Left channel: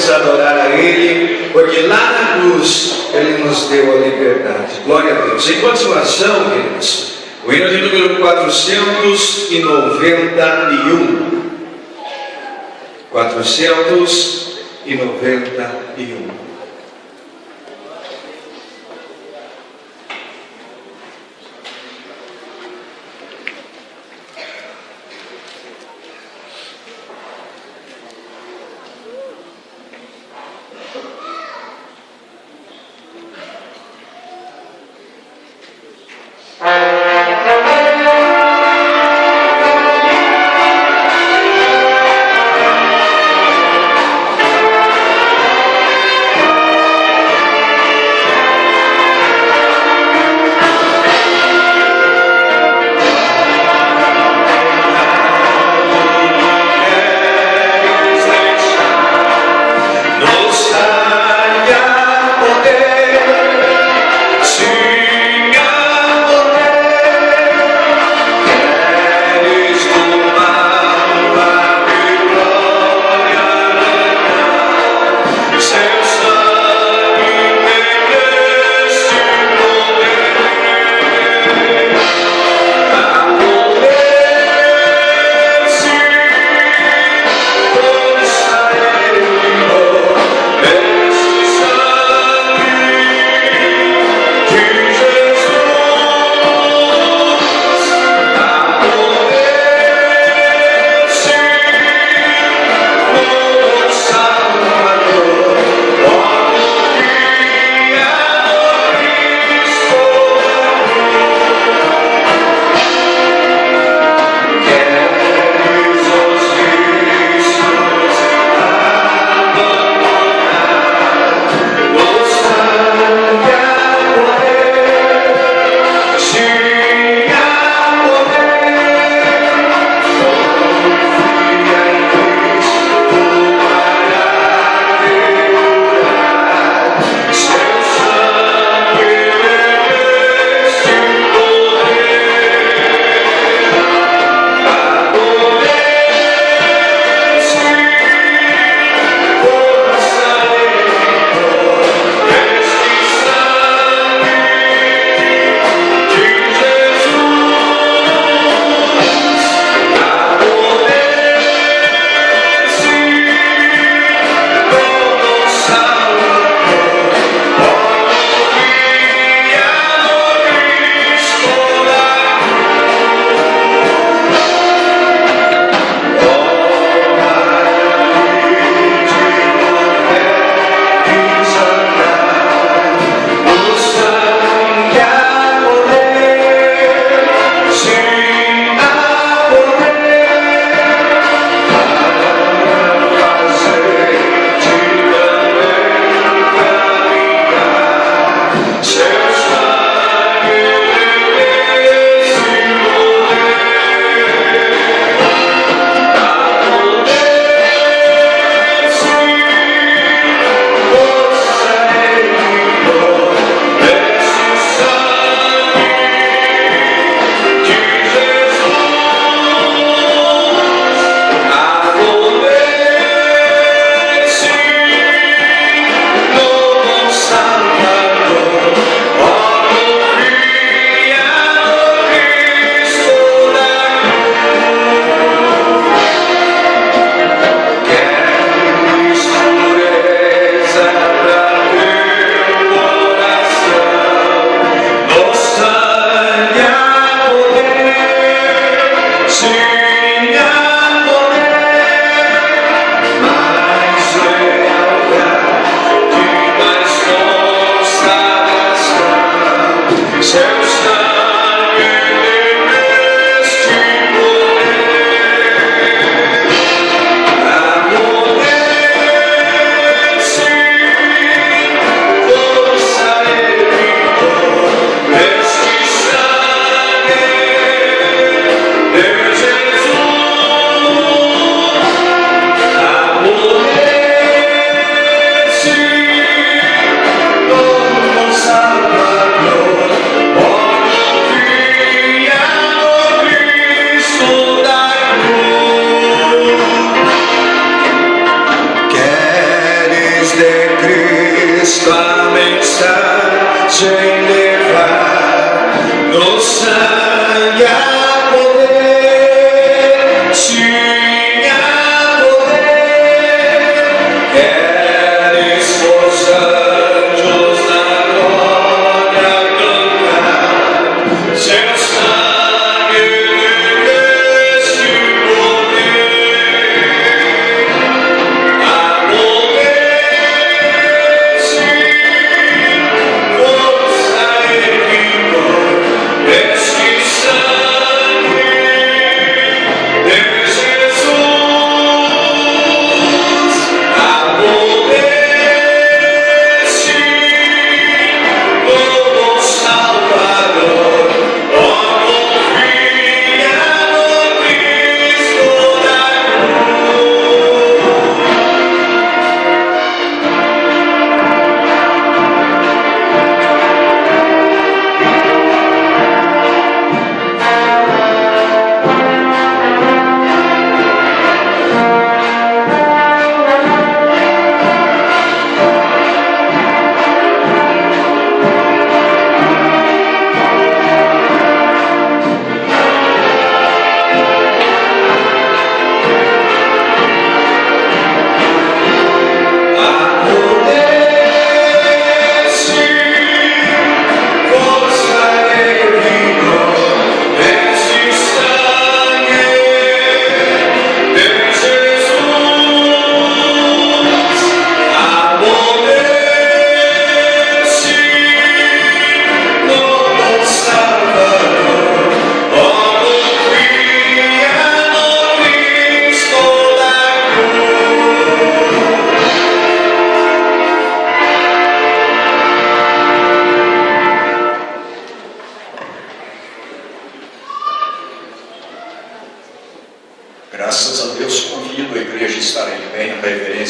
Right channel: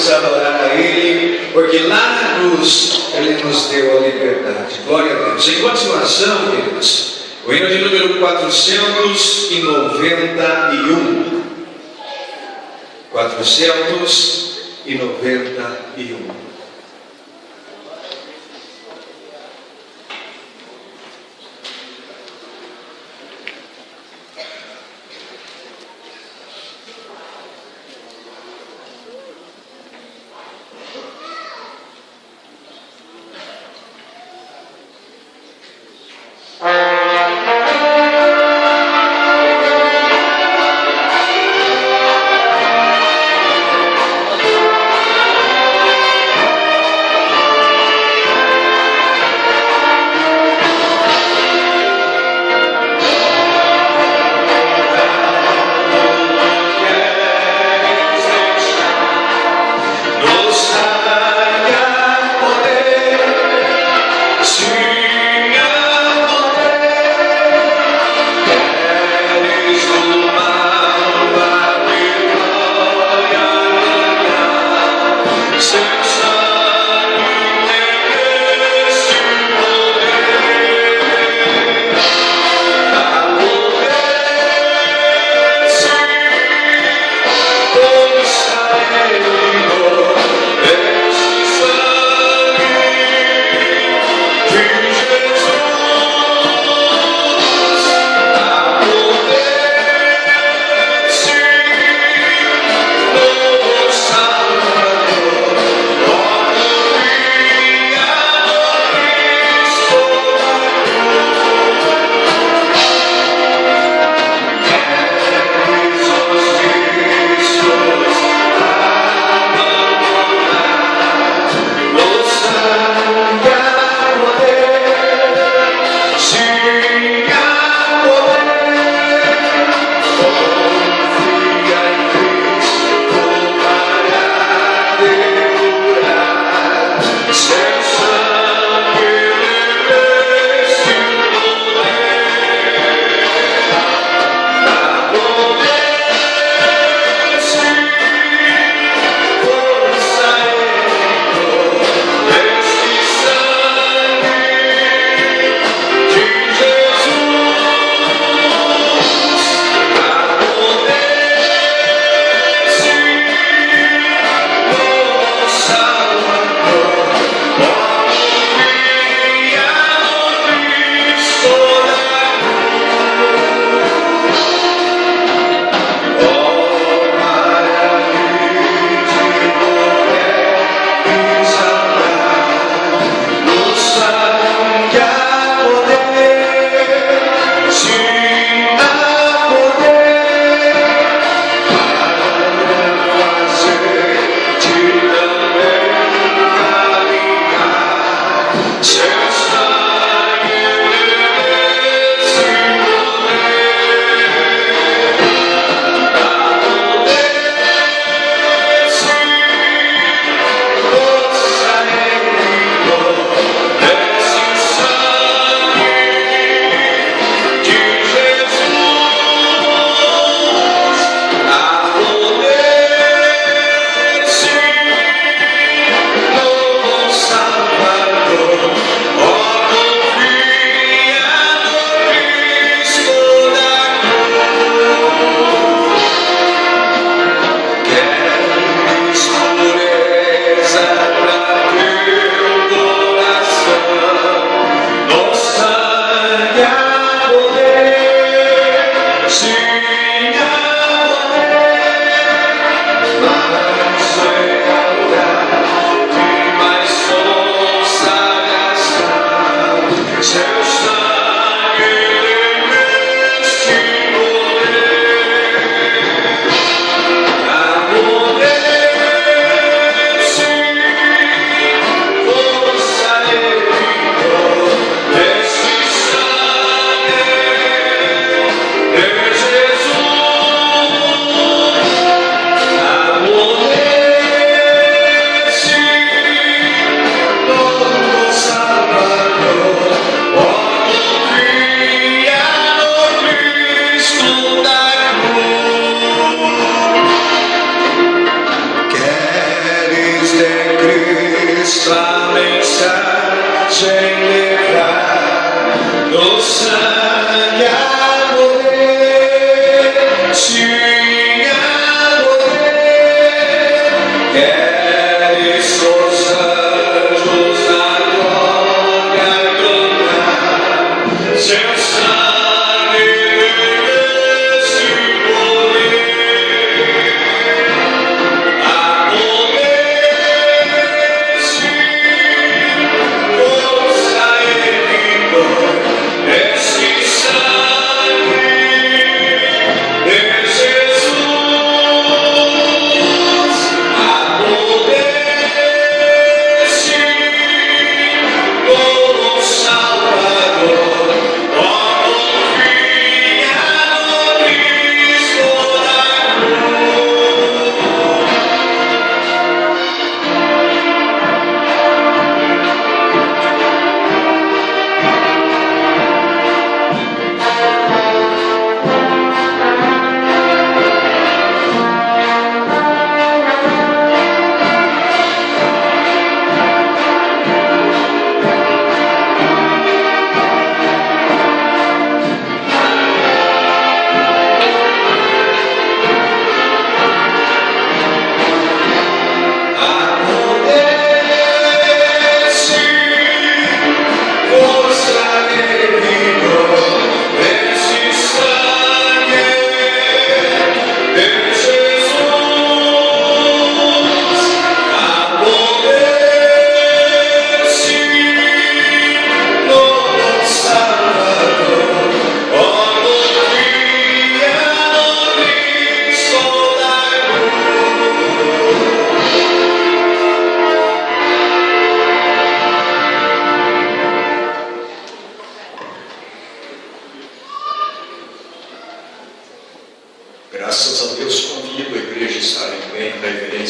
podemos adorar a Ele, porque lá na cruz Ele nos deu a liberdade. Glória a Deus. Em continuação, queridos, o hino de número 491. 491.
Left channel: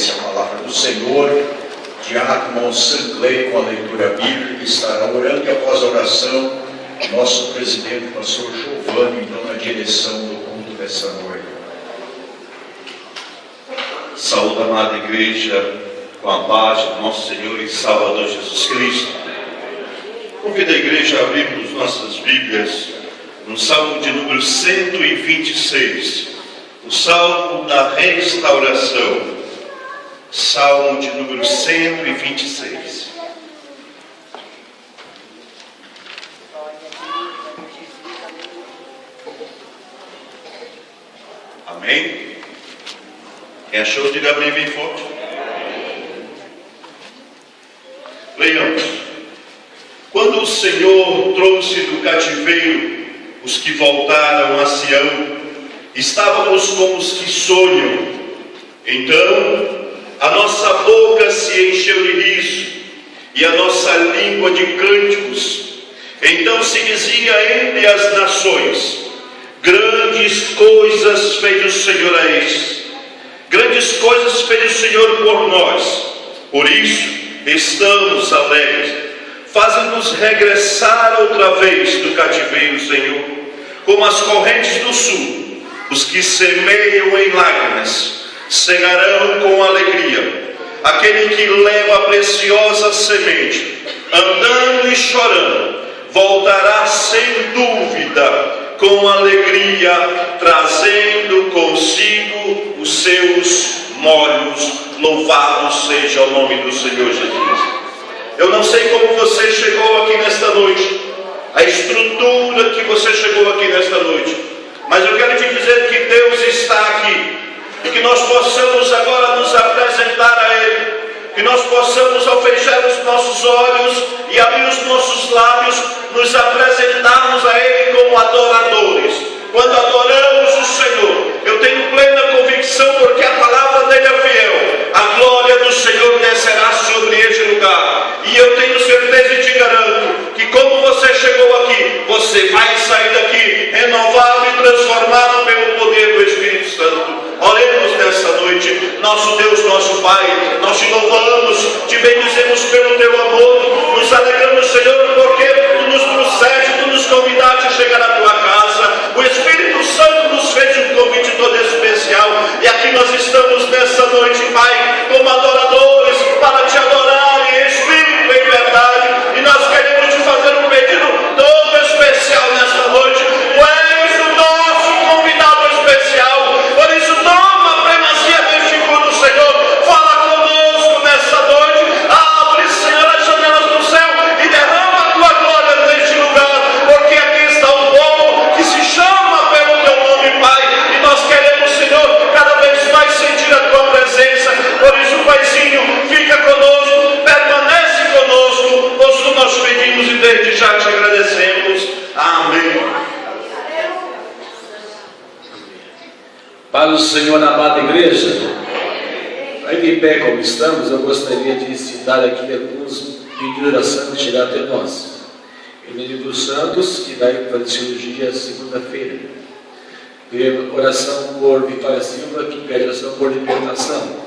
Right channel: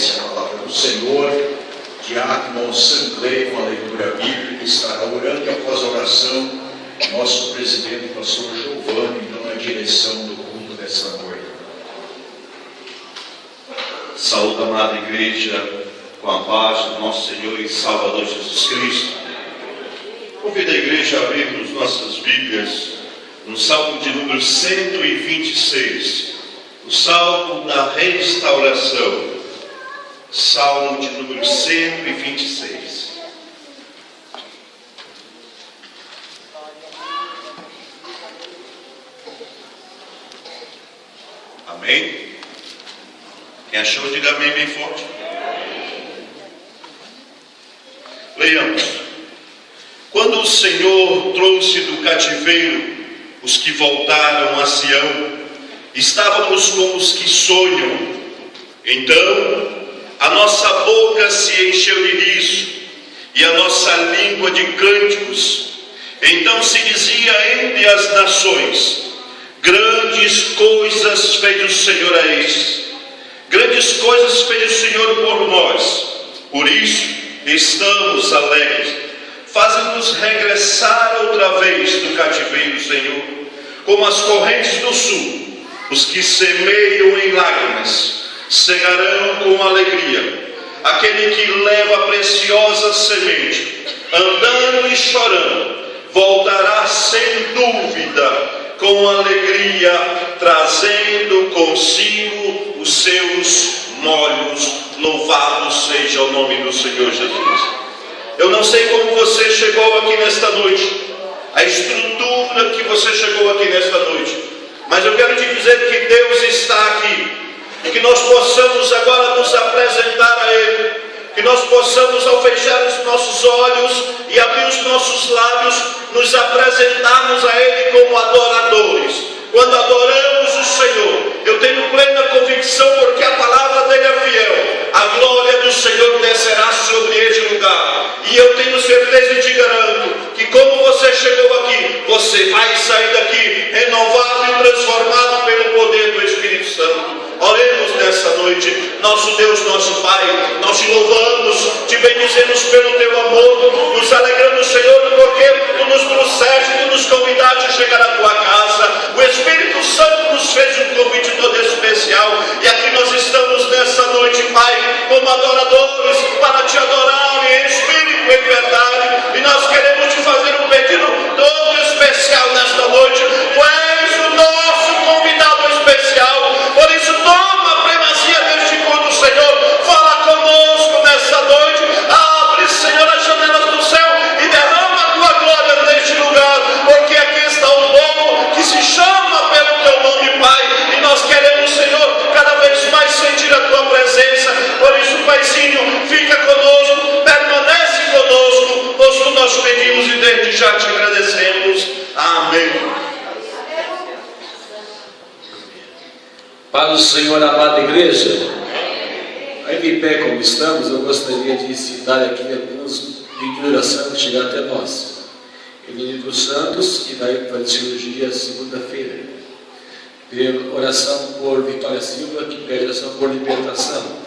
obediência à palavra do Senhor. Diácono Sanclay, com a leitura bíblica, estará orando e após a oração, nosso presidente, pastor Giovanni, então na direção do culto desta noite. Saúde, amada igreja, com a paz do nosso Senhor e Salvador Jesus Cristo. Convido a igreja a abrirmos nossas Bíblias no Salmo de número 126, o Salmo da restauração. Salmo de número 126. Amém? Quem achou, diga amém bem forte. Leiamos. Quando o Senhor trouxe do cativeiro os que voltaram a Sião, estávamos como os que sonham. Então a nossa boca se encheu de riso e a nossa língua de cânticos. Então se dizia entre as nações: grandes coisas fez o Senhor a estes, grandes coisas fez o Senhor por nós, por isso estamos alegres. Faze-nos regressar outra vez do cativeiro, Senhor, como as correntes do sul. Os que semeiam em lágrimas cegarão com alegria. Aquele que leva a preciosa semente, andando e chorando, voltará sem dúvida com alegria, trazendo consigo os seus molhos. Louvado seja o nome do Senhor Jesus. Eu não sei como você chegou aqui nesta noite, a estrutura que você chegou aqui nesta noite, mas eu quero te dizer que Deus está aqui. E que nós possamos agora nos apresentar a Ele, que nós possamos, ao fechar os nossos olhos e abrir os nossos lábios, nos apresentarmos a Ele como adoradores. Quando adoramos o Senhor, eu tenho plena convicção, porque a palavra dele é fiel, a glória do Senhor descerá sobre este lugar. E eu tenho certeza e te garanto que, como você chegou aqui, você vai sair daqui renovado e transformado pelo poder do Espírito Santo. Oremos nessa noite. Nosso Deus, nosso Pai, nós te louvamos, te bendizemos pelo teu amor, nos alegramos, Senhor, porque tu nos trouxeste, tu nos convidaste a chegar à tua casa. O Espírito Santo nos fez um convite todo especial, e aqui nós estamos nessa noite, Pai, como adoradores, para te adorar em espírito e em verdade. E nós queremos te fazer um pedido todo especial nesta noite. Tu és o nosso convidado especial, por isso toma a primazia deste culto, Senhor. Fala conosco nesta noite. Abre, Senhor, as janelas do céu e derrama a tua glória neste lugar, porque aqui está o povo que se chama pelo teu nome, Pai, e nós queremos, Senhor, cada vez mais sentir a tua presença. Por isso, Paizinho, fica conosco, permanece conosco, posto nós pedimos e desde já te agradecemos. Amém. Para o Senhor, amada igreja, aí de pé como estamos, eu gostaria de citar aqui alguns pedidos de oração que chegaram até nós. Benedito Santos, que vai fazer cirurgia segunda-feira. Oração por Vitória Silva, que pede oração por libertação.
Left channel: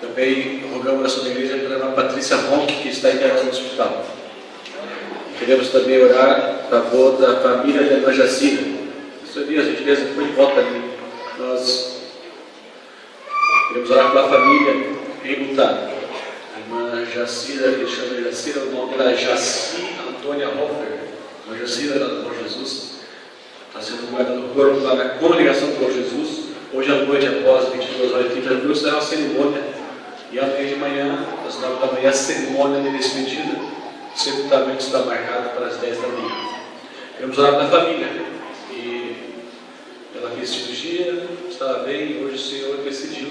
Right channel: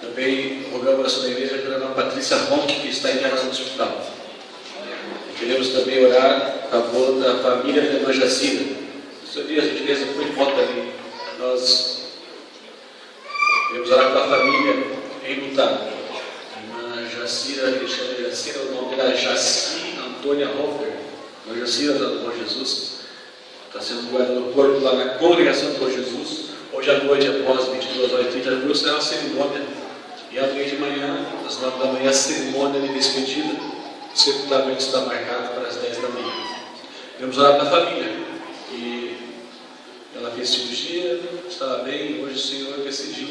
Também rogamos a oração da igreja pela Ana Patrícia Ronque, que está internada no hospital. Queremos também orar a favor da família da irmã Jacira. Esses dias a gente fez foi em volta ali. Nós queremos orar pela família em lutar. A irmã Jacira, que chama de Jacira, o nome dela é Jaci Antônia Hofer. A irmã Jacira, ela do Bom Jesus, está sendo guardada no corpo lá na congregação do Bom Jesus. Hoje à noite, após 22h30, viu, será uma cerimônia. E amanhã de manhã, às 9 da manhã, a cerimônia de despedida. O sepultamento está marcado para as 10 da manhã. Queremos orar pela família. E ela fez cirurgia, estava bem, hoje o Senhor decidiu.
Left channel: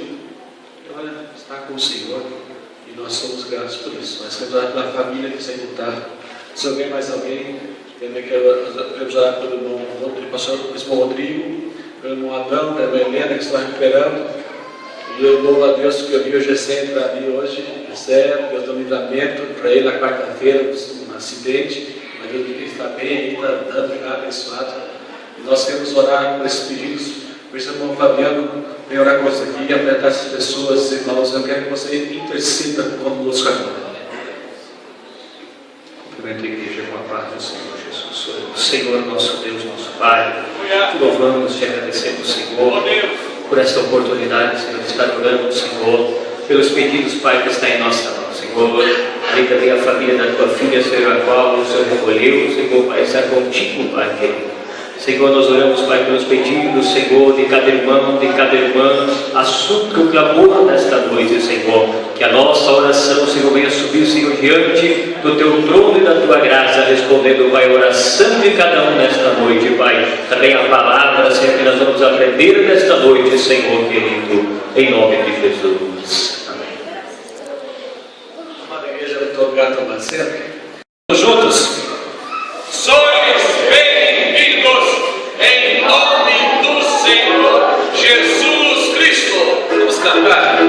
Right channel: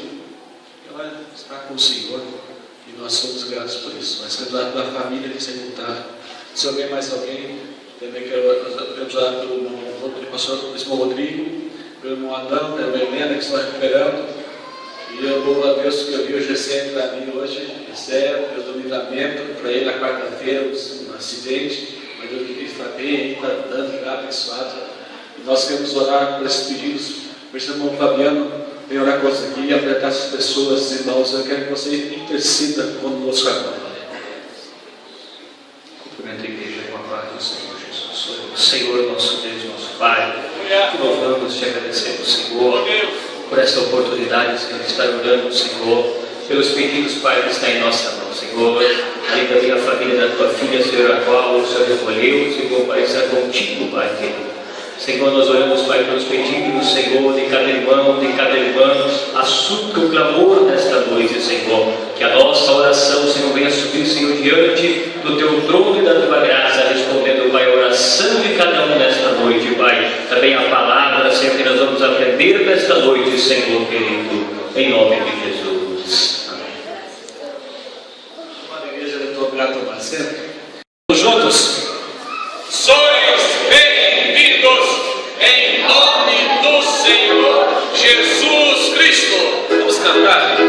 Ela está com o Senhor e nós somos gratos por isso. Mas queremos orar pela família que se lutar. Se houver mais alguém, também queremos orar pelo irmão Rodrigo, pelo irmão Adão, pela irmã Helena que está recuperando. E eu louvo a Deus que eu vi o GC para mim hoje, recebe, Deus do livramento, para ele na quarta-feira, um acidente, mas eu vi que ele está bem ainda, andando já abençoado. E nós queremos orar por esses pedidos, por esse irmão Fabiano, Venho orar com você aqui e apresentar essas pessoas, irmãos. Eu quero que você interceda conosco agora. Cumprimento a igreja com a paz do Senhor Jesus. Senhor, nosso Deus, nosso Pai, te louvamos, te agradecemos, Senhor, por essa oportunidade, Senhor, de estar orando, Senhor, pelos pedidos, Pai, que está em nossa mão, Senhor. Ali também a família da tua filha, Senhor, a qual o Senhor recolheu, Senhor, Pai, está contigo, Pai querido. Senhor, nós oramos, Pai, pelos pedidos, Senhor, de cada irmão, de cada irmã, assunto o clamor nesta noite, Senhor, que a nossa oração, Senhor, venha subir, Senhor, diante do Teu trono e da Tua graça, respondendo, Pai, a oração de cada um nesta noite, Pai, também a palavra, Senhor, que nós vamos aprender nesta noite, Senhor, querido, em nome de Jesus. Amém. Amada igreja, eu estou grato a você. Juntos. Sois bem-vindos em nome do Senhor Jesus Cristo. Vamos cantar.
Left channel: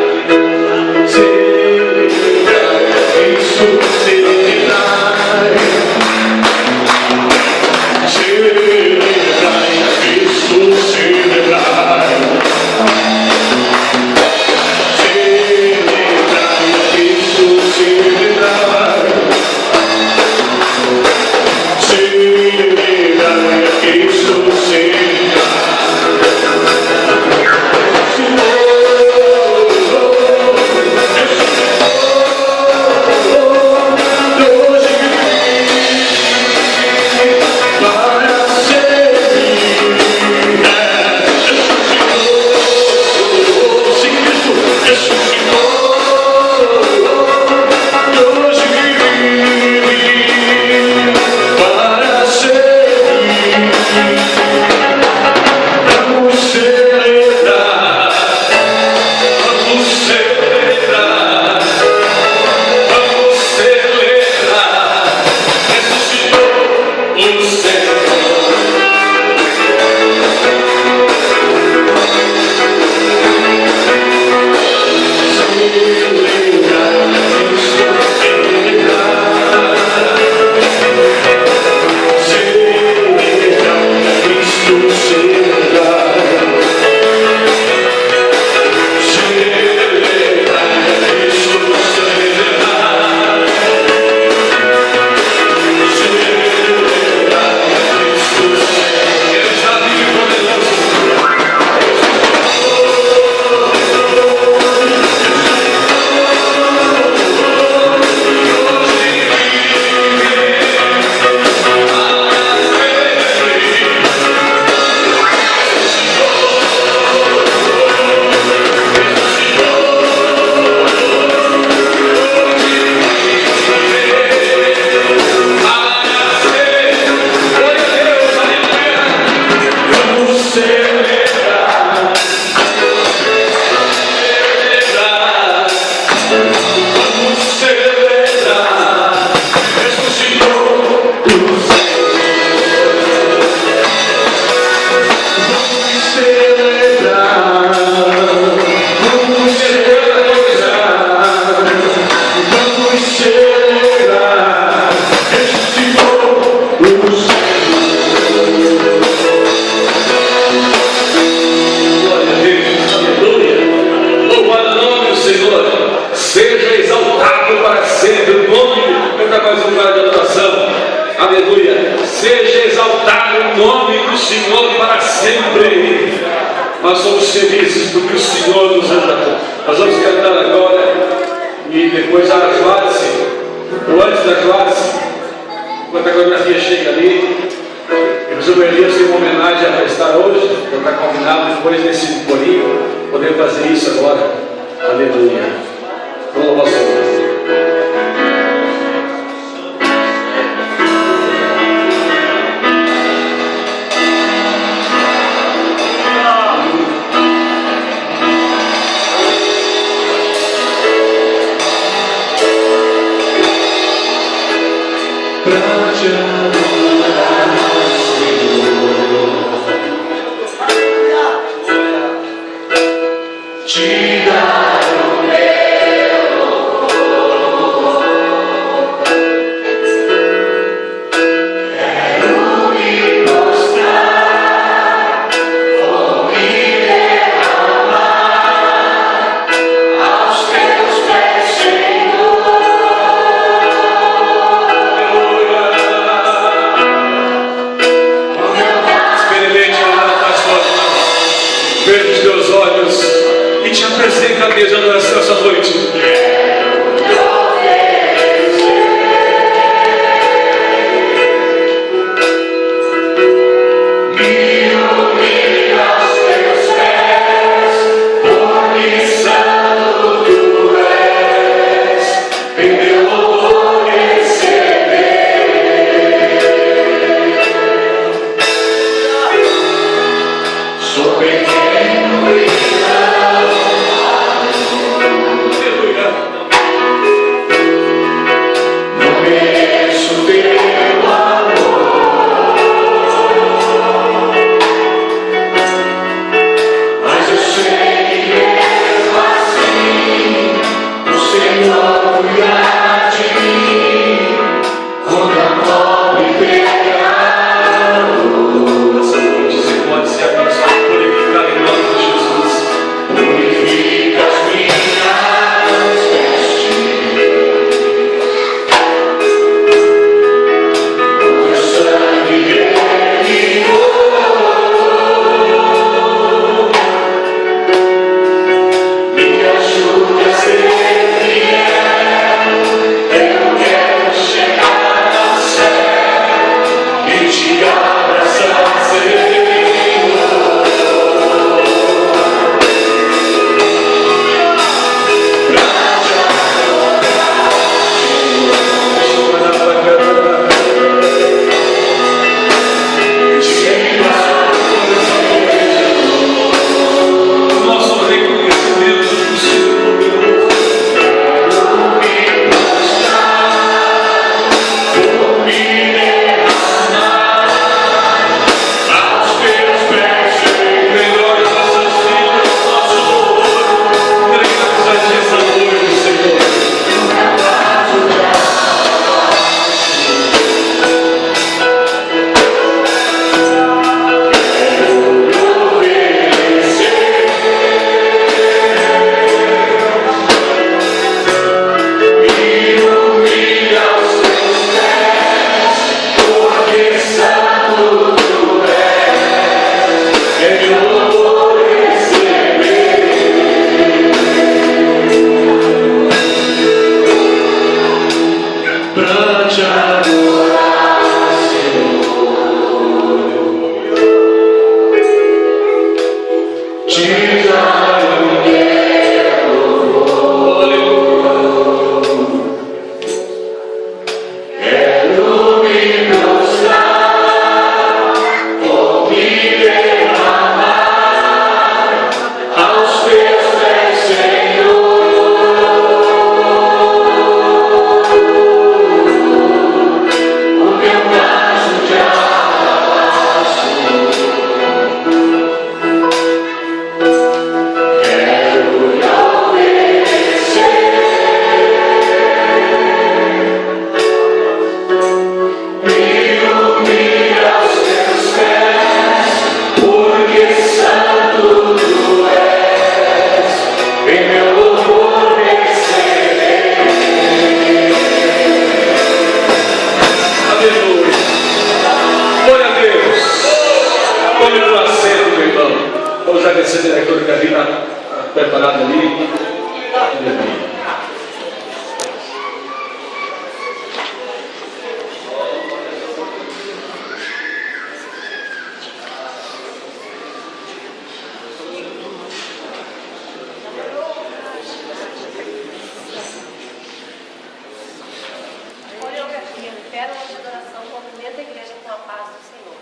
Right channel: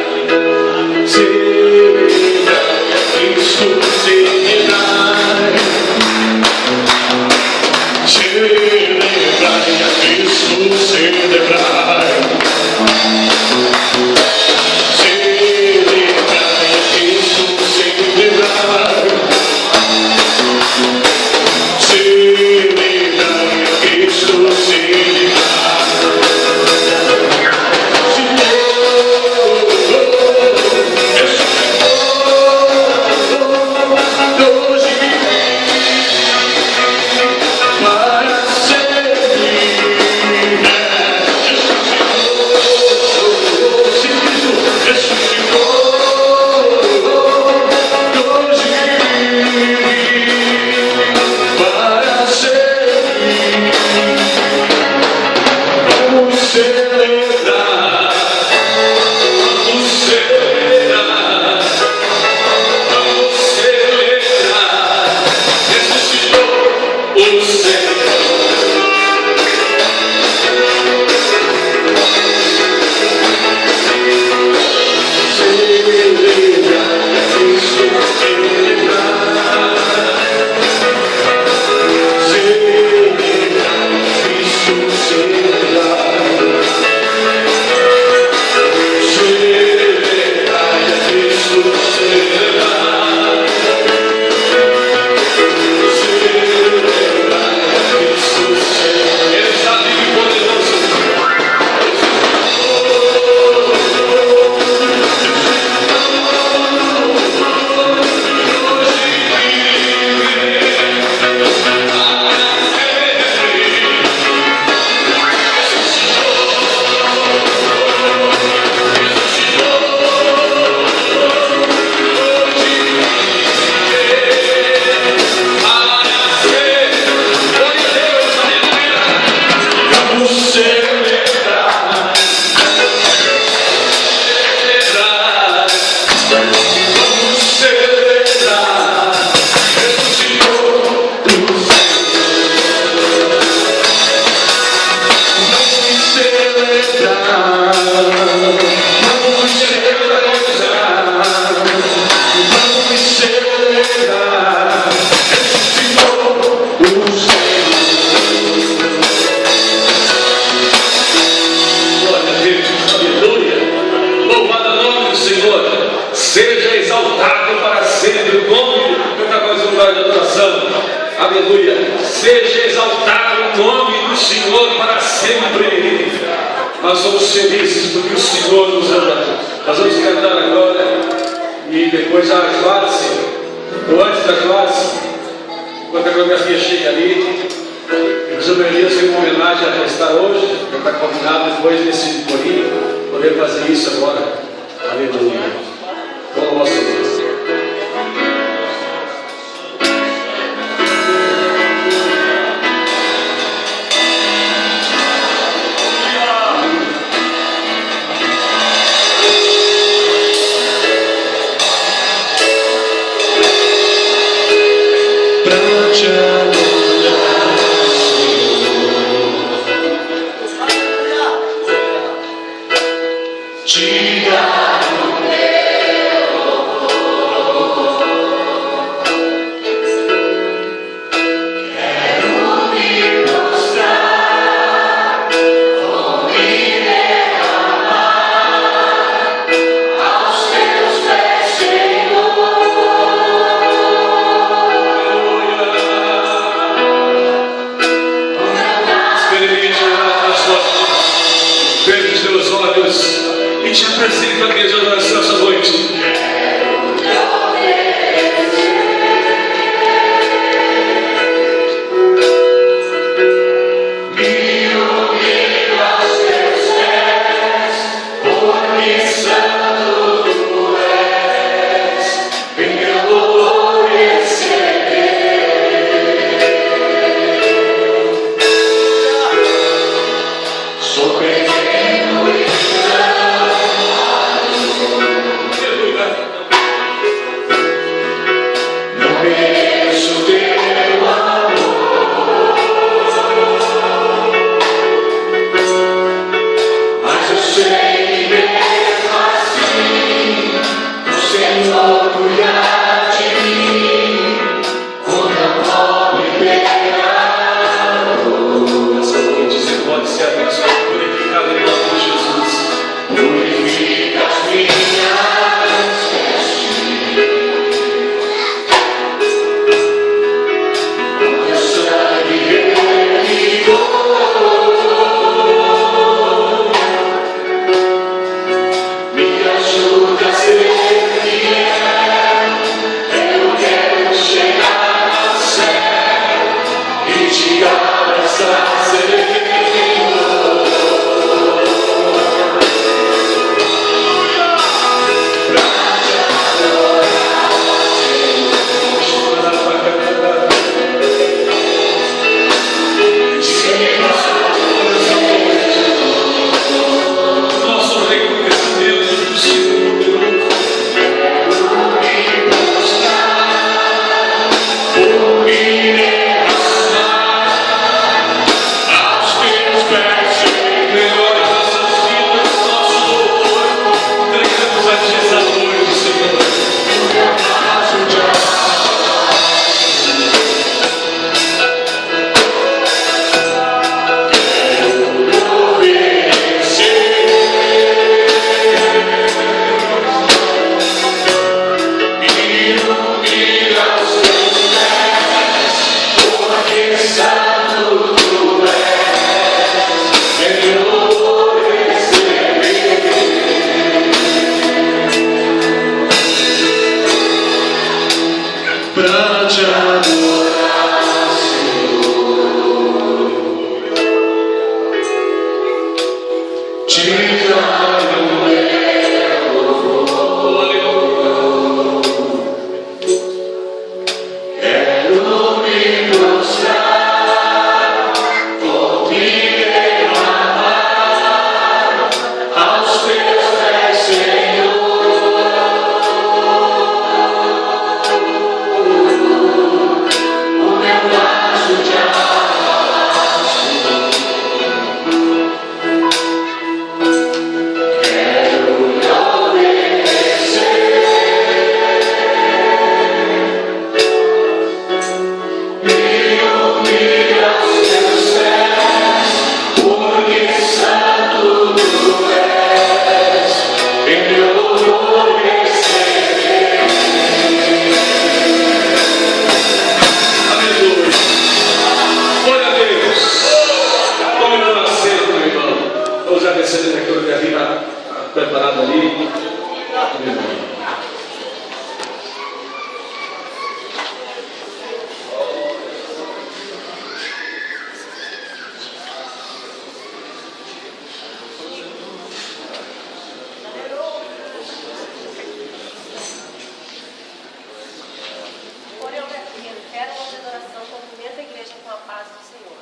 que revelam a adoração, movimenta a igreja com a paz do Senhor.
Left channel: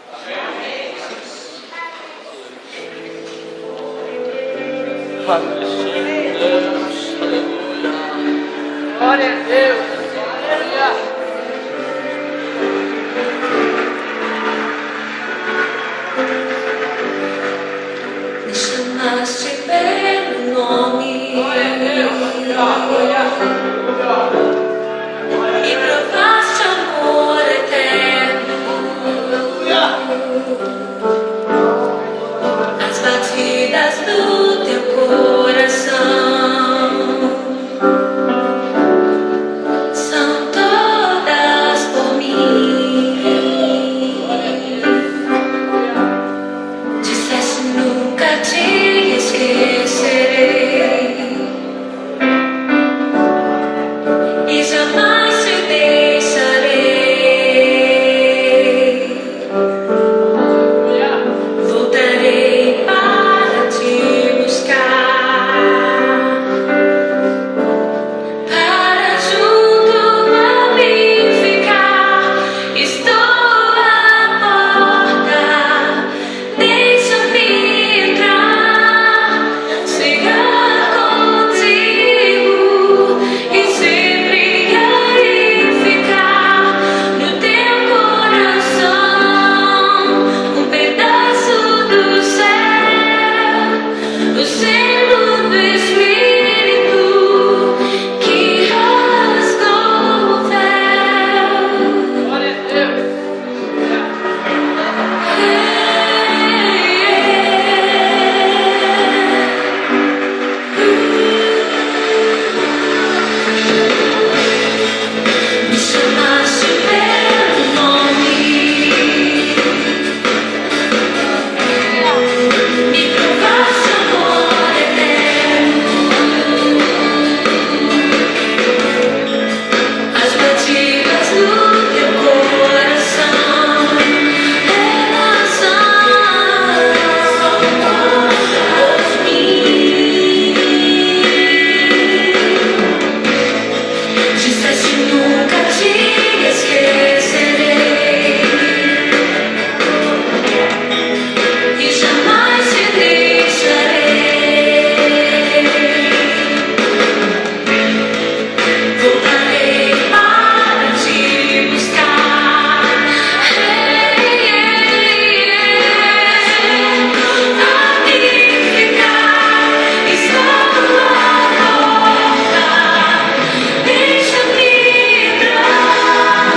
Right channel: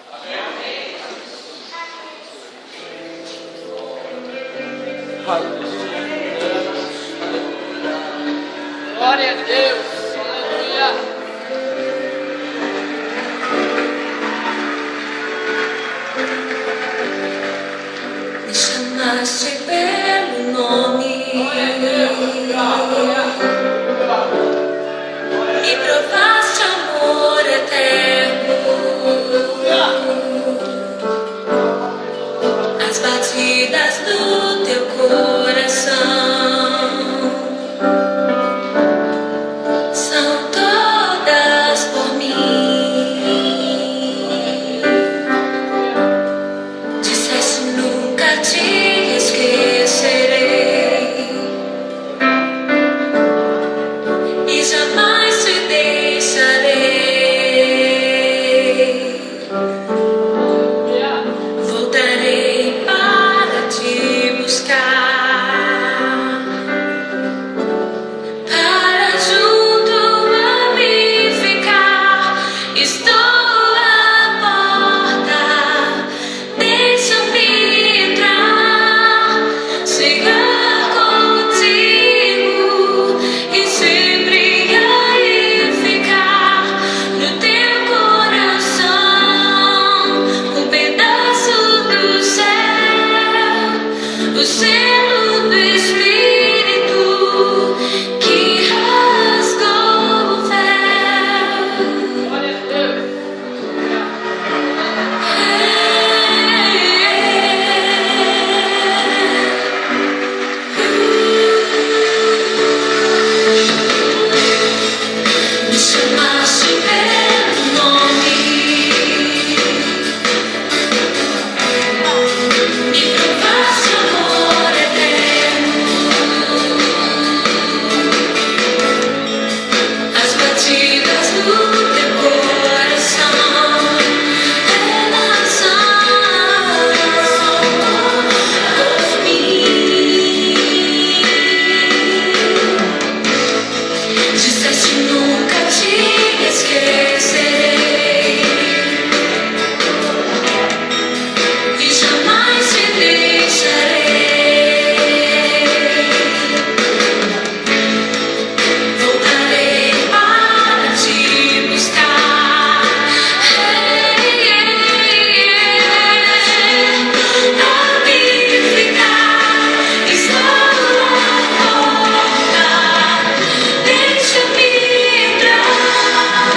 Glória a Deus. Aleluia. Me chamaste pelo nome e provaste amor eterno. As batidas do teu coração são todas por mim. Disseste nunca te esquecerei e jamais te deixarei. Voltarei para te buscar, para junto a mim ficar. Estou à porta, deixa-me entrar, chegar contigo e sempre aí ficar no teu coração, um pedaço do céu, o selo do Espírito que rasgou o véu. Glória a Deus. Me chamaste pelo nome, me provaste amor eterno. As batidas do teu coração elas são por mim. Disseste nunca te esquecerei e jamais te deixarei. Voltarei para te buscar, a mim ficar. Estou à porta, deixa-me entrar,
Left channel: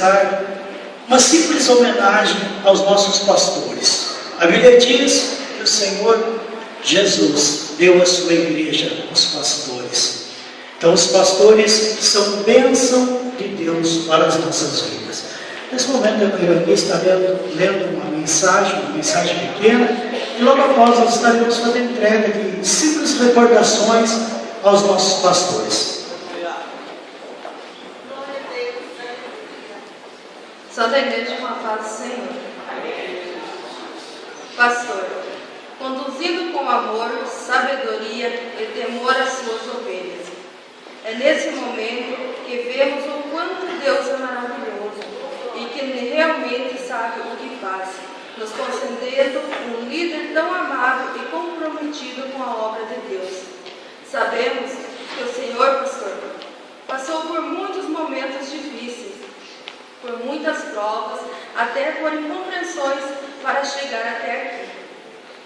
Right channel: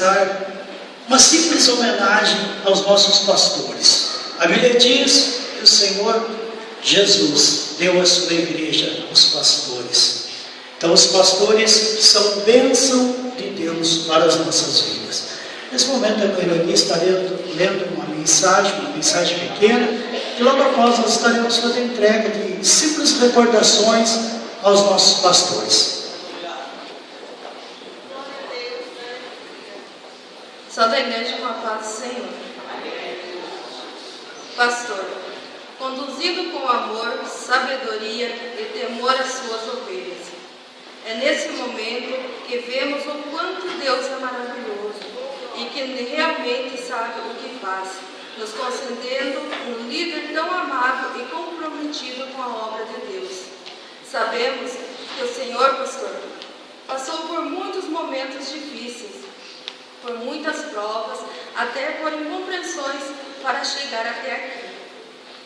prestar uma simples homenagem aos nossos pastores. A Bíblia diz que o Senhor Jesus deu a sua igreja aos pastores. Então os pastores são bênção de Deus para as nossas vidas. Nesse momento eu irei estar lendo uma mensagem pequena, e logo após nós estaremos fazendo entrega de simples recordações aos nossos pastores. Santa Igreja com a paz do Senhor. Pastor, conduzido com amor, sabedoria e temor às suas ovelhas. É nesse momento que vemos o quanto Deus é maravilhoso e que realmente sabe o que faz, nos concedendo um líder tão amado e comprometido com a obra de Deus. Sabemos que o Senhor, pastor, passou por muitos momentos difíceis, por muitas provas, até por incompreensões para chegar até aqui.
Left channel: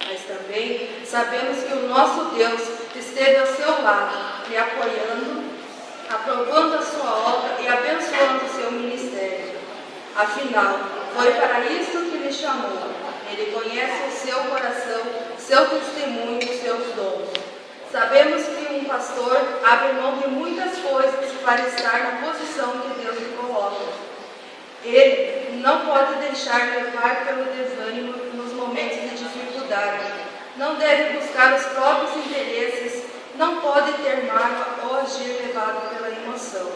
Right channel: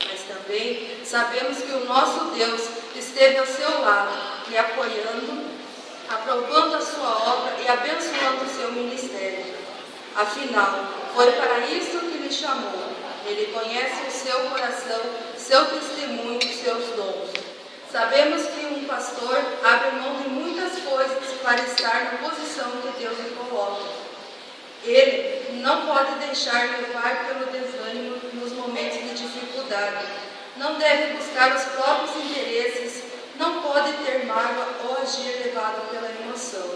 Mas também sabemos que o nosso Deus esteve ao seu lado, lhe apoiando, aprovando a sua obra e abençoando o seu ministério. Afinal, foi para isso que lhe chamou. Ele conhece o seu coração, seu testemunho, seus dons. Sabemos que um pastor abre mão de muitas coisas para estar na posição que Deus lhe coloca. Ele não pode deixar levar pelo desânimo nos momentos de dificuldade. Não deve buscar os próprios interesses. Não pode ter mágoa ou agir levado pela emoção.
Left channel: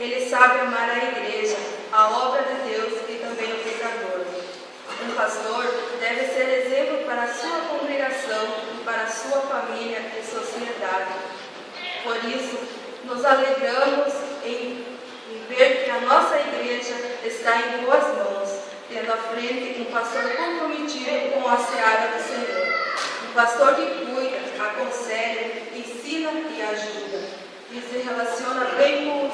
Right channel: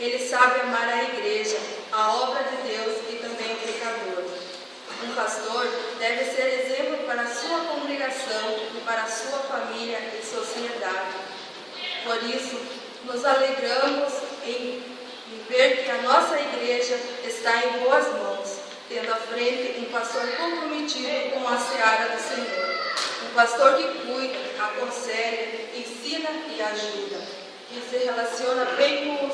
Ele sabe amar a igreja, a obra de Deus e também o pecador. Um pastor deve ser exemplo para a sua congregação e para a sua família e sociedade. Por isso, nos alegramos em ver que a nossa igreja está em boas mãos, tendo à frente um pastor comprometido com a seara do Senhor. Um pastor que cuida, aconselha, ensina e ajuda, e se relaciona bem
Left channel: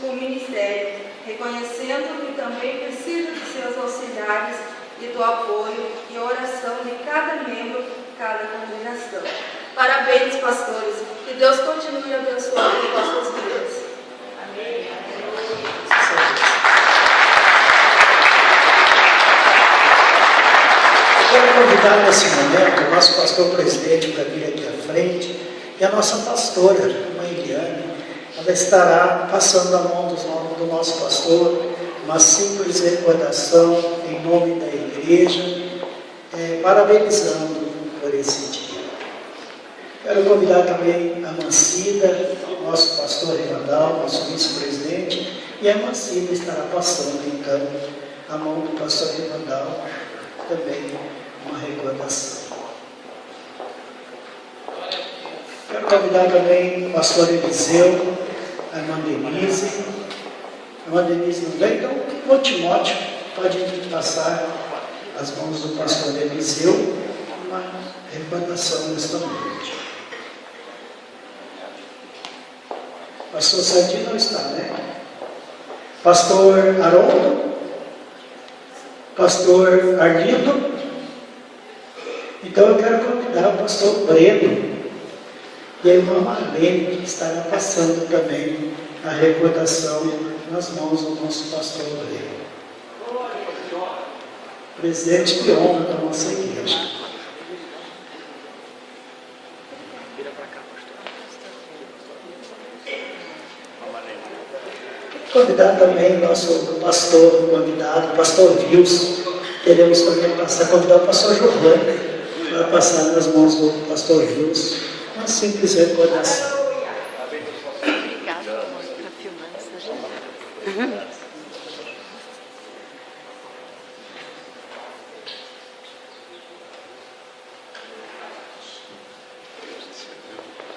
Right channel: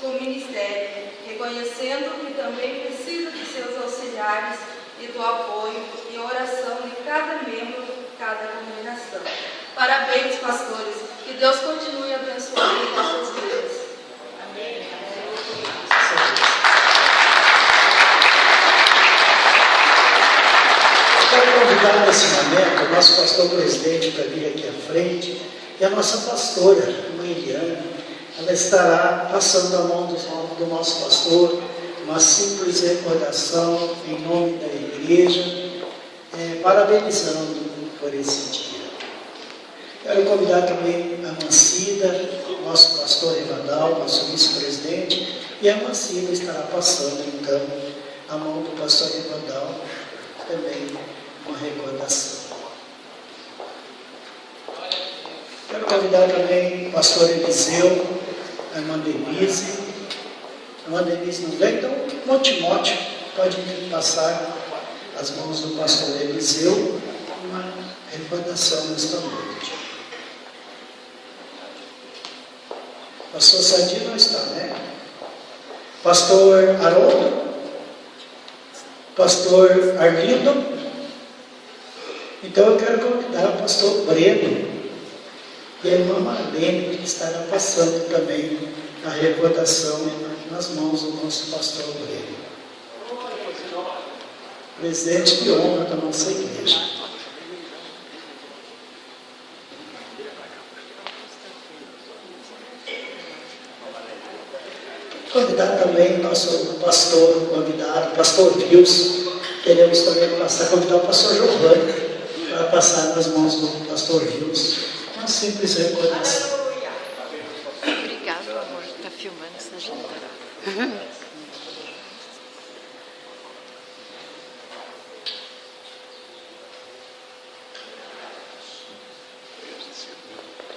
com o ministério, reconhecendo que também precisa de seus auxiliares e do apoio e oração de cada membro de cada congregação. Parabéns, pastores, que Deus continue abençoando as nossas vidas. Quero convidar nesse momento o nosso pastor presidente para vir aqui à frente e a nossa pastora, a mãe Eliane. Ela estará passando a mão do nosso pastor, uma simples recordação em nome da igreja, parabenizando por esse dia. Quero convidar também a Mancida, nosso pastor Rivadal, nosso vice-presidente, e a Mancida estará passando então a mão do pastor Rivadal, também uma recordação. Quero convidar também o pastor Eliseu, a irmã Denise. A irmã Denise não vem, então o Timóteo pode passar as mãos do pastor Eliseu, uma recordação nesta noite. Pastor Sardinha não está, né? Pastor Haroldo, pastor Arlindo. Então eu quero convidar o pastor Breno e a irmã Marlene, que estará passando também a recordação nas mãos do nosso pastor Breno. Presidente de honra da nossa igreja. Convidar também nosso pastor convidado, pastor Wilson. Queremos também convidar o pastor Giovanni para passar nas mãos do pastor Wilson. Uma simples recordação. Obrigada. Está filmando essa gente.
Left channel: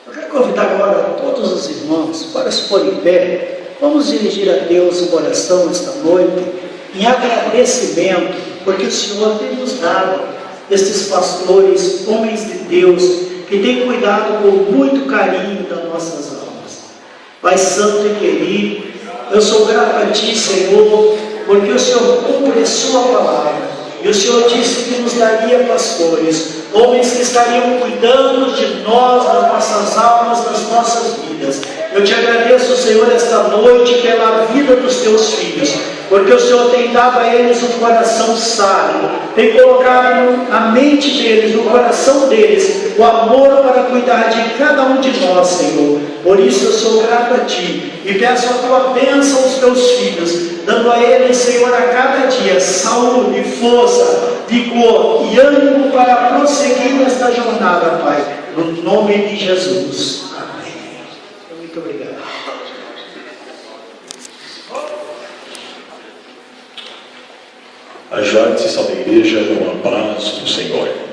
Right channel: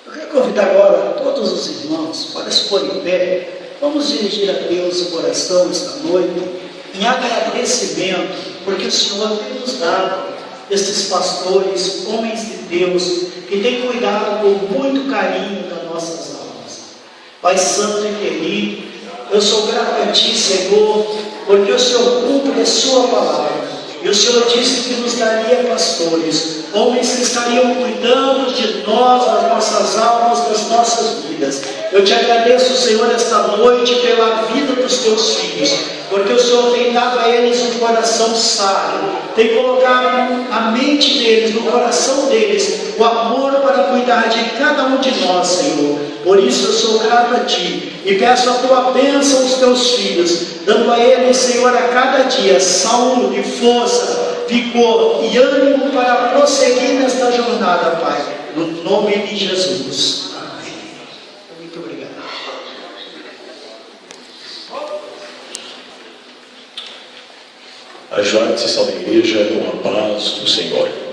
Eu quero convidar agora todos os irmãos para se pôr em pé. Vamos dirigir a Deus o coração esta noite em agradecimento, porque o Senhor tem nos dado estes pastores, homens de Deus, que têm cuidado com muito carinho das nossas almas. Pai Santo e querido, eu sou grato a Ti, Senhor, porque o Senhor cumpre a Sua palavra. E o Senhor disse que nos daria pastores, homens que estariam cuidando de nós, das nossas almas, das nossas vidas. Eu te agradeço, Senhor, esta noite pela vida dos teus filhos, porque o Senhor tem dado a eles um coração sábio, tem colocado na mente deles, no coração deles, o amor para cuidar de cada um de nós, Senhor. Por isso eu sou grato a Ti e peço a Tua bênção aos Teus filhos, dando a eles, Senhor, a cada dia saúde, força, vigor e ânimo para prosseguir nesta jornada, Pai, no nome de Jesus. Amém. Muito obrigado. Ajoelhe-se na igreja com a paz do Senhor.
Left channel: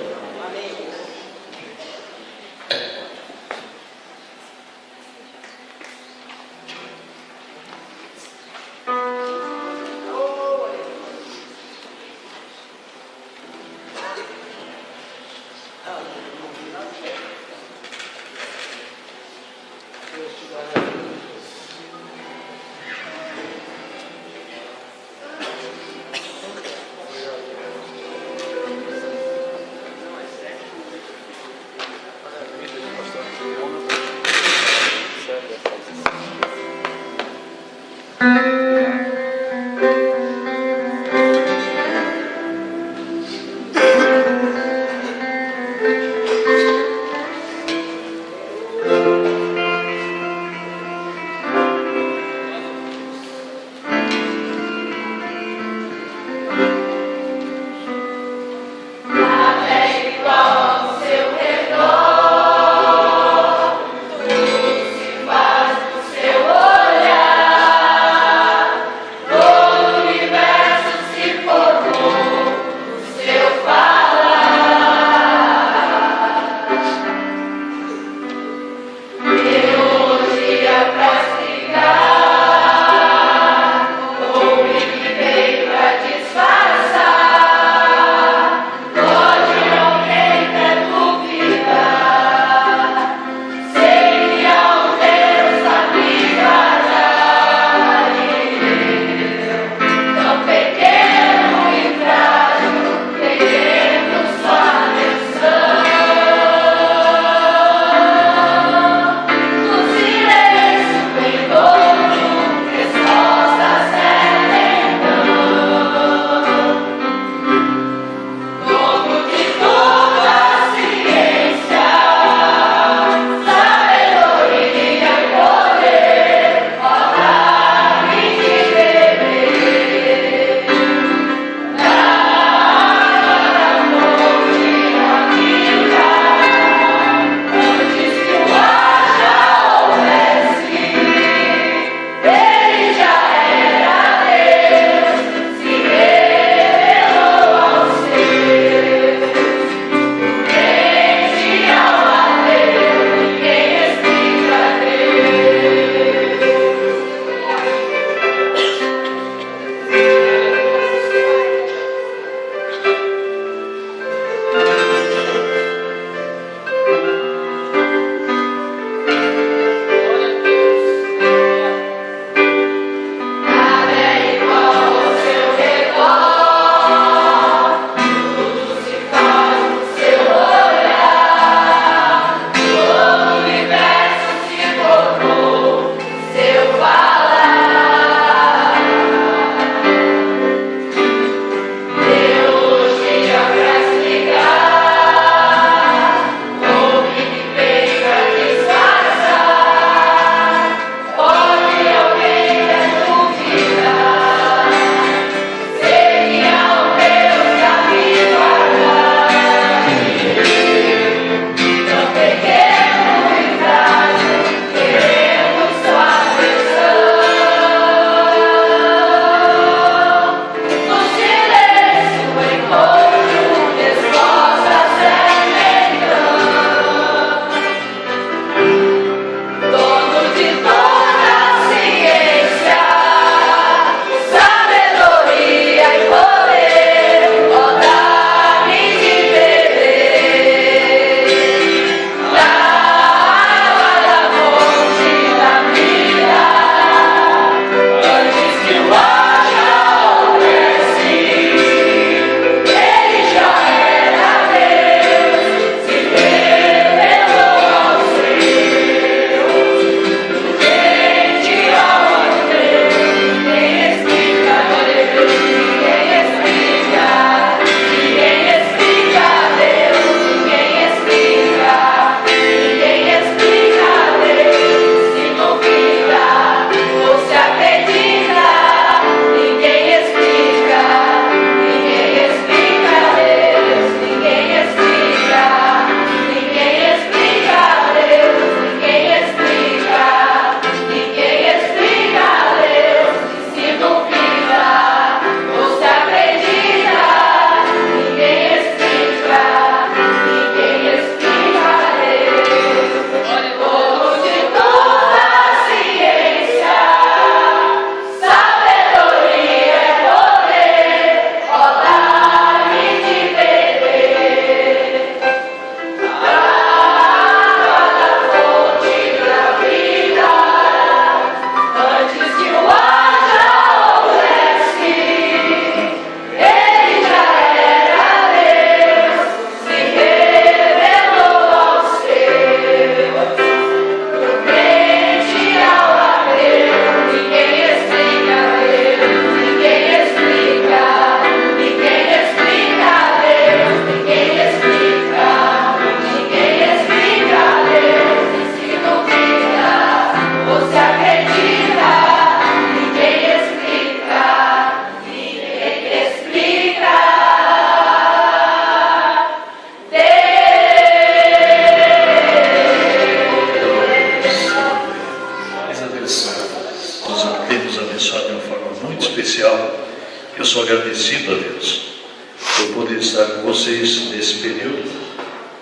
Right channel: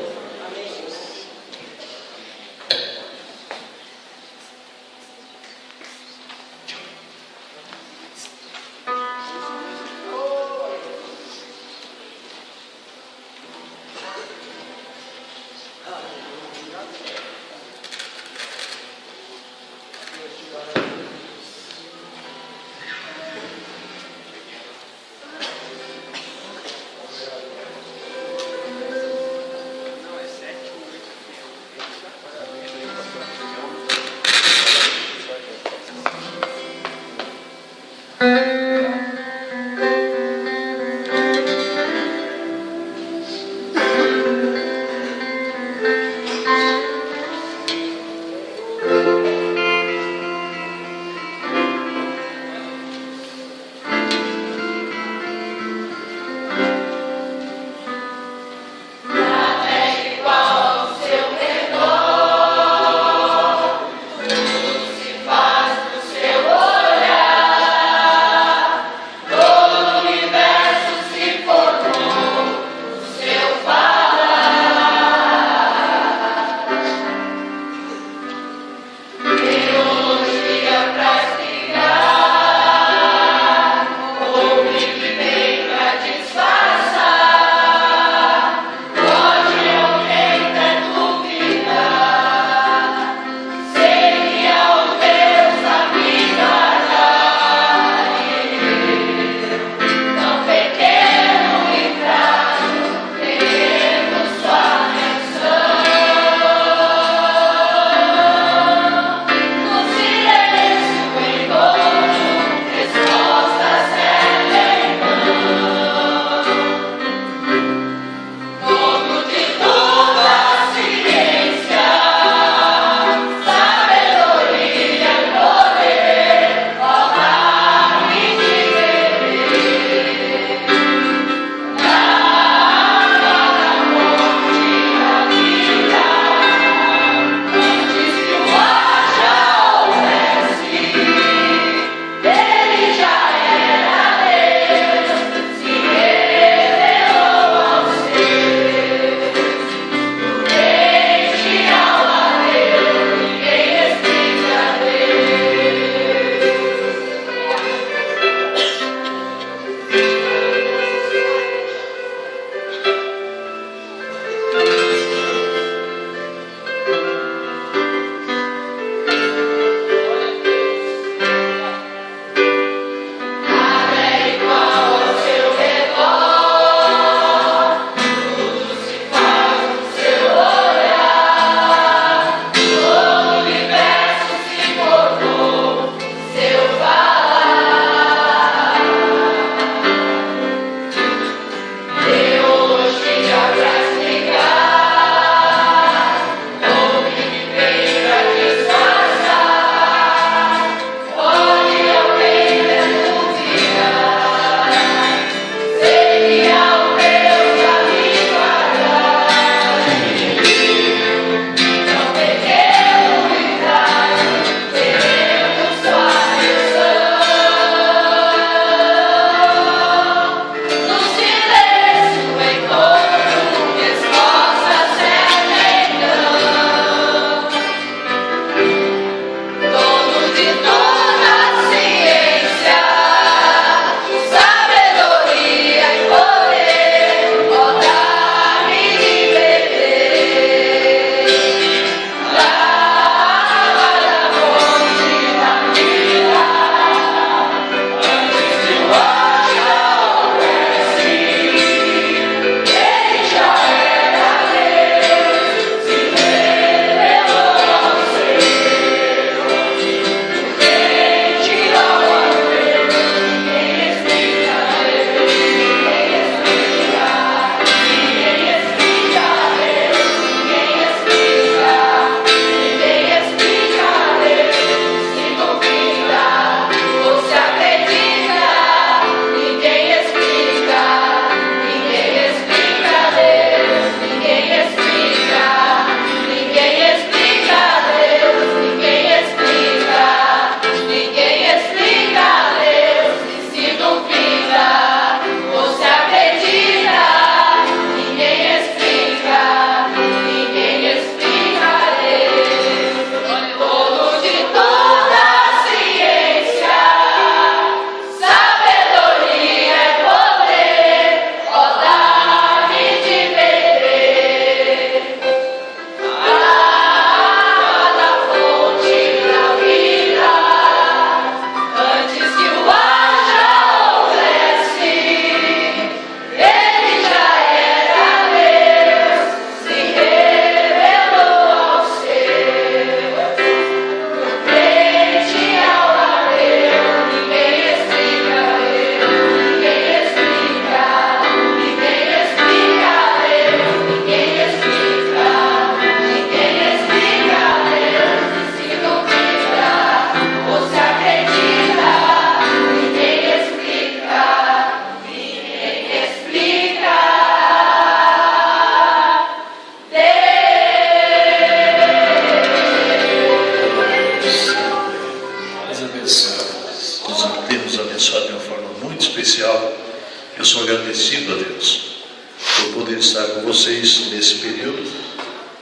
estar com vocês nesse período,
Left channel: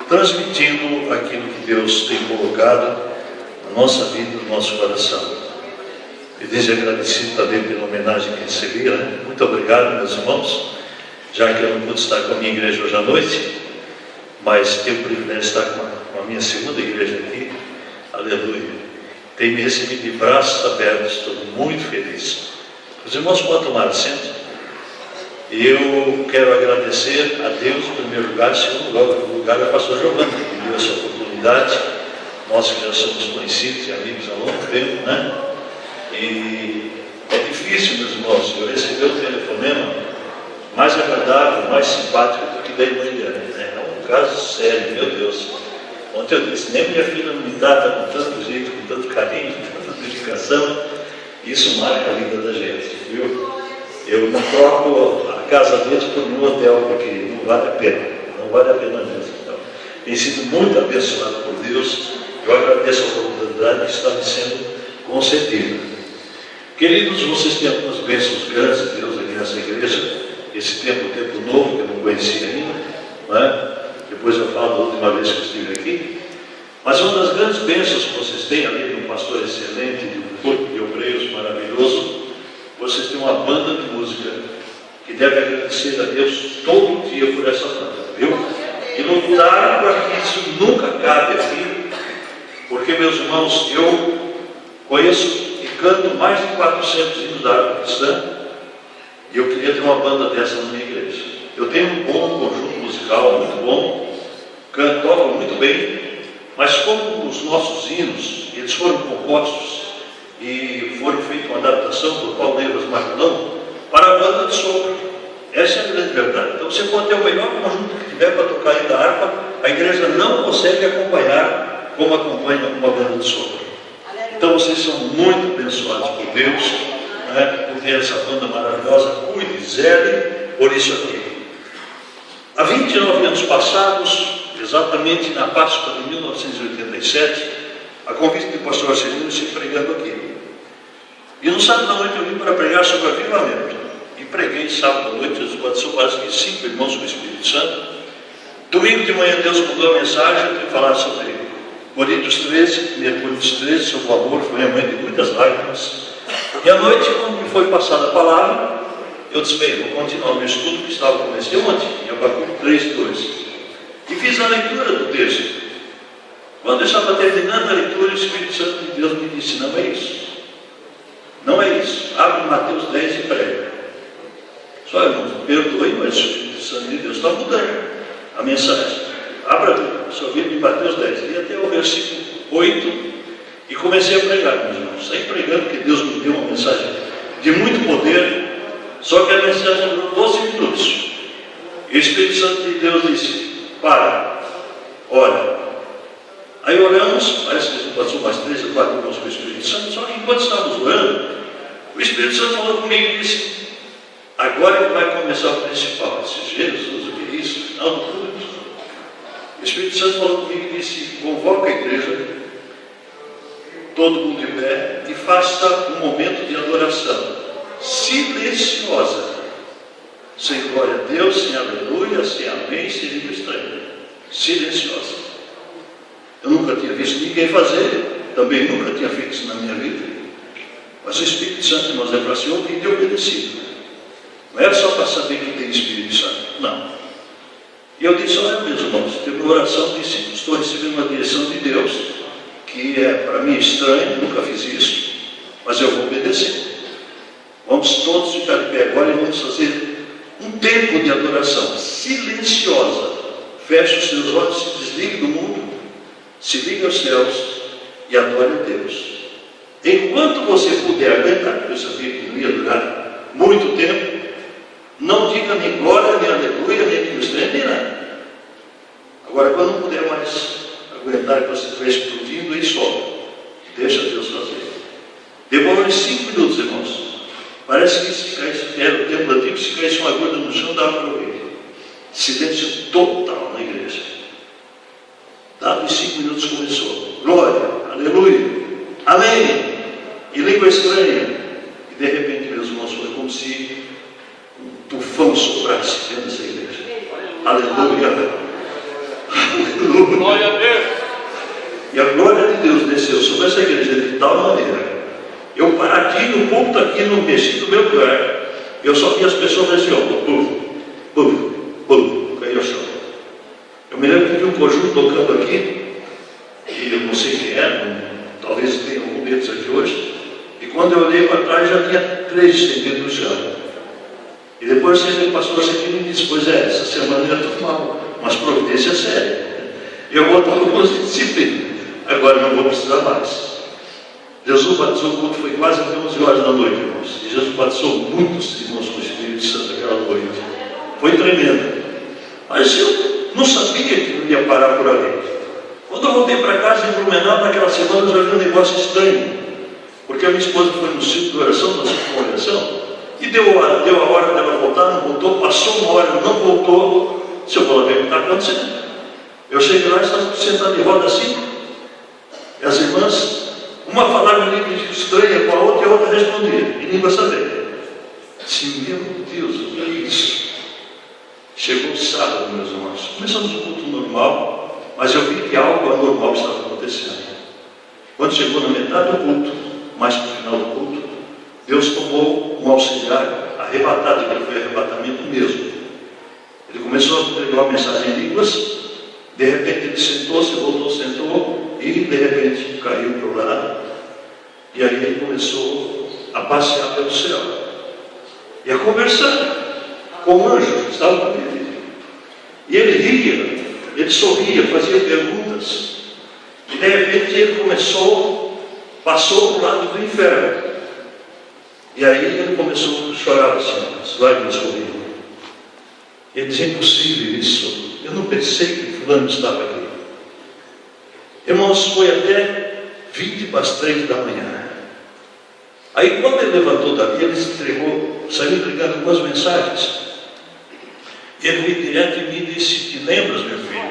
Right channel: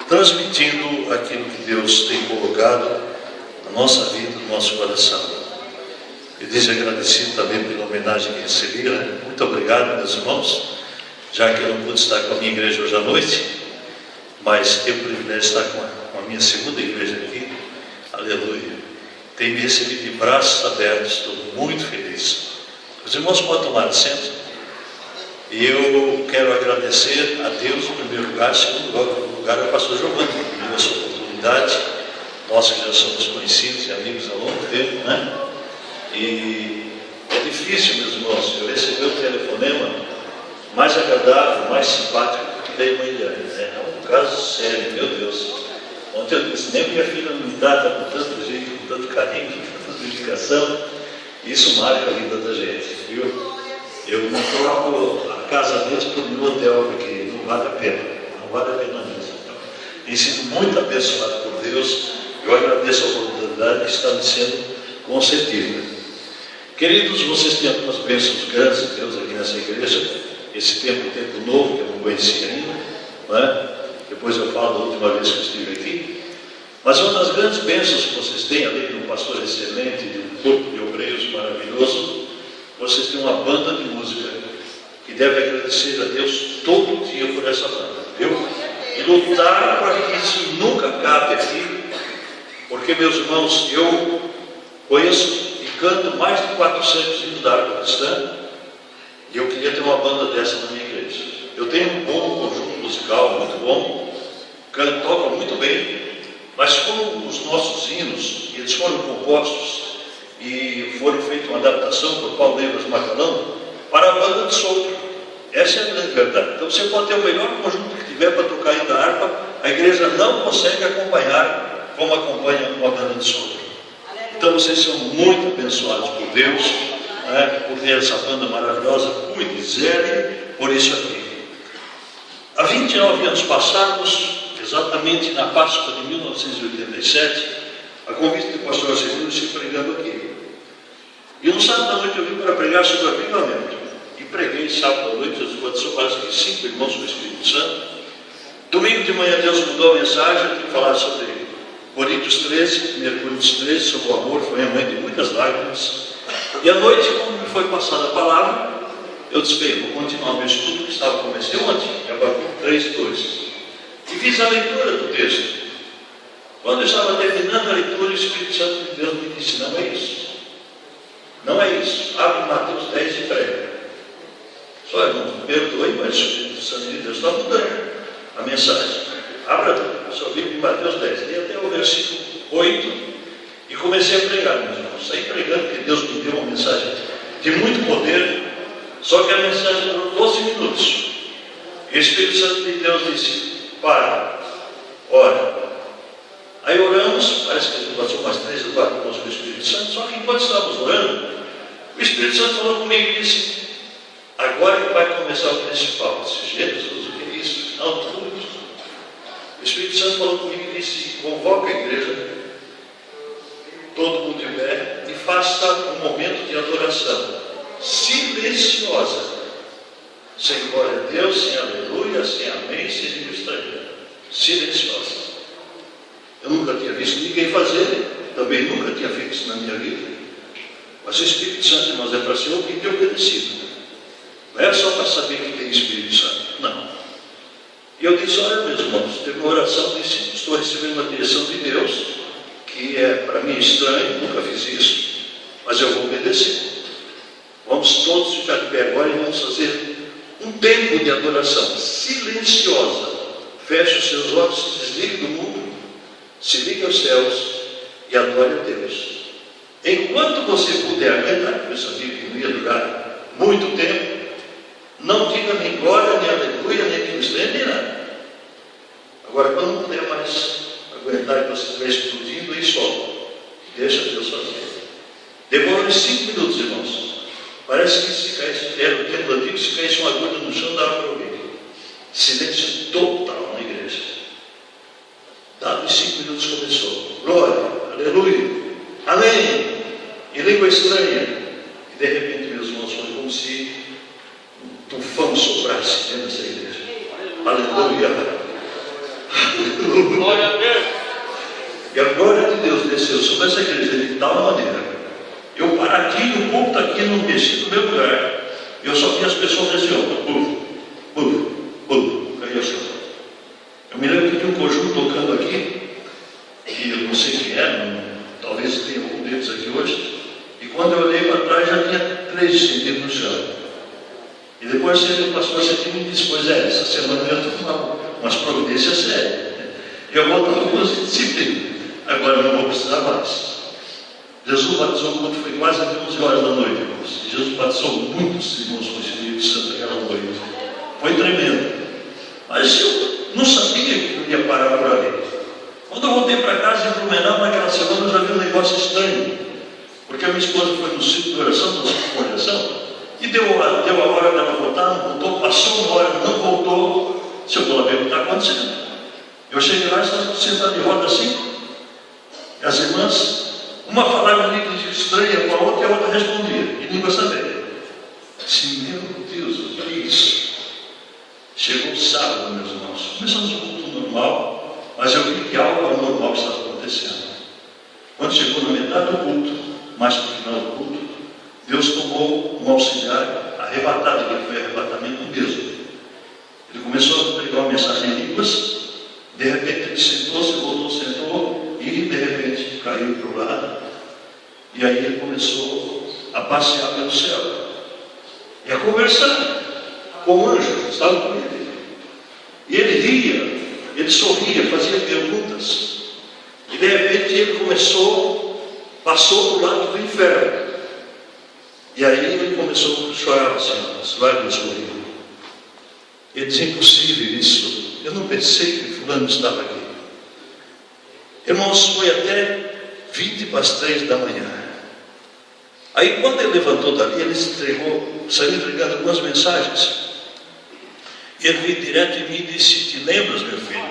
transmitindo aquilo que Deus tem colocado na nossa vida, no nosso coração. E desde agradecido também pela homenagem que recebi, né? Muito obrigado, meus irmãos, já que eu não pude estar com a minha igreja hoje à noite, mas tenho o privilégio de estar com a minha segunda igreja aqui, aleluia. Tem me recebido de braços abertos, estou muito feliz. Os irmãos podem tomar assento. E eu quero agradecer a Deus, em primeiro lugar, em segundo lugar, ao pastor Giovanni, que me deu essa oportunidade. Nós que já somos conhecidos e amigos há longo tempo, né? E é difícil, meus irmãos, eu recebi o telefonema mais agradável, mais simpático do que dei manhã, né? É um caso sério, meu Deus. Ontem eu disse, nem minha filha me trata com tanto jeito, com tanto carinho, com tanta dedicação. Isso marca a vida da gente, viu? Eu não troco a casa deles por um hotel, porque não vale a pena. Não vale a pena mesmo. Então, tem sido muito abençoado por Deus. Eu agradeço a oportunidade que está me sendo concedida. Queridos, vocês têm algumas bênçãos grandes de Deus aqui nessa igreja. Esse tempo novo, que eu não conhecia ainda. Não é? Depois eu falo da última vez que eu estive aqui. Mas uma das grandes bênçãos que vocês têm, além de um pastor excelente, de um corpo de obreiros maravilhoso, vocês têm uma banda de música que deve agradecer a Deus todo dia por essa banda, viu? E lutar para que isso nunca acabe aqui, porque, meus irmãos, eu conheço e canto mais de 400 hinos da harpa cristã, e eu queria ter uma banda dessa na minha igreja. Eu tenho um bom conjunto musical, muito bom, cantam muito bem, mas como os nossos hinos, eles foram compostos e foram feitos uma adaptação por Paulo Neves Macarrão para a banda de sopro. Essa é a grande verdade. Então você pode ter o melhor conjunto que tiver para tocar ainda a harpa, a igreja não consegue acompanhar como acompanha uma banda de sopro. Então vocês são muito abençoados por Deus, né, por ter essa banda maravilhosa. Cuide, zele por isso aqui. Há 29 anos passados, exatamente na Páscoa de 1987, a convite do pastor Arcelino, se pregando aqui. E no sábado à noite eu vim para pregar sobre avivamento. E preguei sábado à noite, Jesus batizou quase que 5 irmãos com o Espírito Santo. Domingo de manhã Deus mandou a mensagem para falar sobre Coríntios 13, 1 Coríntios 13, sobre o amor, foi a mãe de muitas lágrimas. E à noite, quando me foi passada a palavra, eu disse, bem, vou continuar o meu estudo que estava começando ontem, em Abacuque 3:2. E fiz a leitura do texto. Quando eu estava terminando a leitura, o Espírito Santo de Deus me disse, não é isso. Não é isso. Abre Mateus 10 e prega. Só, irmãos, perdoe, mas o Espírito Santo de Deus está mudando a mensagem. Abra a sua Bíblia em Mateus 10. Li até o versículo 8 e comecei a pregar, meus irmãos. Saí pregando porque Deus me deu uma mensagem de muito poder, só que a mensagem durou 12 minutos. E o Espírito Santo de Deus disse, para, ora. Aí oramos, parece que não passou mais 3 ou 4 minutos com o Espírito Santo, só que enquanto estávamos orando, o Espírito Santo falou comigo e disse, agora vai começar o principal. Eu disse, Jesus, o que é isso? Não, tudo. O Espírito Santo falou comigo e disse, convoca a igreja, todo mundo em pé, e faça um momento de adoração silenciosa, sem glória a Deus, sem aleluia, sem amém, sem língua estranha, silenciosa. Eu nunca tinha visto ninguém fazer, também nunca tinha feito isso na minha vida. Mas o Espírito Santo, irmãos, é para ser ouvido e obedecido. Não era só para saber que tem Espírito Santo, não. E eu disse, olha, meus irmãos, teve uma oração, disse, estou recebendo uma direção de Deus, que é para mim estranho, nunca fiz isso, mas eu vou obedecer. Vamos todos ficar de pé agora e vamos fazer um tempo de adoração silenciosa. Feche os seus olhos, se desligue do mundo, se ligue aos céus e adore a Deus. Enquanto você puder aguentar, porque eu sabia que não ia durar muito tempo, não diga nem glória, nem aleluia, nem cristã, nem nada. Agora, quando não puder mais aguentar que você estiver explodindo, aí solta. Deixa Deus fazer. Demora 5 minutos, irmãos. Parece que se caísse, era o tempo antigo, se caísse uma gota no chão, dava para ouvir. Silêncio total na igreja. Dava 5 minutos começou. Glória, aleluia, amém. E língua estranha. E de repente, meus irmãos, foi como se um tufão soprasse dentro dessa igreja. Aleluia. Glória a Deus. E a glória de Deus desceu sobre essa igreja de tal maneira. Eu parati no culto aqui, não desci do meu lugar. Eu só vi as pessoas assim, ó, aí eu chamo. Eu me lembro que tinha um conjunto tocando aqui, e eu não sei quem era, talvez tenha algum deles aqui hoje. E quando eu olhei para trás, já tinha 3 estendidos no chão. E depois o pastor aqui me disse, pois é, essa semana eu ia tomar umas providências sérias. E eu vou tomar algumas disciplinas. Agora não vou precisar mais. Jesus batizou o culto, foi quase 11 horas da noite, irmãos. E Jesus batizou muitos irmãos com o Espírito Santo aquela noite. Foi tremendo. Mas eu não sabia que eu ia parar por ali. Quando eu voltei para casa em Blumenau, naquela semana, eu já vi um negócio estranho. Porque a minha esposa foi no ciclo de oração, no ciclo de oração, e deu a hora dela voltar, não voltou, passou uma hora, não voltou. Se eu vou lá ver o que está acontecendo. Eu cheguei lá e estava sentado de roda assim. E as irmãs, uma falava em língua estranha com a outra e a outra respondia, em língua saber. Assim, meu Deus, o que é isso? Chegou o sábado, meus irmãos. Começamos um culto normal, mas eu vi que algo anormal estava acontecendo. Quando chegou na metade do culto, mais para o final do culto, Deus tomou um auxiliar arrebatado, que foi arrebatamento mesmo. Ele começou a pregar uma mensagem em línguas, de repente ele sentou-se, voltou, sentou, e de repente caiu para o lado, e aí ele começou a passear pelo céu, e a conversar com o anjo que estava com ele. E ele ria, ele sorria, fazia perguntas, e de repente ele passou para o lado do inferno. E aí ele começou a chorar assim, as lágrimas corriam. Ele dizia, impossível isso, eu não pensei que fulano estava aqui. Irmãos, foi até 20 para as 3 da manhã. Aí quando ele levantou dali, ele se entregou, saiu entregando algumas mensagens. E ele veio direto em mim e disse, te lembras, meu filho,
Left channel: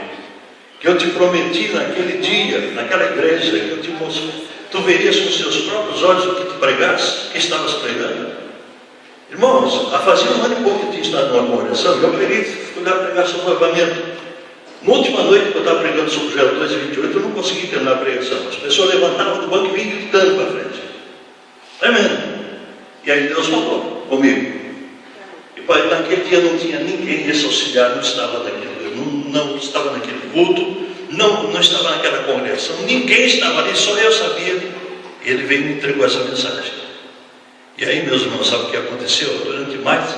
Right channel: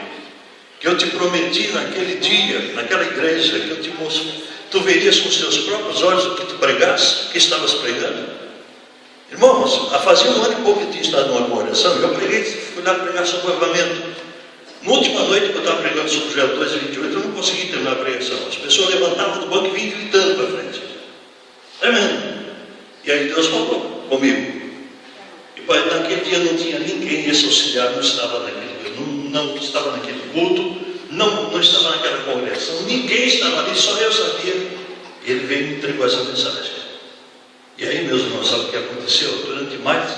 que eu te prometi naquele dia, naquela igreja, que eu te mostrei, tu verias com seus próprios olhos o que tu pregaste, o que estavas pregando. Irmãos, fazia 1 ano e pouco que tinha estado numa congregação, eu preguei, fui lá pregar sobre o avivamento. Na última noite que eu estava pregando sobre Joel 2 e 28, eu não consegui terminar a pregação. As pessoas levantavam do banco e vinham gritando para frente. Amém. E aí Deus falou comigo. E naquele dia não tinha ninguém, esse auxiliar não estava naquele culto, não estava naquela congregação, ninguém estava ali, só eu sabia. E ele veio e me entregou essa mensagem. E aí, meus irmãos, sabe o que aconteceu? Durante mais,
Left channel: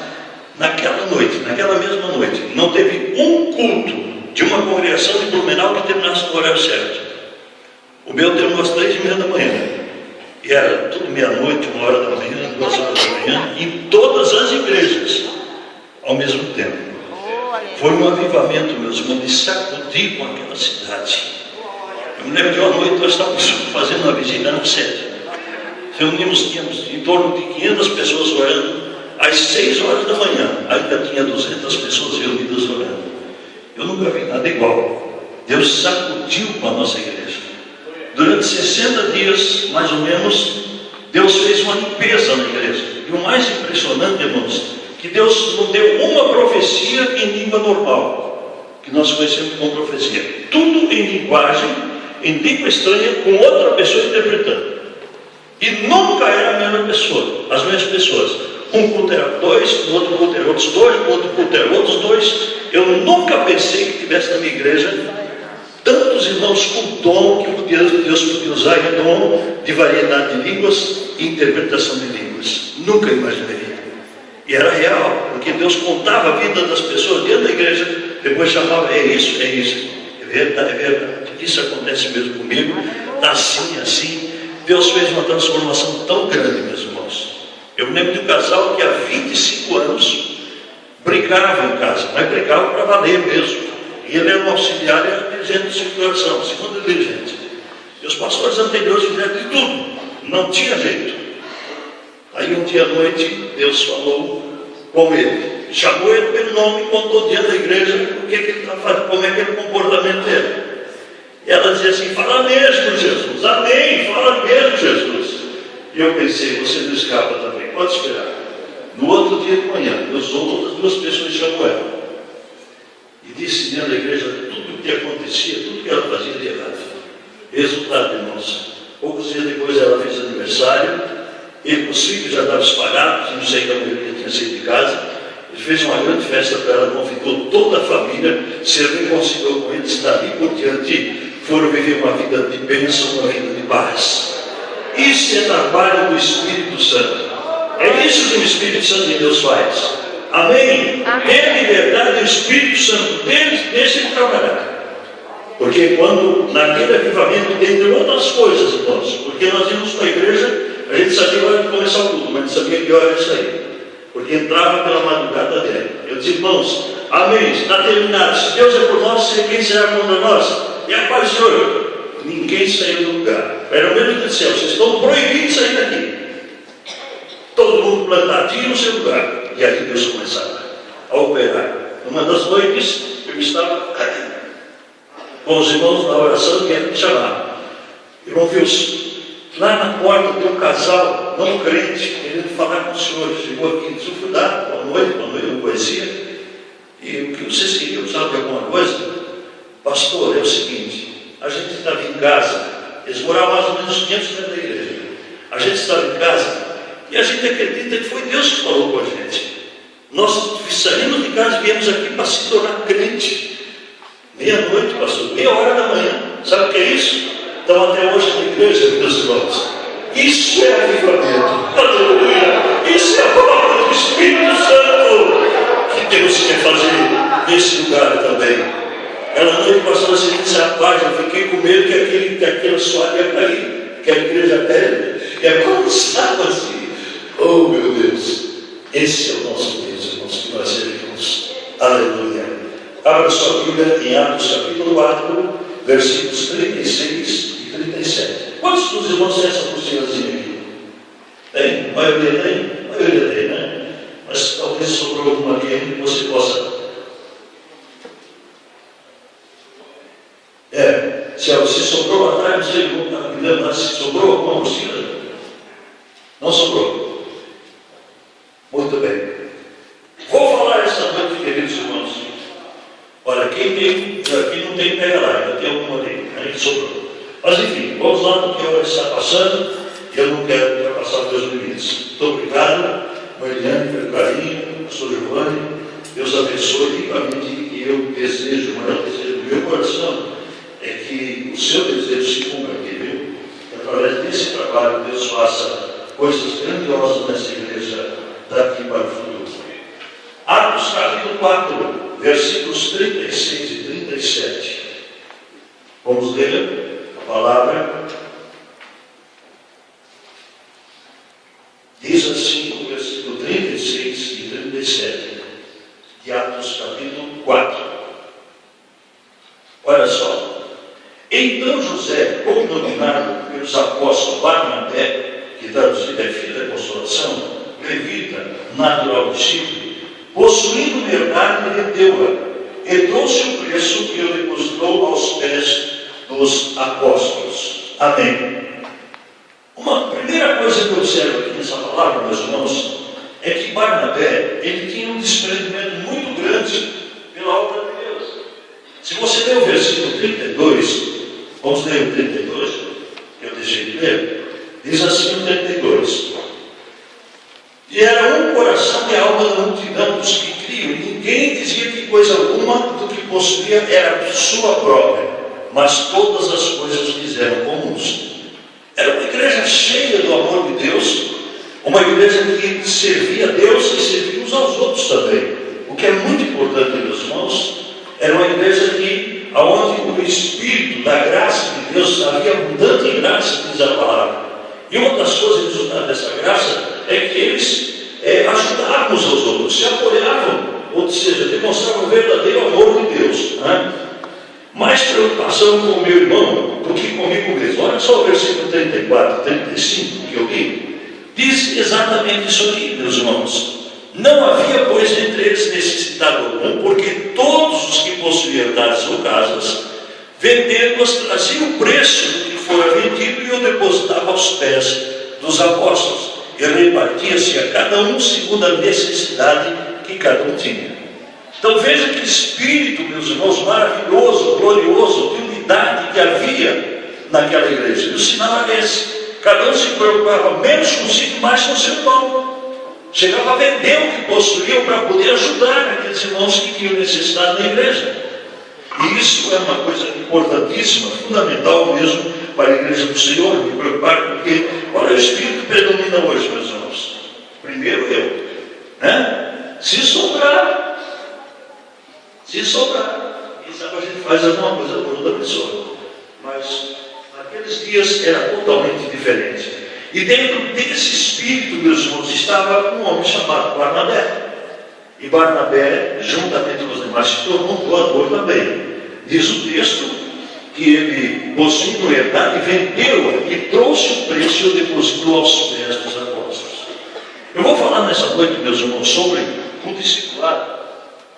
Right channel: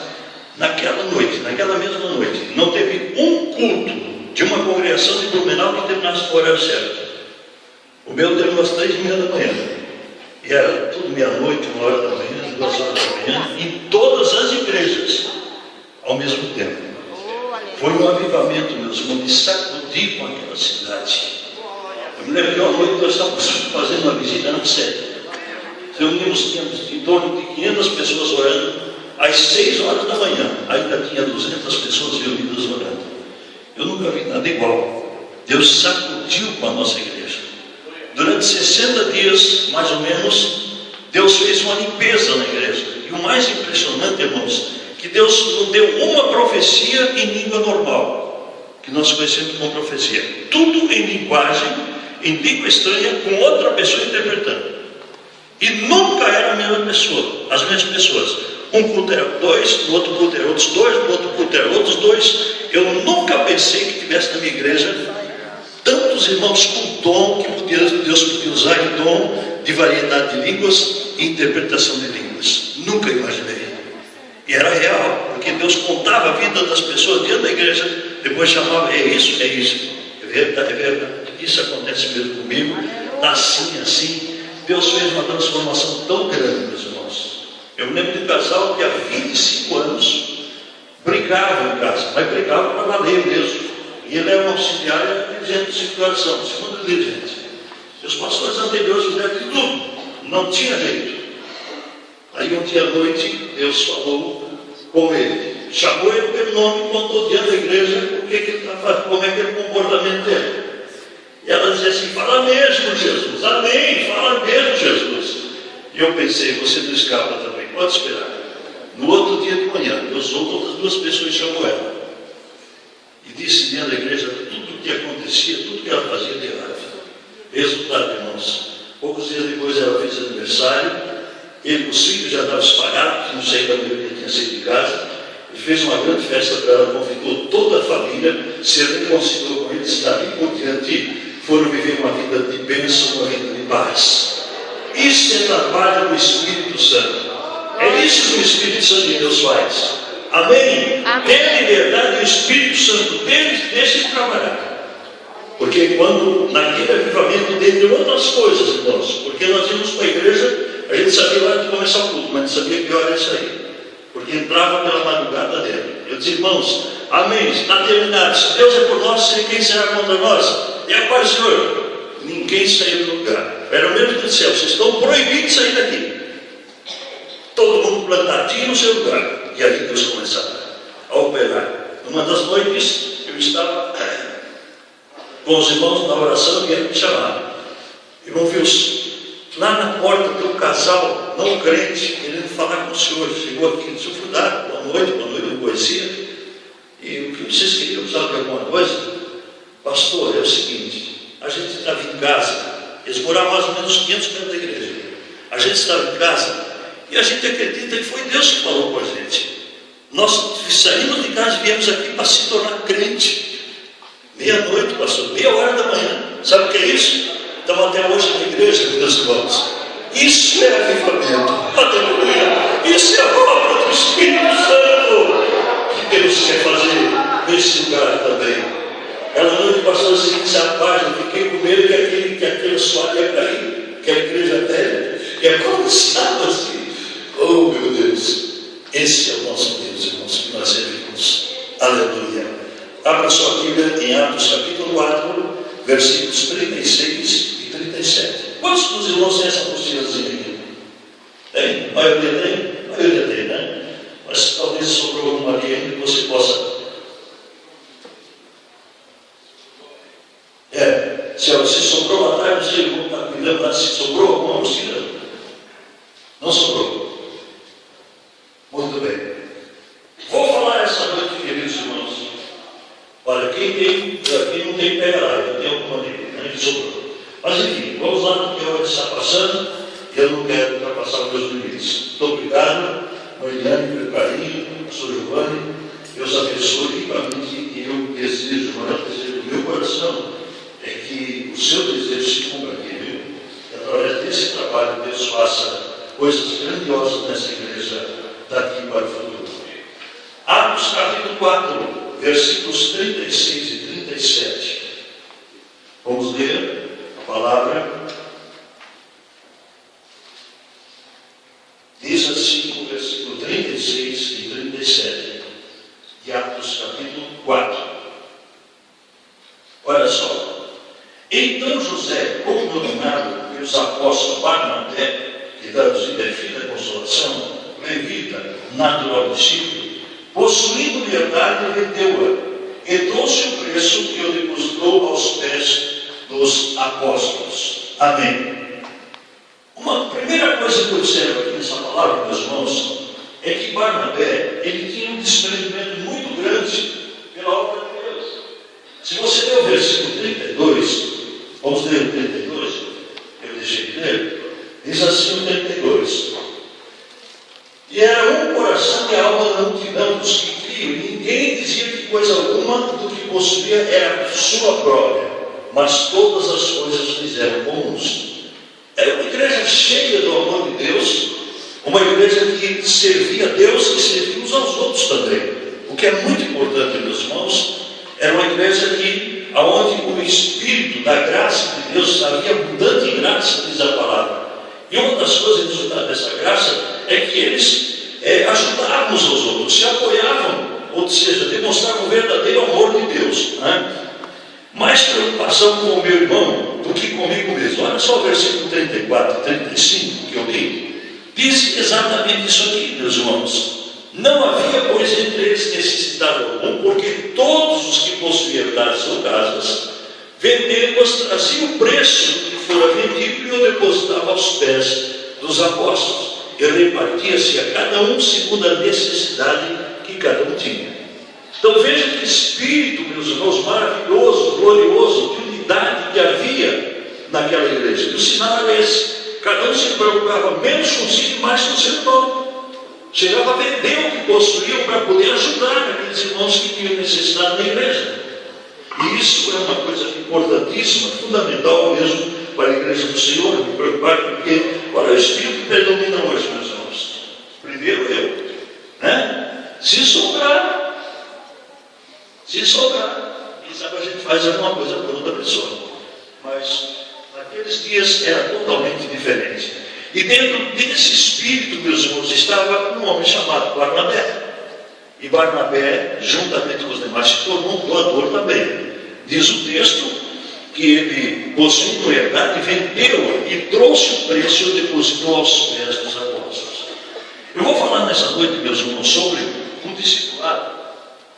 naquela mesma noite, não teve um culto de uma congregação de Blumenau que terminasse no horário certo. O meu terminou às 3h30 da manhã. E era tudo meia-noite, 1 hora da manhã, 2 horas da manhã, em todas as igrejas, ao mesmo tempo. Foi um avivamento, meus irmãos, de sacudir com aquela cidade. Eu me lembro que uma noite nós estávamos fazendo uma vigília na sede. Tínhamos em torno de 500 pessoas orando, às 6 horas da manhã, ainda tinha 200 pessoas reunidas orando. Eu nunca vi nada igual. Deus sacudiu com a nossa igreja. Durante 60 dias, mais ou menos, Deus fez uma limpeza na igreja. E o mais impressionante, irmãos, que Deus não deu uma profecia em língua normal, que nós conhecemos como profecia. Tudo em linguagem, em língua estranha, com outra pessoa interpretando. E nunca era a mesma pessoa, as mesmas pessoas. Um culto era 2, no outro culto era outros 2, no outro culto era outros 2. Eu nunca pensei que tivesse na minha igreja tantos irmãos com dom, que Deus podia usar de dom de variedade de línguas e interpretação de línguas. Nunca imaginei. E era real, porque Deus contava a vida das pessoas dentro da igreja, depois chamava, é isso, é verdade, isso acontece mesmo comigo, está assim. Deus fez uma transformação tão grande, meus irmãos. Eu me lembro de um casal que há 25 anos brigava em casa, mas brigava para valer mesmo. E ele era um auxiliar e era dirigente de circulação, segundo dirigente. E os pastores anteriores fizeram de tudo, não tinha jeito. Aí um dia à noite, Deus falou com ele, chamou ele pelo nome e contou diante da igreja o que ele estava fazendo, como é aquele comportamento dele. E ela dizia assim, fala mesmo, Jesus, amém, fala mesmo, Jesus. E eu pensei, você não escapa também, pode esperar. No outro dia de manhã, Deus usou outras 2 pessoas e chamou ela. E disse dentro da igreja tudo o que acontecia, tudo o que ela fazia de errado. Resultado, irmãos, poucos dias depois ela fez aniversário, ele com os filhos já estavam espalhados, não sei da maioria tinha saído de casa, ele fez uma grande festa para ela, convidou toda a família, se reconciliou com eles, dali por diante foram viver uma vida de bênção, uma vida de paz. Isso é trabalho do Espírito Santo. É isso que o Espírito Santo de Deus faz. Amém? Dê liberdade ao Espírito Santo, deixe ele trabalhar. Porque quando, naquele avivamento, entre outras coisas, irmãos, porque nós íamos para a igreja, a gente sabia a hora de começar o culto, mas não sabia que hora ia sair. Porque entrava pela madrugada dele. Eu disse, irmãos, amém, está terminado. Se Deus é por nós, quem será contra nós? E a paz do Senhor. Ninguém saiu do lugar. Era o mesmo do céu, vocês estão proibidos de sair daqui. Todo mundo plantadinho no seu lugar. E aí Deus começava a operar. Numa das noites, eu estava com os irmãos na oração e vieram me chamar. Irmão Wilson, lá na porta tem um casal não crente querendo falar com o senhor. Chegou aqui, o senhor foi lá, boa noite, eu conhecia. E o que vocês queriam, precisavam de alguma coisa? Pastor, é o seguinte, a gente estava em casa, eles moravam mais ou menos 500 metros da igreja. A gente estava em casa e a gente acredita que foi Deus que falou com a gente. Nós saímos de casa e viemos aqui para se tornar crente. Meia-noite, pastor, meia hora da manhã. Sabe o que é isso? Então até hoje na igreja, meus irmãos. Isso é avivamento. Aleluia. Isso é a obra do Espírito Santo que Deus quer fazer nesse lugar também. Ela noite, pastor, se disse a paz, eu fiquei com medo que aquela soalha ia cair, que a igreja velha. E é como estava assim. Oh, meu Deus. Esse é o nosso Deus, irmãos, que nós servimos. Aleluia. Abra sua Bíblia em Atos capítulo 4, versículos 36 e 37. Quantos dos irmãos têm essa apostilazinha aqui? Tem? A maioria tem? A maioria tem, né? Mas talvez sobrou alguma aqui ainda que você possa. Se sobrou lá atrás, não sei, me lembro, se sobrou alguma apostila? Não sobrou. Muito bem. Vou falar essa noite, queridos irmãos. Olha, quem não tem, pega lá, ainda tem alguma ali, aí sobrou. Mas enfim, vamos lá, porque a hora está passando e eu não quero ultrapassar os meus limites. Muito obrigado, Mariane, pelo carinho, pastor Giovanni, Deus abençoe ricamente e eu desejo, o maior desejo do meu coração é que o seu desejo se cumpra aqui, viu? Através desse trabalho, Deus faça coisas grandiosas nessa igreja daqui para o futuro. Atos capítulo 4, versículos 36 e 37. Vamos ler a palavra. Diz assim o versículo 36 e 37 de Atos capítulo 4. Olha só. Então José, cognominado pelos apóstolos Barnabé, que traduzido é filho da consolação, levita, natural do Chipre, possuindo verdade, vendeu-a, e trouxe o preço que o depositou aos pés dos apóstolos. Amém. Uma primeira coisa que eu observo aqui nessa palavra, meus irmãos, é que Barnabé, ele tinha um desprendimento muito grande pela obra de Deus. Se você ler o versículo 32, vamos ler o 32, eu deixei de ler, diz assim o 32. E era um coração e alma da multidão dos que criam, ninguém dizia que coisa alguma do que possuía era sua própria, mas todas as coisas fizeram comuns. Era uma igreja cheia do amor de Deus, uma igreja que servia a Deus e servia uns aos outros também. O que é muito importante, meus irmãos, era uma igreja que, onde o Espírito da graça de Deus havia abundante graça, diz a palavra. E uma das coisas resultado dessa graça é que eles ajudavam uns aos outros, se apoiavam, ou seja, demonstravam o verdadeiro amor de Deus. Né? Mais preocupação com o meu irmão do que comigo mesmo. Olha só o versículo 34 e 35 que eu li. Diz exatamente isso aqui, meus irmãos. Não havia, pois, entre eles necessidade alguma, porque todos os que possuíam herdades ou casas, vendendo-as, traziam o preço do que fora vendido e o depositavam aos pés dos apóstolos. E repartia-se a cada um segundo a necessidade que cada um tinha. Então veja que espírito, meus irmãos, maravilhoso, glorioso, de unidade que havia naquela igreja. E o sinal era esse. Cada um se preocupava menos consigo e mais com o seu irmão. Chegava a vender o que possuíam para poder ajudar aqueles irmãos que tinham necessidade da igreja. E isso é uma coisa importantíssima, fundamental mesmo para a igreja do Senhor, me preocupar com o que? Qual é o espírito que predomina hoje, meus irmãos? Primeiro eu, né? Se sobrar, quem sabe a gente faz alguma coisa por outra pessoa. Mas naqueles dias era totalmente diferente. E dentro desse espírito, meus irmãos, estava um homem chamado Barnabé. E Barnabé, juntamente com os demais, se tornou um doador também. Diz o texto que ele, possuindo herdade, vendeu-a e trouxe o preço e o depositou aos pés dos apóstolos. Eu vou falar nessa noite, meus irmãos, sobre o discipulado,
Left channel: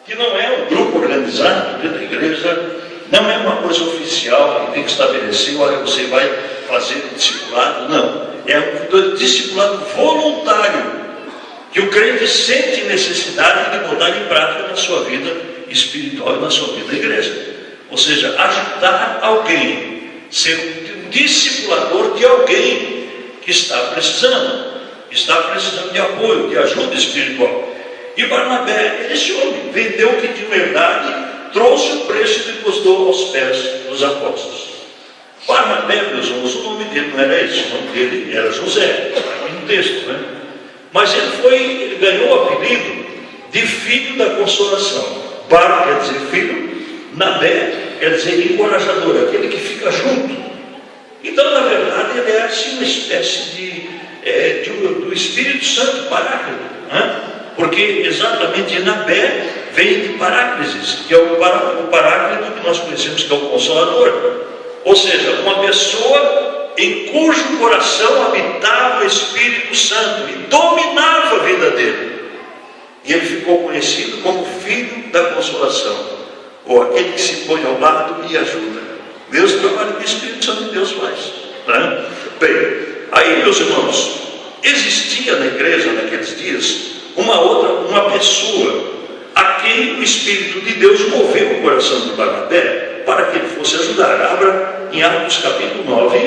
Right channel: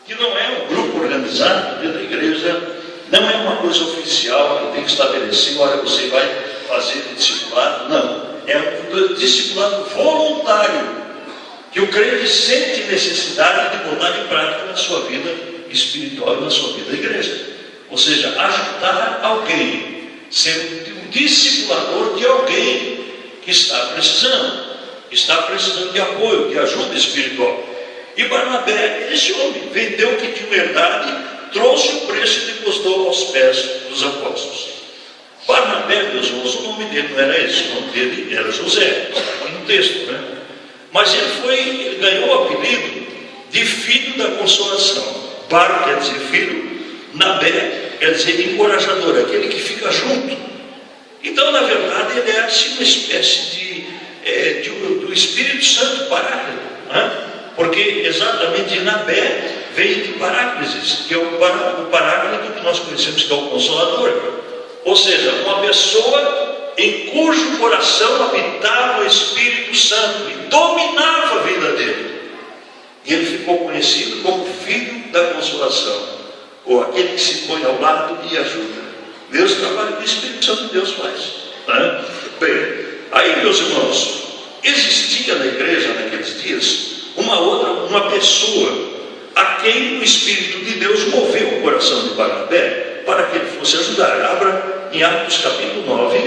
que não é um grupo organizado dentro da igreja, não é uma coisa oficial que tem que estabelecer, olha, você vai fazer o discipulado, não. É um discipulado voluntário, que o crente sente necessidade de botar em prática na sua vida espiritual e na sua vida da igreja. Ou seja, ajudar alguém, ser um discipulador de alguém que está precisando de apoio, de ajuda espiritual. E Barnabé, esse homem, vendeu o que tinha herdade, trouxe o preço e depositou aos pés dos apóstolos. Barnabé, meus irmãos, o nome dele não era esse, o nome dele era José, está aqui no texto, né? Mas ele ganhou o apelido de filho da consolação. Bar quer dizer filho, Nabé quer dizer encorajador, aquele que fica junto. Então, na verdade, ele é assim uma espécie do Espírito Santo, Paráclito, né? Porque exatamente Nabé vem de Paráclises, que é o Paráclito que nós conhecemos, que é o Consolador. Ou seja, uma pessoa em cujo coração habitava o Espírito Santo e dominava a vida dele. E ele ficou conhecido como filho da consolação, ou aquele que se põe ao lado e ajuda. Mesmo trabalho que o Espírito Santo de Deus faz, né? Bem, aí, meus irmãos, existia na igreja naqueles dias uma pessoa a quem o Espírito de Deus moveu o coração de Barnabé para que ele fosse ajudar. Abra em Atos capítulo 9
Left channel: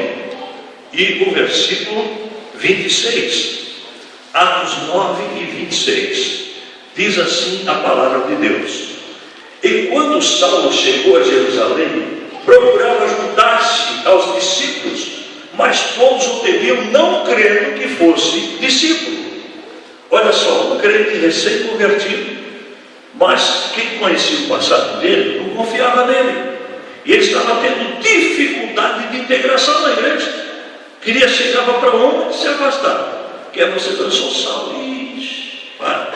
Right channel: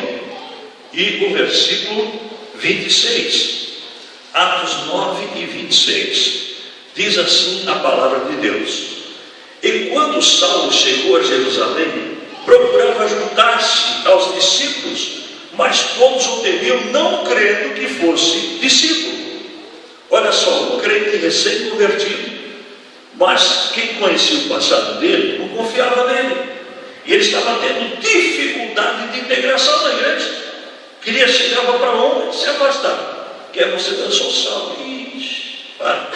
e o versículo 26. Atos 9 e 26. Diz assim a palavra de Deus: E quando Saulo chegou a Jerusalém, procurava juntar-se aos discípulos, mas todos o temiam, não crendo que fosse discípulo. Olha só, um crente recém-convertido, mas quem conhecia o passado dele não confiava nele. E ele estava tendo dificuldade de integração na igreja. Queria chegar para um e se afastar. Quer você dançou Saulo? Ixi, para.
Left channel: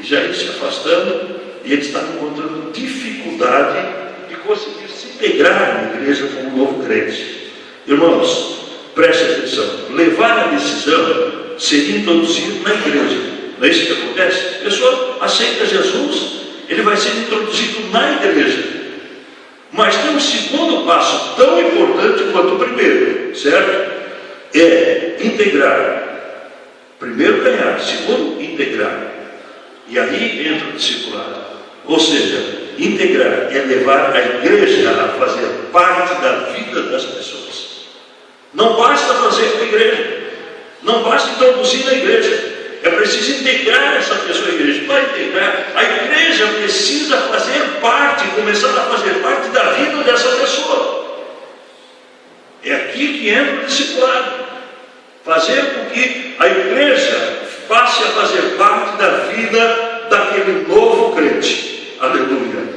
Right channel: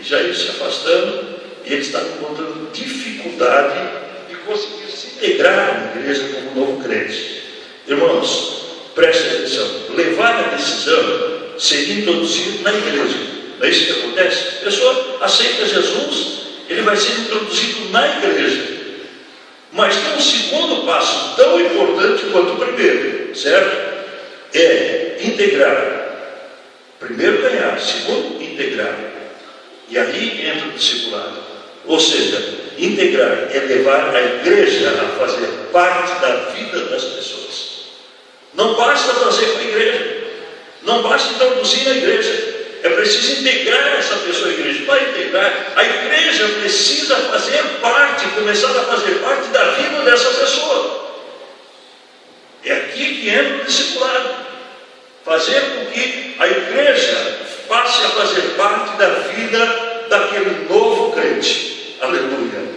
E já ele se afastando, e ele está encontrando dificuldade de conseguir se integrar na igreja como um novo crente. Irmãos, preste atenção. Levar a decisão seria introduzido na igreja. Não é isso que acontece? A pessoa aceita Jesus, ele vai ser introduzido na igreja. Mas tem um segundo passo tão importante quanto o primeiro, certo? É integrar. Primeiro ganhar, segundo integrar. E aí entra o discipulado. Ou seja, integrar é levar a igreja a fazer parte da vida das pessoas. Não basta fazer com a igreja, não basta introduzir na igreja. É preciso integrar essa pessoa à igreja. Para integrar, a igreja precisa fazer parte, começar a fazer parte da vida dessa pessoa. É aqui que entra o discipulado. Fazer com que a igreja passe a fazer parte da vida daquele novo crente. Aleluia.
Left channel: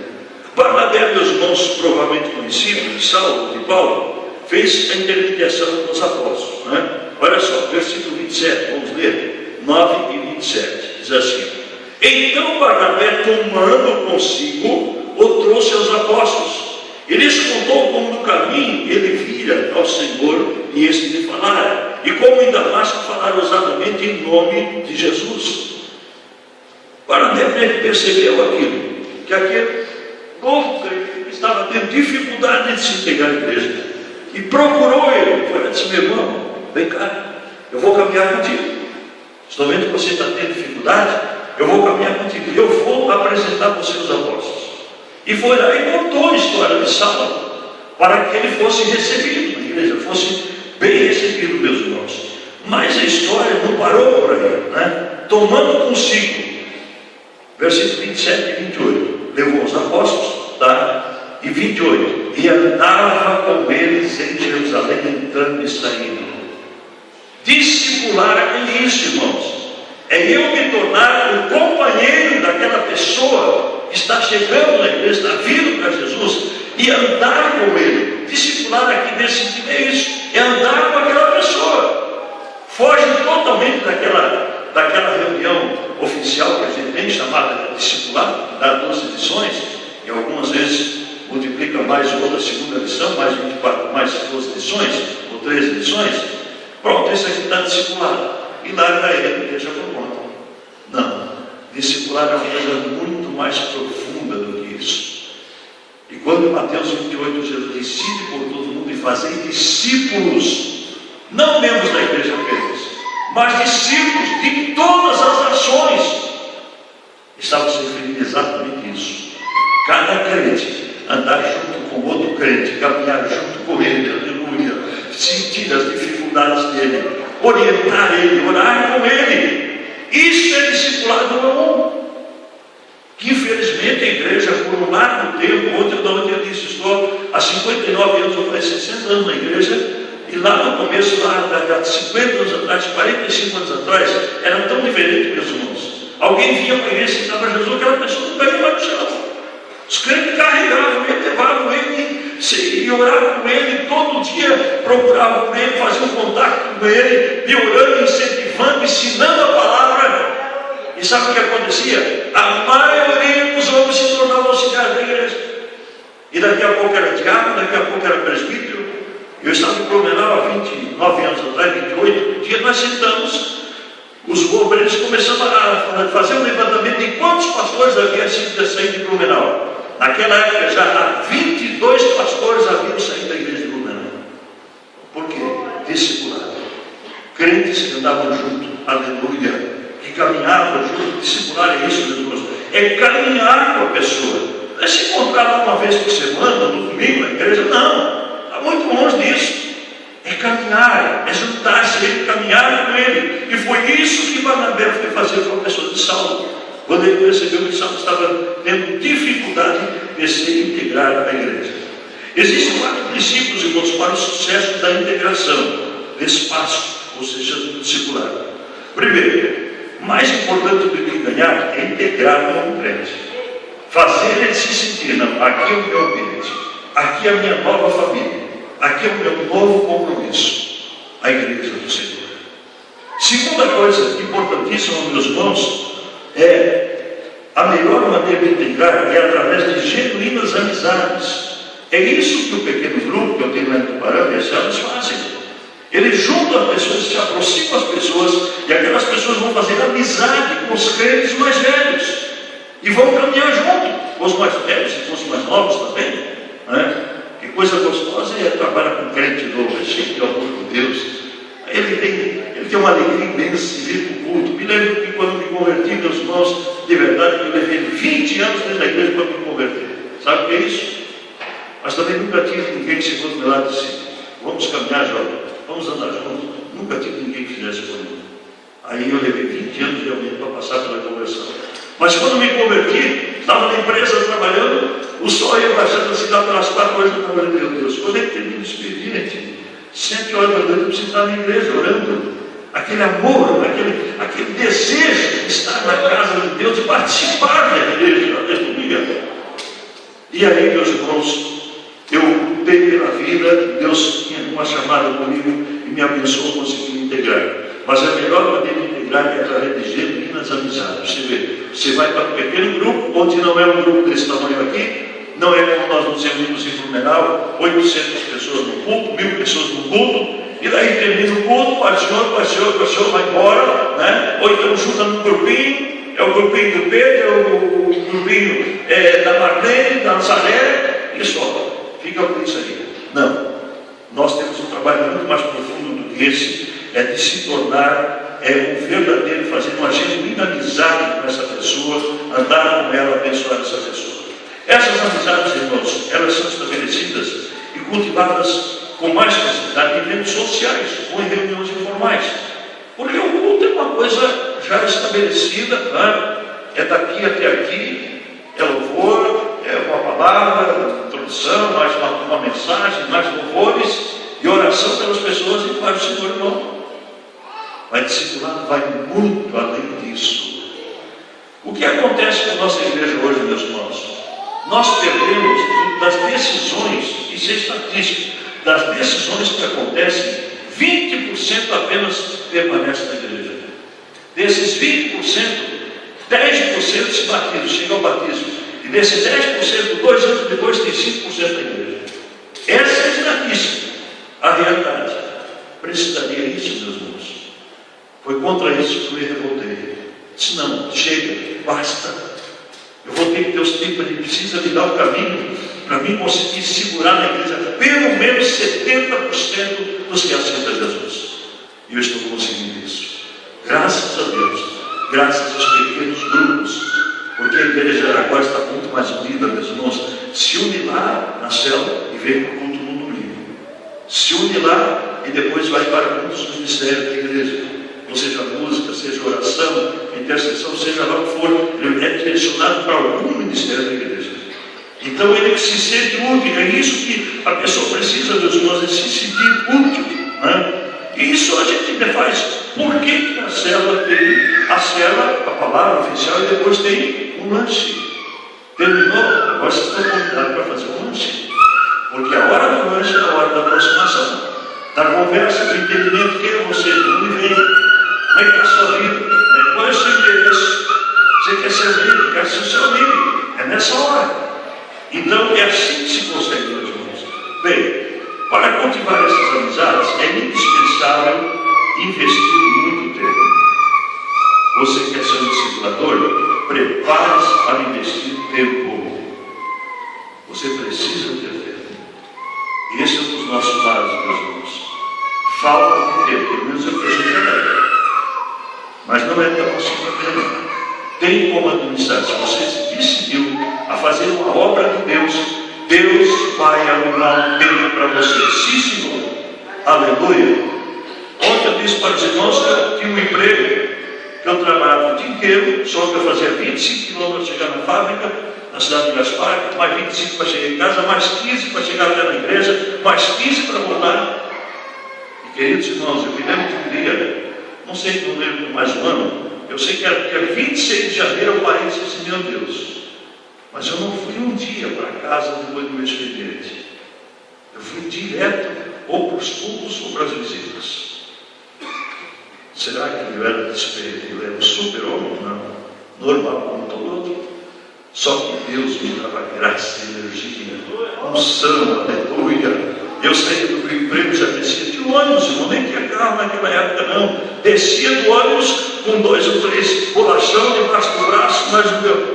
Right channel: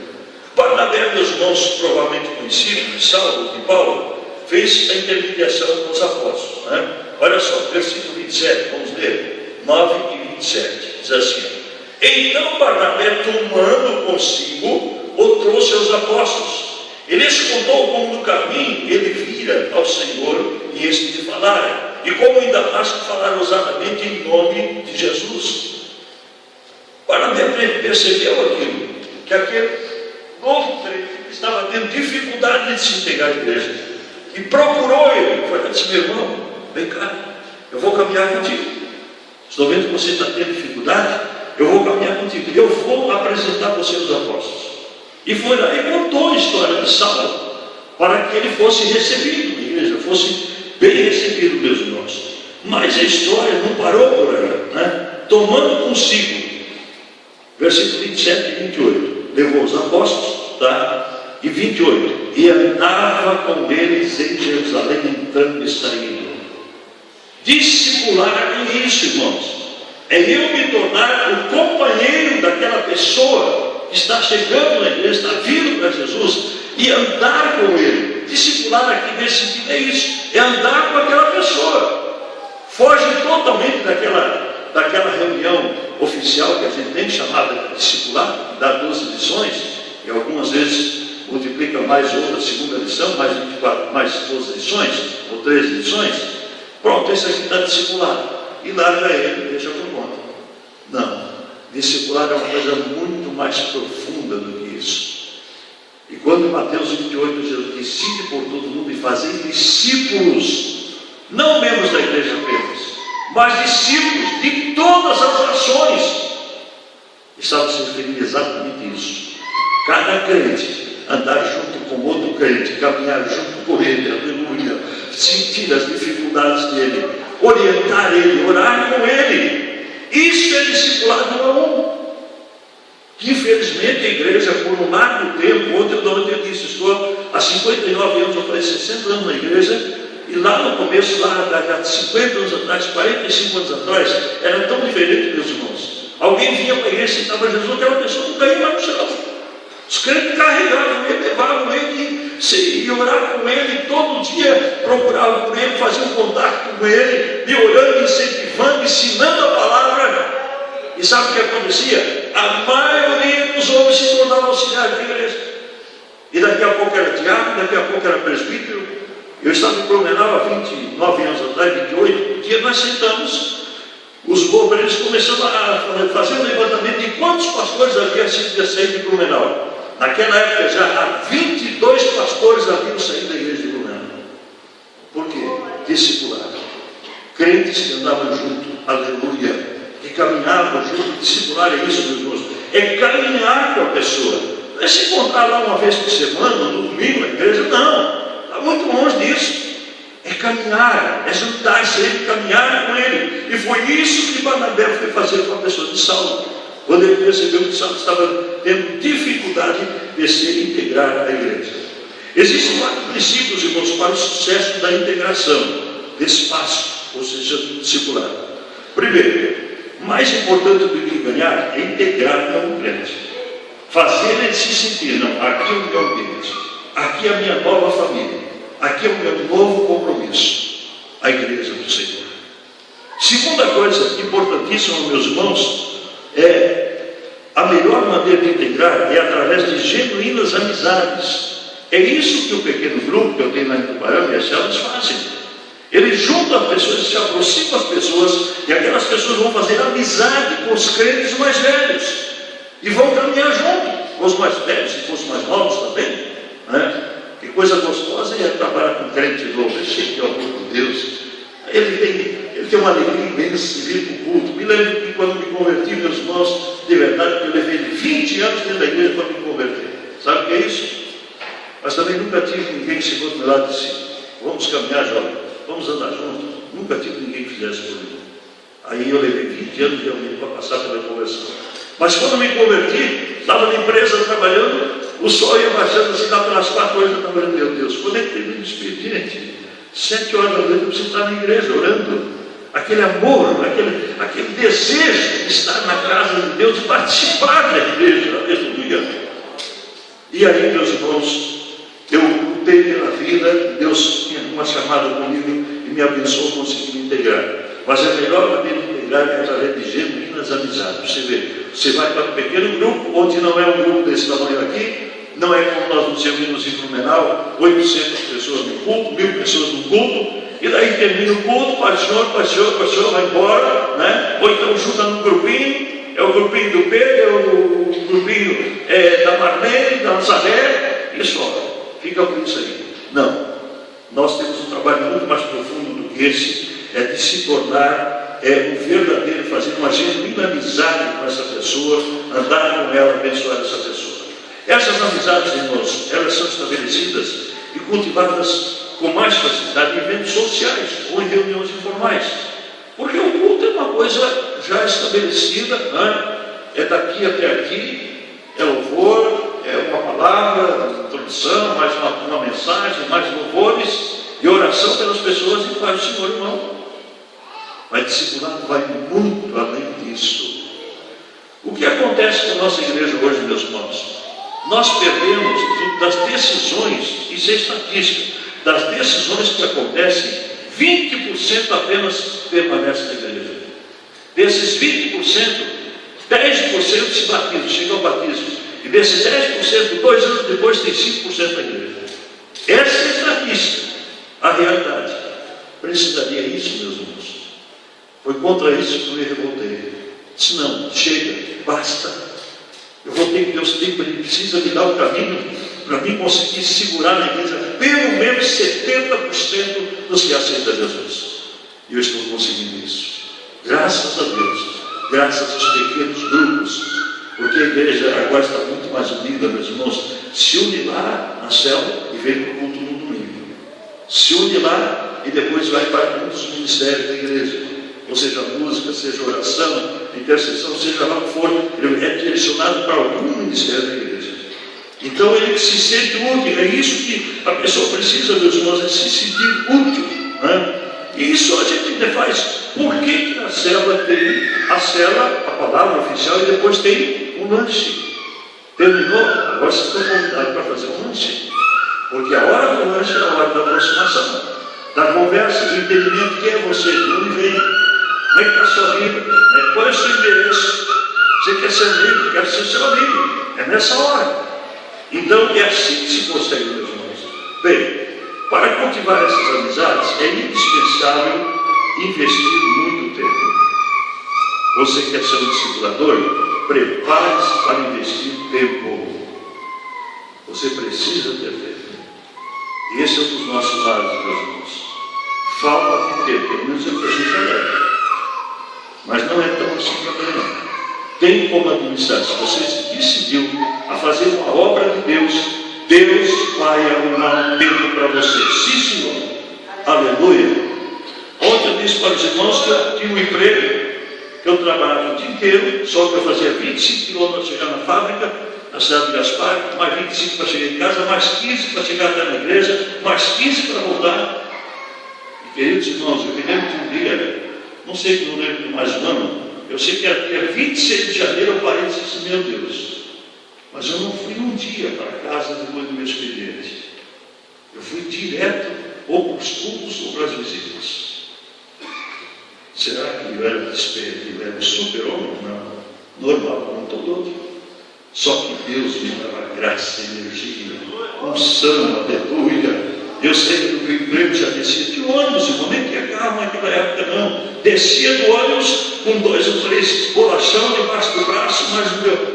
Barnabé, meus irmãos, provavelmente conhecido de Saulo, de Paulo, fez a intermediação com os apóstolos, né? Olha só, versículo 27, vamos ler. 9 e 27, diz assim: Então Barnabé, tomando consigo, o trouxe aos apóstolos. Ele lhes contou como no caminho ele vira ao Senhor e este lhe falara, e como em Damasco falara ousadamente em nome de Jesus. Barnabé percebeu aquilo, que aquele novo crente estava tendo dificuldade de se integrar à igreja, e procurou ele. Foi disse: meu irmão, vem cá, eu vou caminhar contigo. Estou vendo que você está tendo dificuldade, eu vou caminhar contigo, eu vou apresentar você os apóstolos. E foi lá e contou a história de Saulo, para que ele fosse recebido na igreja, fosse bem recebido, meus irmãos. Mas a história não parou por aí, né? Tomando consigo, versículo 27 e 28, levou os apóstolos, tá? E 28, e andava com eles em Jerusalém, entrando e saindo. Discipular é isso, irmãos. É eu me tornar o companheiro daquela pessoa que está chegando na igreja, está vindo para Jesus, e andar com ele. Discipular aqui nesse sentido é isso, é andar com aquela pessoa. Foge totalmente daquela reunião oficial que a gente tem, chamada de discipular, que dá 12 lições, e algumas vezes multiplica mais outra segunda lição, mais 24, mais 12 lições, ou 13 lições. Pronto, esse aqui está discipulado. E larga ele e deixa por conta. Não. Discipular é uma coisa muito mais profunda do que isso. E quando em Mateus 28, Jesus diz: ide por todo mundo e fazei discípulos, não membros da igreja apenas, mas discípulos de todas as nações. Estava se referindo exatamente a isso. Cada crente andar junto com outro crente, caminhar junto com ele, aleluia, sentir as dificuldades dele, orientar ele, orar com ele. Isso é discipulado um a um. Que infelizmente a igreja, por um largo tempo, ontem a dona Tia disse, estou há 59 anos, eu falei 60 anos na igreja, e lá no começo, lá há 50 anos atrás, 45 anos atrás, eram tão diferentes, meus irmãos. Alguém vinha para a igreja e citava Jesus, aquela pessoa não caía mais no chão. Os crentes carregavam ele, levavam ele e oravam com ele, todo dia procuravam com ele, faziam contato com ele, e orando, incentivando, ensinando a palavra. E sabe o que acontecia? A maioria dos homens se tornavam auxiliares da igreja. E daqui a pouco era diácono, daqui a pouco era presbítero. Eu estava em Blumenau há 29 anos atrás, 28, um dia nós sentamos, os obreiros começaram a fazer um levantamento de quantos pastores havia saído de Blumenau. Naquela época já há 22 pastores haviam saído da igreja de Blumenau. Por quê? Discipulado. Crentes que andavam junto, aleluia, que caminhavam junto. Discipular é isso, meus irmãos, é caminhar com a pessoa. Não é se encontrar lá uma vez por semana, no domingo na igreja, não, está muito longe disso. É caminhar, é juntar-se a ele, caminhar com ele. E foi isso que Barnabé foi fazer com a pessoa de Saulo, quando ele percebeu que Saulo estava tendo dificuldade de se integrar à igreja. Existem 4 princípios, irmãos, para o sucesso da integração desse passo, ou seja, do discipulado. Primeiro, mais importante do que ganhar é integrar com o crente. Fazer ele se sentir, não, aqui é o meu ambiente, aqui é a minha nova família, aqui é o meu novo compromisso, a igreja do Senhor. Segunda coisa importantíssima, meus irmãos, a melhor maneira de integrar é através de genuínas amizades. É isso que o pequeno grupo que eu tenho na Tubarão e as células fazem. Eles juntam as pessoas, se aproximam das pessoas, e aquelas pessoas vão fazer amizade com os crentes mais velhos e vão caminhar junto com os mais velhos e com os mais novos também, né? Que coisa gostosa é trabalhar com um crente novo, cheio de amor por Deus. Ele tem uma alegria imensa de vir para o culto. Me lembro que quando me converti, meus irmãos, de verdade, eu levei 20 anos dentro da igreja para me converter. Sabe o que é isso? Mas também nunca tive ninguém que se fosse do meu lado e disse: vamos caminhar, jovem, vamos andar juntos. Nunca tive ninguém que fizesse comigo. Aí eu levei 20 anos realmente para passar pela conversão. Mas quando me converti, estava na empresa trabalhando, o sol ia baixando assim lá pelas 4 horas, eu falei: meu Deus, quando é que termina o expediente? 7 horas da noite eu preciso estar na igreja orando. Aquele amor, aquele desejo de estar na casa de Deus, de participar da igreja, aleluia. E aí, meus irmãos, eu lutei pela vida, Deus tinha uma chamada comigo e me abençoou, consegui me integrar. Mas a melhor maneira de integrar é através de genuínas amizades. Você vê, você vai para um pequeno grupo, onde não é um grupo desse tamanho aqui, não é como nós nos reunimos em Blumenau, 800 pessoas no culto, 1000 pessoas no culto, e daí termina o culto, pastor, vai embora, né? Ou então junta num grupinho, é o grupinho do Pedro, é o grupinho da Marlene, da Nazaré, e só, fica por isso aí. Não, nós temos um trabalho muito mais profundo do que esse, é de se tornar um verdadeiro, fazer uma genuína amizade com essa pessoa, andar com ela, abençoar essa pessoa. Essas amizades, irmãos, elas são estabelecidas e cultivadas com mais facilidade em eventos sociais ou em reuniões informais. Porque o culto é uma coisa já estabelecida, né? É daqui até aqui, é louvor, é uma palavra, introdução, mais uma mensagem, mais louvores e oração pelas pessoas e para o Senhor, irmão. Mas discipulado vai muito além disso. O que acontece com a nossa igreja hoje, meus irmãos? Nós perdemos das decisões, isso é estatística, das decisões que acontecem, 20% apenas permanece na igreja. Desses 20%, 10% se batizam, chega ao batismo. E desses 10%, 2 anos depois, tem 5% da igreja. Essa é a estatística, a realidade. Precisaria isso, meus irmãos. Foi contra isso que eu me revoltei. Disse, não, chega, basta. Eu vou ter que ter os tempos, ele precisa me dar o caminho para mim conseguir segurar na igreja pelo menos 70% dos que aceitam Jesus. E eu estou conseguindo isso. Graças a Deus, graças aos pequenos grupos, porque a igreja de Araguá está muito mais unida, meus irmãos. Se une lá na célula e vem para o culto no domingo. Se une lá e depois vai para muitos ministérios da igreja. Ou seja, música, seja oração, intercessão, seja lá o que for, ele é direcionado para algum ministério da igreja. Então ele se sente útil, é isso que a pessoa precisa, meus irmãos, é se sentir útil. Né? E isso a gente faz. Por que a célula tem a palavra oficial, e depois tem um lanche? Terminou, agora vocês estão convidados para fazer um lanche. Porque a hora do lanche é a hora da aproximação, da conversa, do entendimento. Quem é você? Tudo vem. Como é que está a sua vida? Qual é o seu endereço? Você quer ser amigo? Quer ser seu amigo. É nessa hora. Então é assim que se consegue, meus irmãos. Bem, para cultivar essas amizades é indispensável investir muito tempo. Você quer ser um discipulador? Prepare-se para investir tempo. Você precisa ter tempo. Esse é um dos nossos lados, meus irmãos. Falta de tempo, pelo menos eu preciso. Mas não é tão assim também. Tem como administrar. Se você se decidiu a fazer uma obra de Deus, Deus vai arrumar um tempo para você. Sim, Senhor. Aleluia. Ontem eu disse para os irmãos que eu tinha um emprego, que eu trabalhava o dia inteiro, só que eu fazia 25 quilômetros para chegar na fábrica, na cidade de Gaspar, mais 25 para chegar em casa, mais 15 para chegar até na igreja, mais 15 para voltar. E queridos irmãos, eu me lembro de um dia, não sei, não lembro mais o ano, eu sei que era dia 26 de janeiro eu parei e disse, meu Deus, mas eu não fui um dia para casa depois do meu expediente. Eu fui direto ou para os cultos ou para as visitas. Será que ele era despeito? Ele era um super-homem? Não. Normal como todo outro. Só que Deus me dava graça, energia, unção, aleluia. Eu sei que o emprego já descia de ônibus, eu nem tinha carro naquela época não. Descia do ônibus com 2 ou 3 bolachão debaixo do braço, mas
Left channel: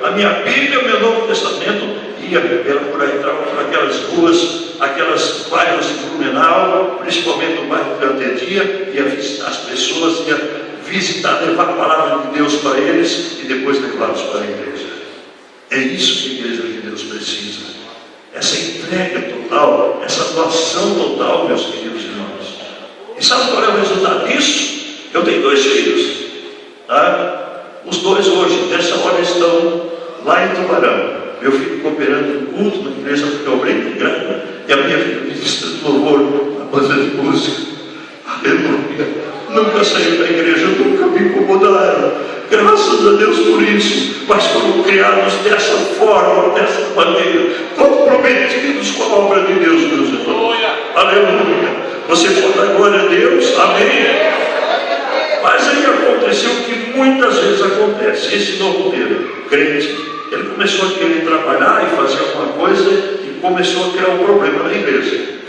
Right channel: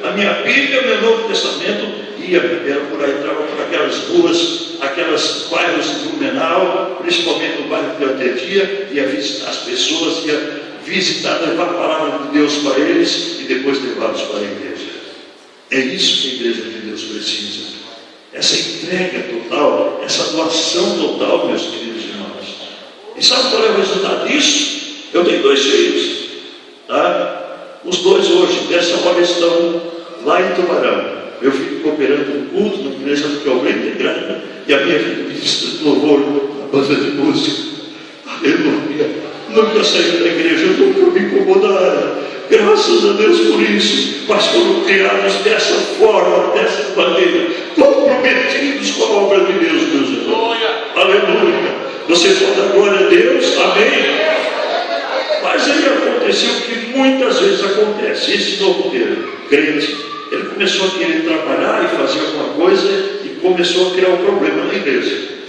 a minha Bíblia, o meu Novo Testamento, ia por aí, entrava por aquelas ruas, aquelas bairros de Blumenau, principalmente no bairro do Atedia, ia visitar as pessoas, ia visitar, levar a palavra de Deus para eles e depois levá-los para a igreja. É isso que a igreja de Deus precisa. Essa entrega total, essa doação total, meus queridos irmãos. E sabe qual é o resultado disso? Eu tenho 2 filhos. Tá? Os 2 hoje, nessa hora, estão lá em Tubarão. Meu filho cooperando no culto, na igreja porque eu obreiro de grana, e a minha filha ministra do louvor, na banda de música. Aleluia. Nunca saiu da igreja, nunca me incomodaram. Graças a Deus por isso. Mas foram criados dessa forma, dessa maneira, comprometidos com a obra de Deus, meus irmãos. Aleluia. Você pode dar glória a Deus? Amém. Mas aí aconteceu o que muitas vezes acontece. Esse novo crente, ele começou a querer trabalhar e fazer alguma coisa e começou a criar um problema na igreja.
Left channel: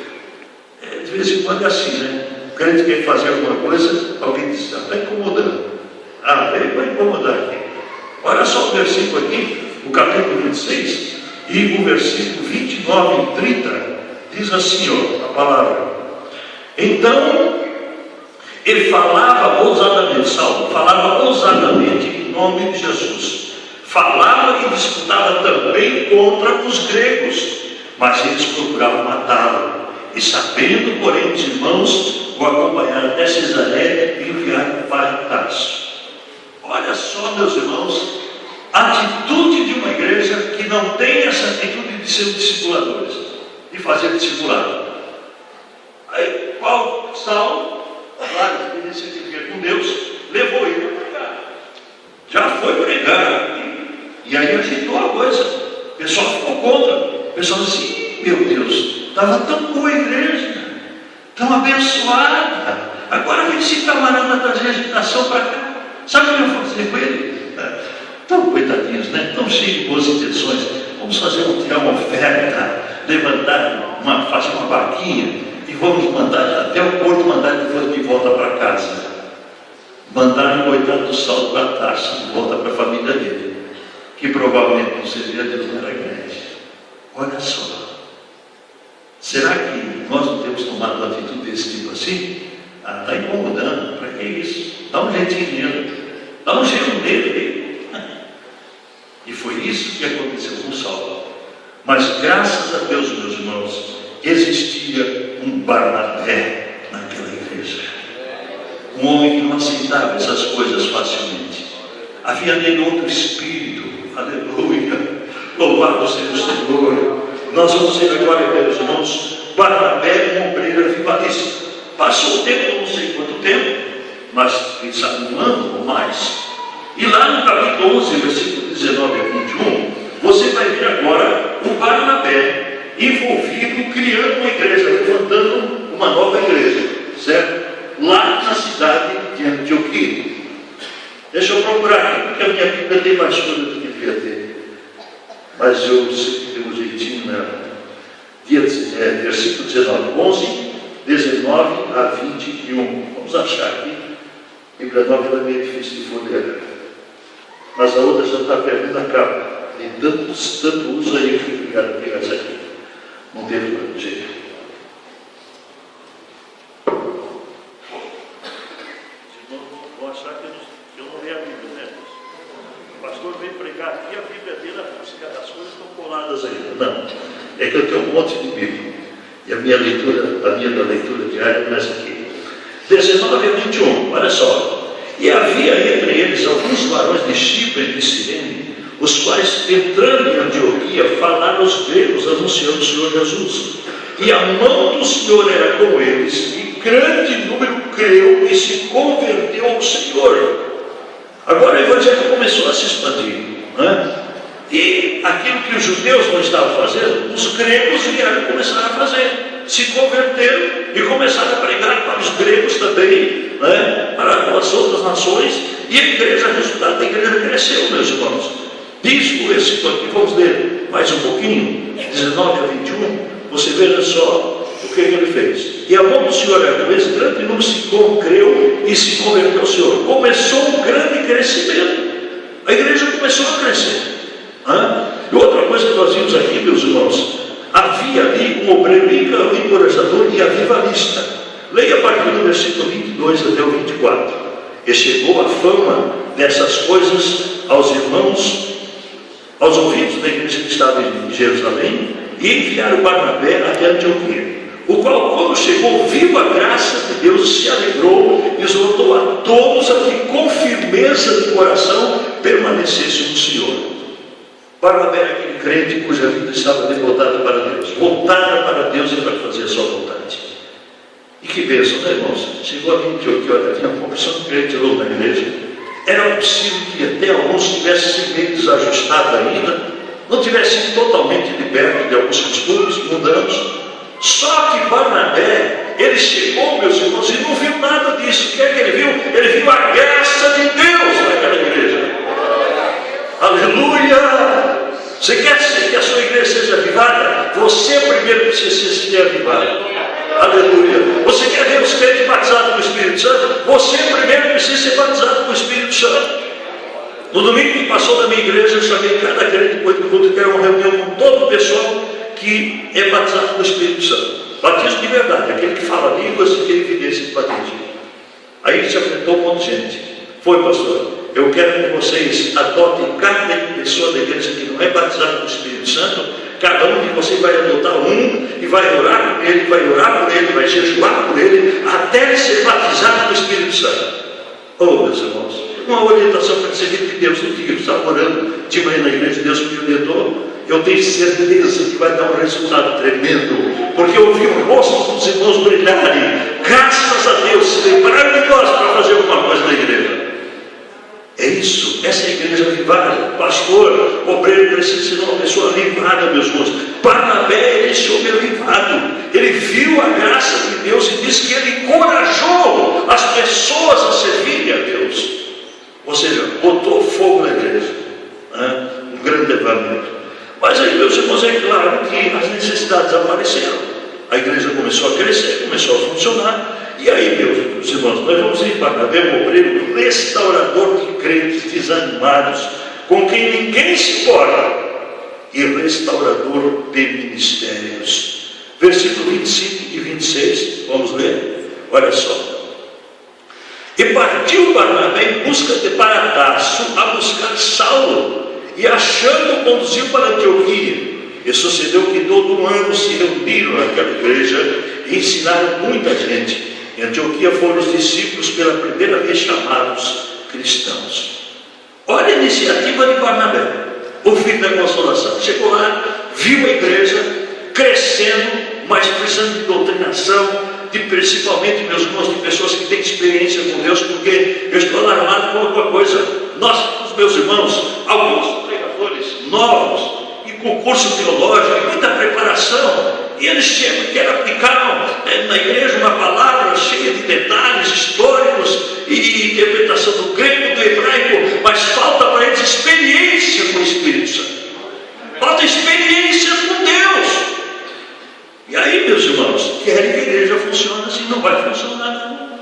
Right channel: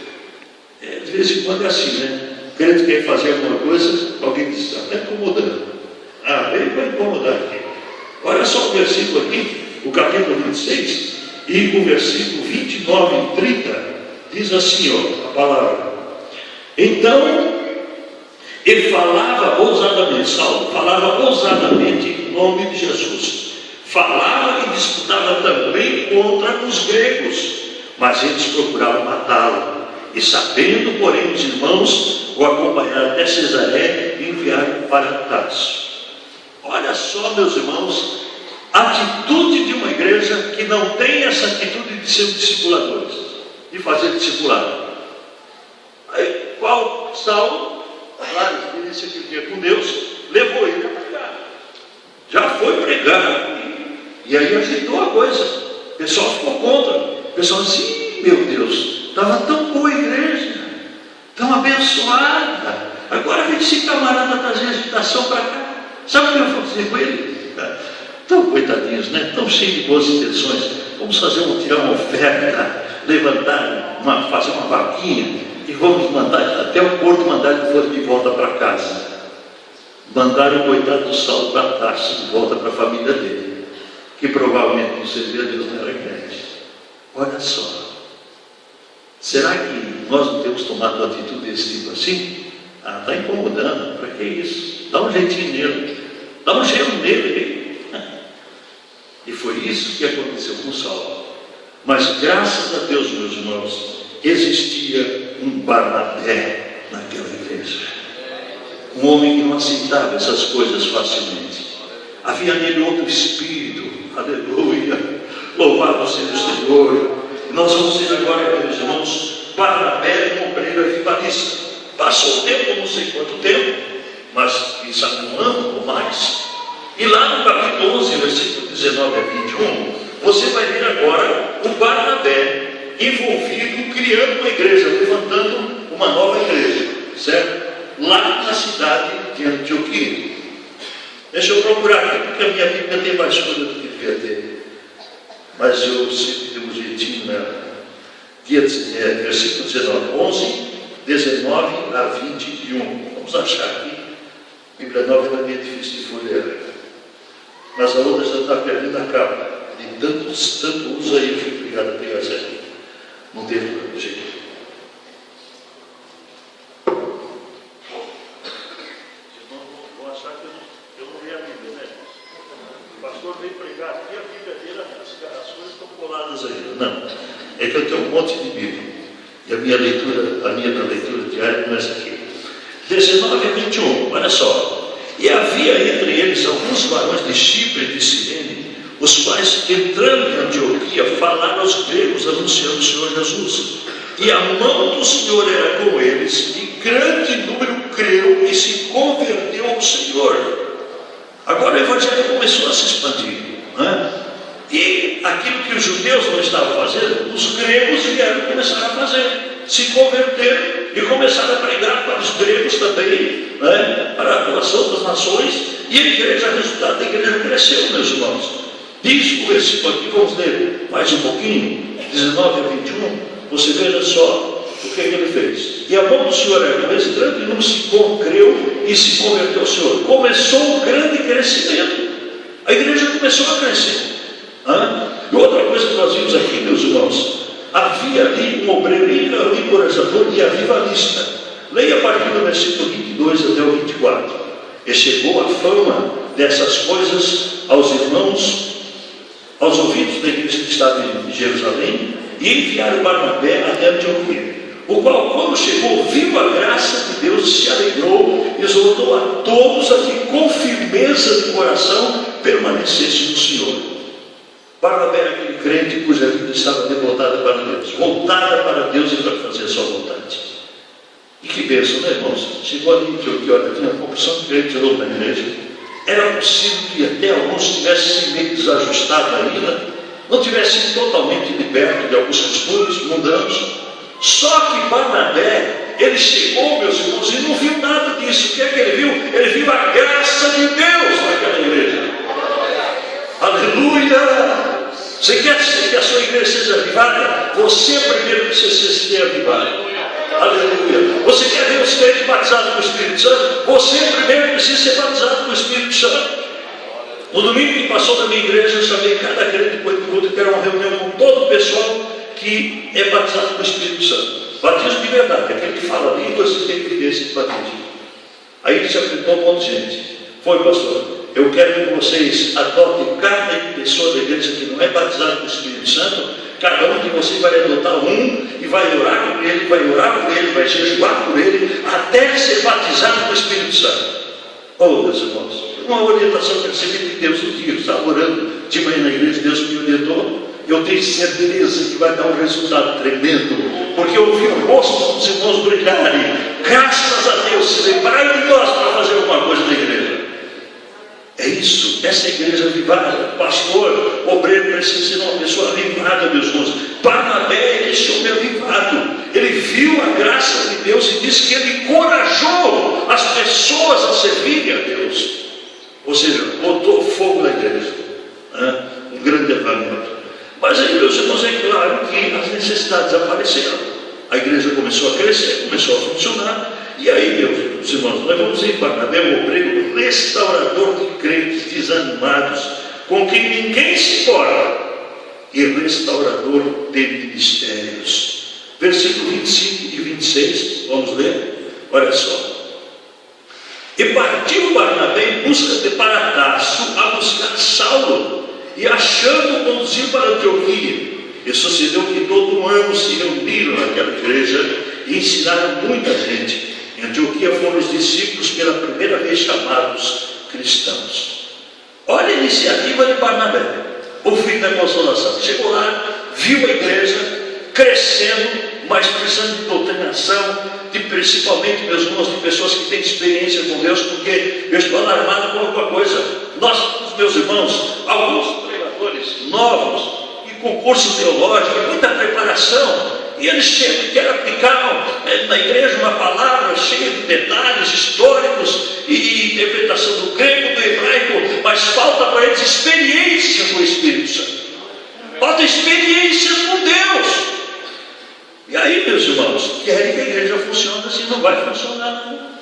De vez em quando é assim, né? O crente quer fazer alguma coisa, alguém diz, está incomodando. Ele vai incomodar aqui. Olha só o versículo aqui, o capítulo 26, e o versículo 29 e 30, diz assim, ó, a palavra. Então, E falava ousadamente, Saulo falava ousadamente em nome de Jesus. Falava e disputava também contra os gregos, mas eles procuravam matá-lo. E sabendo, porém, os irmãos o acompanharam até Cesareia e enviaram para Tarso. Olha só, meus irmãos, a atitude de uma igreja que não tem essa atitude de ser discipuladores, de fazer discipulado. Aí, qual Saulo, claro, experiência que via com Deus, levou ele a pregar. Já foi pregar. E aí agitou a coisa. O pessoal ficou contra. O pessoal disse: meu Deus, estava tão boa a igreja, tão abençoada. Agora vem esse camarada trazer agitação para cá. Sabe o que eu vou fazer com ele? Tão coitadinhos, né? Tão cheios de boas intenções. Vamos tirar uma oferta, fazer uma vaquinha e vamos mandar até o porto, mandar ele de volta para casa. Mandaram o coitado do Saulo para Tarso, de volta para a família dele, que provavelmente não servia Deus, não era grande. Olha só. Será que nós não temos tomado uma atitude desse tipo assim? Está incomodando. Para que isso? Dá um jeitinho nele. Dá um jeito nele. E foi isso que aconteceu com Saulo. Mas graças a Deus, meus irmãos, existia um Barnabé naquela igreja. Um homem que não aceitava essas coisas facilmente. Havia nele outro espírito. Aleluia. Louvado seja o Senhor. Nós vamos ver agora, meus irmãos, Barnabé, um obreiro avivalista. Passou o tempo, não sei quanto tempo, mas quem sabe um ano ou mais. E lá no capítulo 11, versículo 19 a 21, você vai ver agora o Barnabé envolvido, criando uma igreja, levantando uma nova igreja, certo? Lá na cidade de Antioquia. Deixa eu procurar aqui, porque a minha Bíblia tem mais coisa do que devia ter. Mas eu sempre tenho um jeitinho, né? Versículo 19, 11, 19 a 21. Vamos achar aqui. A Bíblia nova ela é meio difícil de folhear. Mas a outra já está perdendo a capa. De tanto uso aí, eu fui obrigado a pegar essa aqui. Não teve jeito. Vou achar que eu não li a Bíblia, né? O pastor veio pregar aqui, a Bíblia dele, as coisas estão coladas ainda. Não, é que eu tenho um monte de Bíblia. E a minha leitura diária começa aqui. 19 a 21, olha só. E havia entre eles alguns varões de Chipre e de Cirene, os quais, entrando em Antioquia, falaram aos gregos, anunciando o Senhor Jesus. E a mão do Senhor era com eles, e grande número creu e se converteu ao Senhor. Agora o Evangelho começou a se expandir, né? E aquilo que os judeus não estavam fazendo, os gregos vieram e começaram a fazer. Se converteram e começaram a pregar para os gregos também, né? Para as outras nações. E a igreja, o resultado da igreja cresceu, meus irmãos. Diz o versículo aqui, vamos ler mais um pouquinho, 19 a 21. Você veja só o que ele fez. E a mão do Senhor era com esse grande número se creu e se converteu ao Senhor. Começou um grande crescimento. A igreja começou a crescer. E outra coisa que nós vimos aqui, meus irmãos, havia ali um obreiro encorajador e avivalista. Leia a partir do versículo 22 até o 24. E chegou a fama dessas coisas aos irmãos, aos ouvidos da igreja que estava em Jerusalém, e enviaram Barnabé até Antioquia, o qual, quando chegou, viu a graça de Deus, se alegrou e exortou a todos a que com firmeza de coração permanecessem no Senhor. Barnabé era aquele crente cuja vida estava devotada para Deus, voltada para Deus e para fazer a sua vontade. E que bênção, né, irmãos? Chegou a Antioquia, olha, havia uma porção de crentes na igreja. Era possível que até alguns tivessem meio desajustados ainda, não tivessem totalmente libertos de alguns costumes mundanos. Só que Barnabé, ele chegou, meus irmãos, e não viu nada disso. O que é que ele viu? Ele viu a graça de Deus naquela igreja. Aleluia! Você quer que a sua igreja seja avivada? Você primeiro precisa ser avivado. Aleluia! Você quer ver os crentes batizados com o Espírito Santo? Você primeiro precisa ser batizado com o Espírito Santo. No domingo que passou na minha igreja, eu chamei cada crente depois do culto, que era uma reunião com todo o pessoal que é batizado com o Espírito Santo. Batismo de verdade, aquele que fala línguas e que evidência de batismo. Aí ele se apresentou com um monte de gente. Foi, pastor, eu quero que vocês adotem cada pessoa da igreja que não é batizada com o Espírito Santo. Cada um de vocês vai adotar um e vai orar por ele, vai orar por ele, vai jejuar por ele, até ser batizado com o Espírito Santo. Oh, meus irmãos, uma orientação que eu recebi de Deus, eu estava orando de manhã na igreja, Deus me orientou. Eu tenho certeza que vai dar um resultado tremendo, porque eu vi o rosto dos irmãos brilharem, graças a Deus, se lembraram de nós para fazer alguma coisa na igreja. É isso, essa é a igreja avivada. Pastor, obreiro precisa ser uma pessoa avivada, meus irmãos. Barnabé, esse homem avivado, ele viu a graça de Deus e disse que ele encorajou as pessoas a servirem a Deus. Ou seja, botou fogo na igreja, né? Um grande avivamento. Mas aí, meus irmãos, é claro que as necessidades apareceram. A igreja começou a crescer, começou a funcionar. E aí, meus irmãos, nós vamos ir para Barnabé, um obreiro restaurador de crentes desanimados, com quem ninguém se importa, e restaurador de ministérios. Versículo 25 e 26, vamos ler? Olha só. E partiu Barnabé em busca de Tarso a buscar Saulo, e achando conduziu para Antioquia. E sucedeu que todo um ano se reuniram naquela igreja e ensinaram muita gente. Em Antioquia foram os discípulos pela primeira vez chamados cristãos. Olha a iniciativa de Barnabé, o filho da consolação. Chegou lá, viu a igreja crescendo, mas precisando de doutrinação, de principalmente, meus irmãos, de pessoas que têm experiência com Deus, porque eu estou alarmado com alguma coisa. Nós, os meus irmãos, alguns pregadores novos, e com curso teológico, e muita preparação, e eles chegam e querem aplicar na igreja uma palavra cheia de detalhes históricos e interpretação do grego, do hebraico, mas falta para eles experiência com o Espírito Santo. Falta experiência com Deus. E aí, meus irmãos, querem que a igreja funcione assim, não vai funcionar.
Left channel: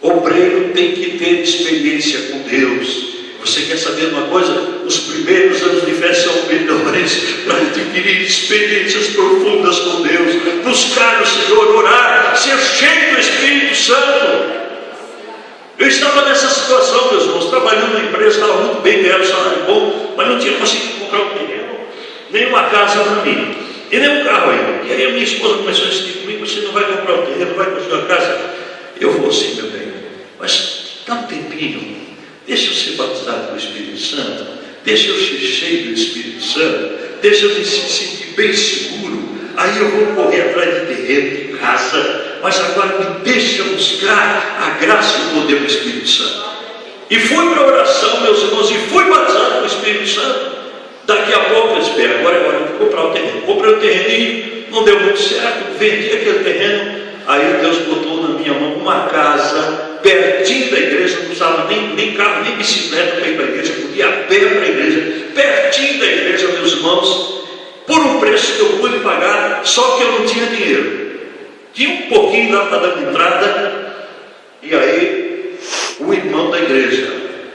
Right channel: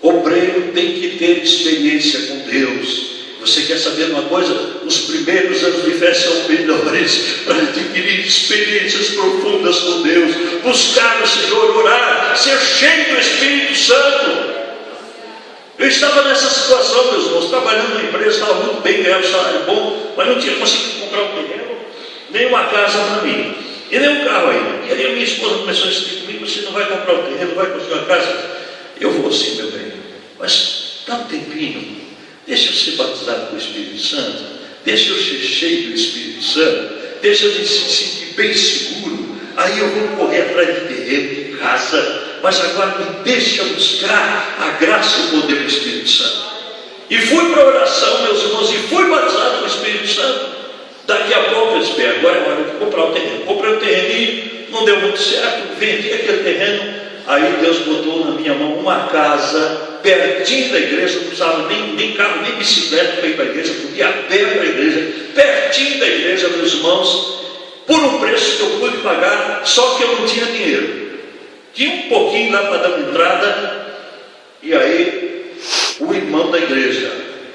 O obreiro tem que ter experiência com Deus. Você quer saber uma coisa? Os primeiros anos de fé são melhores para adquirir experiências profundas com Deus, buscar o Senhor, orar, ser cheio do Espírito Santo. Eu estava nessa situação, meus irmãos, trabalhando na empresa, estava muito bem, ganhava um salário bom, mas não tinha conseguido comprar um terreno, nem uma casa para mim, e nem um carro ainda. E aí a minha esposa começou a insistir comigo: você não vai comprar um terreno, não vai construir uma casa? Eu vou sim, meu bem, mas dá um tempinho. Deixa eu ser batizado com o Espírito Santo, deixa eu ser cheio do Espírito Santo, deixa eu me sentir bem seguro, aí eu vou correr atrás de terreno, de casa, mas agora me deixa buscar a graça e o poder do Espírito Santo. E fui para a oração, meus irmãos, e fui batizado com o Espírito Santo. Daqui a pouco eu espero, agora eu vou comprar o terreno. Comprei o terreno, não deu muito certo, vendi aquele terreno, aí Deus botou na minha mão uma casa pertinho da igreja, não precisava nem carro, nem bicicleta para ir para a igreja, podia ir a pé para a igreja, pertinho da igreja, meus irmãos, por um preço que eu pude pagar, só que eu não tinha dinheiro. Tinha um pouquinho lá para dar entrada, e aí o irmão da igreja,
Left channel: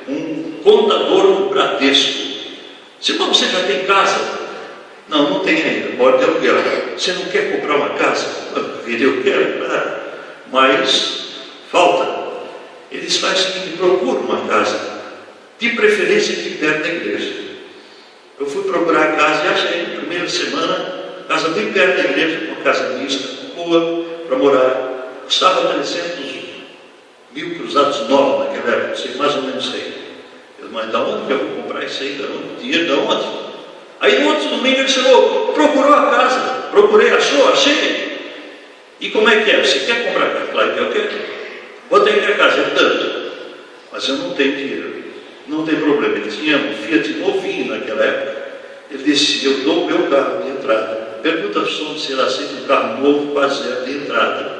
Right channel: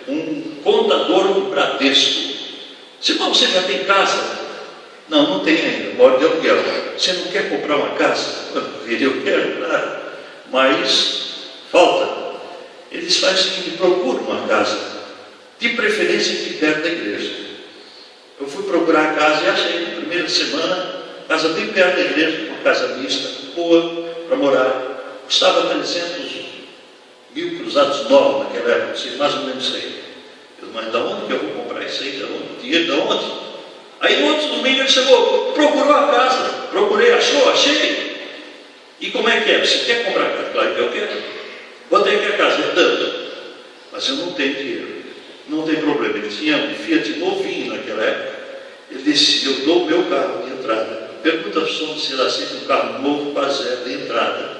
um contador do Bradesco, disse: irmão, você já tem casa? Não, não tem ainda, mora de aluguel. Você não quer comprar uma casa? Eu quero, claro, mas falta. Eles fazem o seguinte: procura uma casa, de preferência aqui perto da igreja. Eu fui procurar a casa e achei na primeira semana, casa bem perto da igreja, uma casa mista, boa para morar. Custava 300 mil cruzados novos naquela época, sei, mais ou menos sei. Eu disse: mas da onde que eu vou comprar isso aí? Da onde? Dinheiro da onde? Aí no outro domingo ele chegou, procurou a casa, procurei, achou, achei. E como é que é? Você quer comprar a casa? Claro que eu quero. Botei minha casa, tanto, mas eu não tenho dinheiro, não tem problema. Ele tinha um Fiat novinho naquela época. Ele disse: eu dou o meu carro de entrada. Pergunta se ele aceita um carro novo, quase zero de entrada.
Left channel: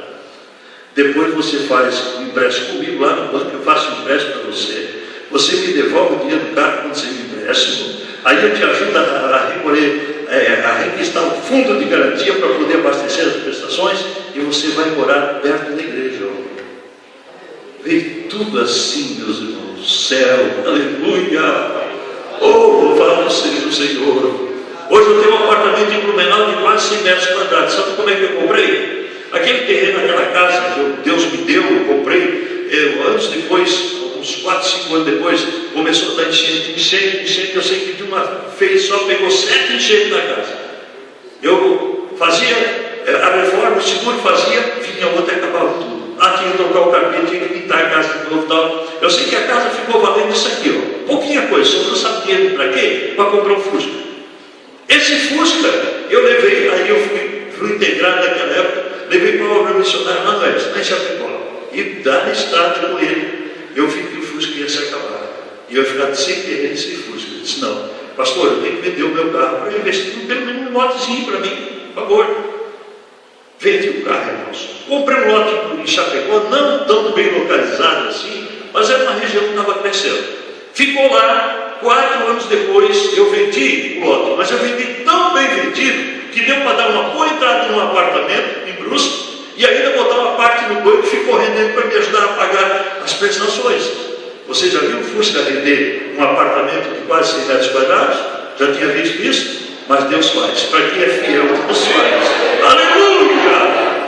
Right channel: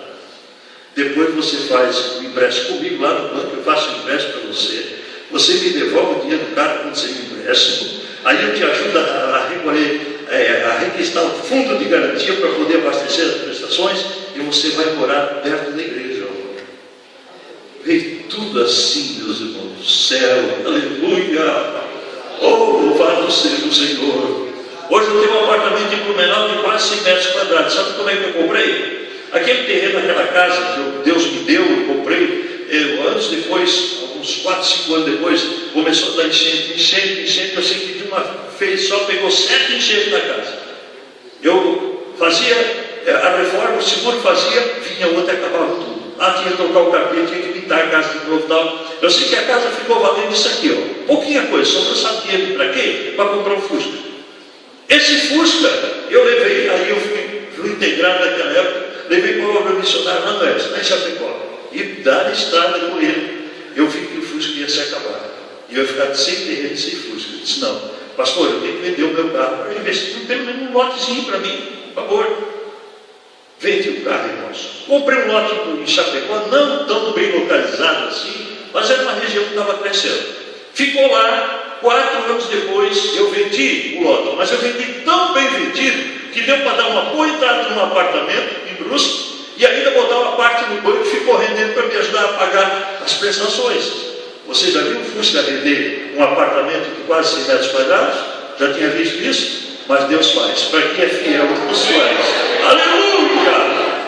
Depois você faz um empréstimo comigo lá no banco, eu faço um empréstimo para você. Você me devolve o dinheiro do carro quando você me empréstimo. Aí eu te ajuda a recolher, a requistar um fundo de garantia para poder abastecer as prestações, e você vai morar perto da igreja. Veio tudo assim, meus irmãos, do céu, aleluia, oh, louvado seja o Senhor. Hoje eu tenho um apartamento em Blumenau de quase 100 metros quadrados. Sabe como é que eu comprei? Aquele terreno, aquela casa que Deus me deu, eu comprei anos depois, uns 4, 5 anos depois, começou a estar enchente. Eu sei que de uma vez só pegou 7 enchentes na casa. Eu fazia a reforma, o seguro fazia, vinha outra e acabava tudo. Tinha que trocar o carpete, tinha que pintar a casa de novo e tal. Eu sei que a casa ficou valendo isso aqui, ó. Pouquinha coisa, só não sabia para quê? Para comprar um Fusca. Esse Fusca, eu levei, aí eu fui integrado naquela época, levei para uma obra missionária na Oeste, lá em Chapecó. E da estrada com ele, eu vi que o Fusca ia se acabar. E eu ia ficar sem terreno, sem Fusca. Eu disse, não, pastor, eu tenho que vender o meu carro para investir pelo menos um lotezinho para mim, por favor. Vendi o carro, irmãos. Comprei um lote em Chapecó, não tão bem localizado assim, mas era uma região que estava crescendo. Ficou lá, 4 anos depois, eu vendi o lote, mas eu vendi tão bem vendido que deu para dar uma boa entrada num apartamento em Brusque e ainda botar uma parte no banco e ficou rendendo para me ajudar a pagar as prestações. Você já viu o Fusca vender um apartamento de quase 6 metros quadrados? Já tinha visto isso? Mas Deus faz. Para quem é fiel, Deus faz. Aleluia!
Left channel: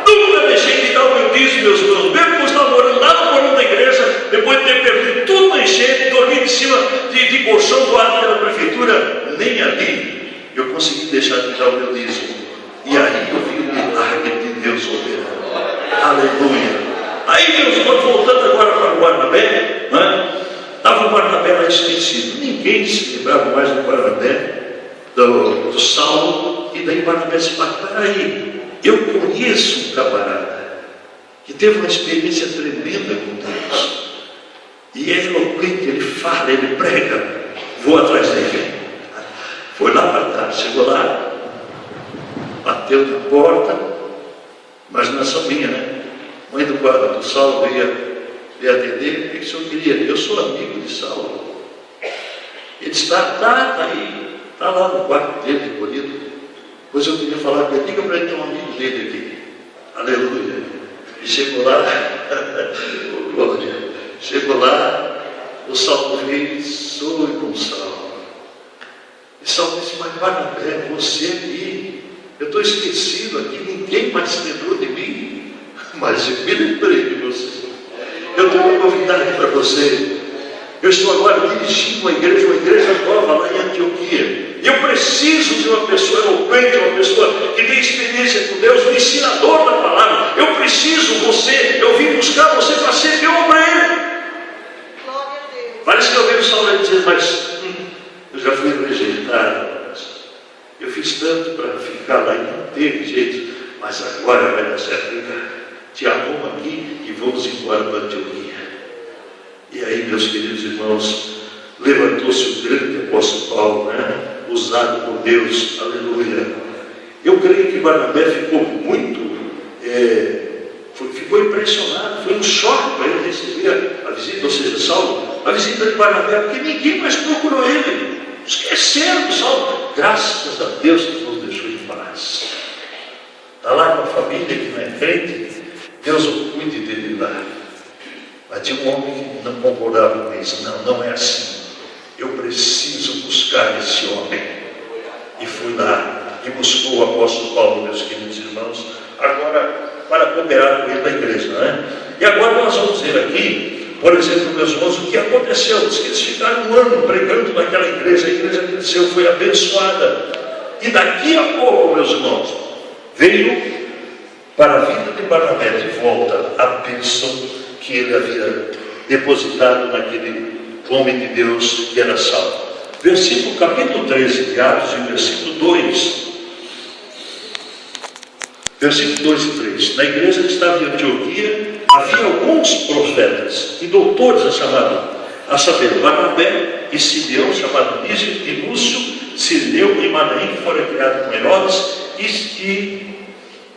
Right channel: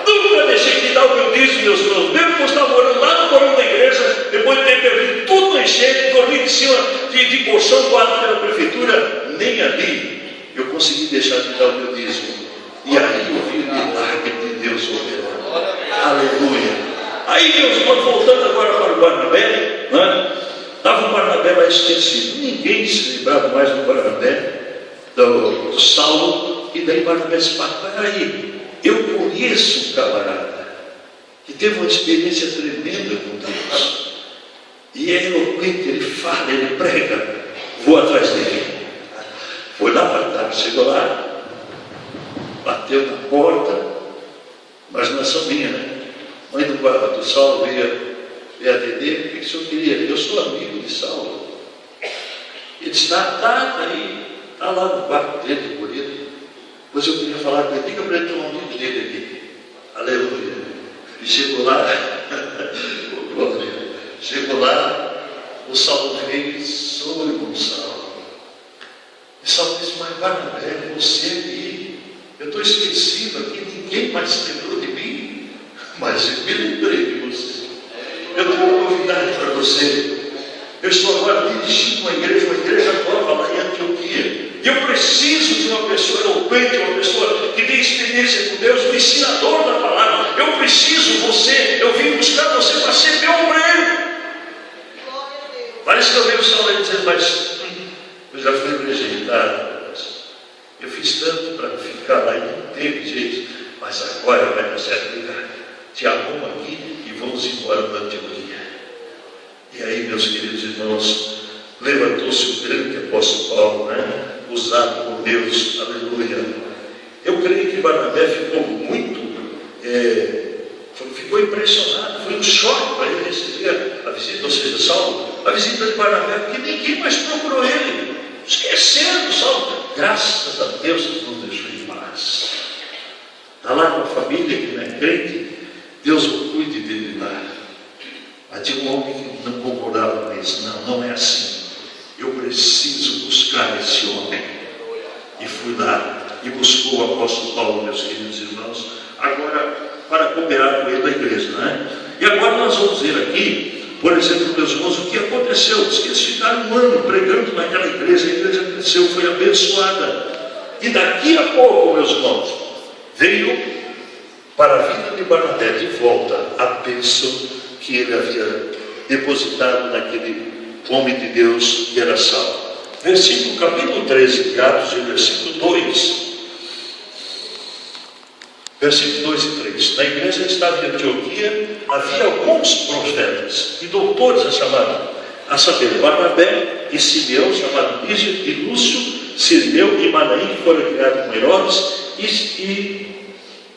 Nunca deixei de dar o meu dízimo, meus irmãos. Mesmo que eu estava morando lá no porão da igreja, depois de ter perdido tudo na enchente, dormindo em cima de colchão doado pela prefeitura, nem ali eu consegui deixar de dar o meu dízimo. E aí eu vi o milagre de Deus operando. Aleluia! Aí, meus irmãos, voltando agora para o Barnabé, né? Estava o Barnabé lá esquecido. Ninguém se lembrava mais do Barnabé, do Saulo, e daí Barnabé disse, mas peraí, eu conheço um camarada que teve uma experiência tremenda com Deus, e é eloquente, ele fala, ele prega, vou atrás dele. Foi lá para tarde, chegou lá, bateu na porta, imaginação minha, né? Mãe do guarda do Saulo ia atender, o que o senhor queria? Eu sou amigo de Saulo. Ele está aí. Está lá no quarto dele, de bonito. Pois eu queria falar com ele, diga para ele que é um amigo dele aqui. Aleluia. E chegou lá, chegou lá, o Saulo veio e sou Gonçalo. E Saulo disse, mas Barnabé, você aqui, eu estou esquecido aqui, ninguém mais lembrou de mim, mas eu me lembrei de você. Eu tenho uma novidade para você. Eu estou agora dirigindo uma igreja nova lá em Antioquia. Eu preciso de uma pessoa eloquente, uma pessoa que tem experiência com Deus, um ensinador da palavra. Eu preciso você, eu vim buscar você para ser meu obreiro. Parece que eu vi o Saulo dizer, mas eu já fui rejeitado. Eu fiz tanto para ficar lá e não teve jeito, mas agora vai dar certo. Te arrumo aqui e vamos embora para Antioquia. E aí, meus queridos irmãos, levantou-se o grande apóstolo Paulo, né? Usado por Deus, aleluia. Eu creio que Barnabé ficou muito, ficou impressionado, foi um choque para ele receber a visita, ou seja, Saulo, a visita de Barnabé, porque ninguém mais procurou ele, esqueceram do Saulo. Graças a Deus que nos deixou em paz. Está lá com a família que não é crente, Deus cuide dele lá. Mas tinha um homem que não concordava com isso. Não é assim. Eu preciso buscar esse homem. E fui lá e buscou o apóstolo Paulo, meus queridos irmãos, agora para cooperar com ele na igreja, não é? E agora nós vamos ver aqui, por exemplo, meus irmãos, o que aconteceu. Diz que eles ficaram um ano pregando naquela igreja, a igreja cresceu, foi abençoada. E daqui a pouco, meus irmãos, veio para a vida de Barnabé de volta a bênção que ele havia depositado naquele homem de Deus que era Saulo. Capítulo 13 de Atos, em versículo 2. Versículo 2 e 3. Na igreja que estava em Antioquia, havia alguns profetas e doutores a saber, Barnabé e Simeão, chamado Lísio, e Lúcio, Sirineu e Manaim, que foram criados com Herodes, e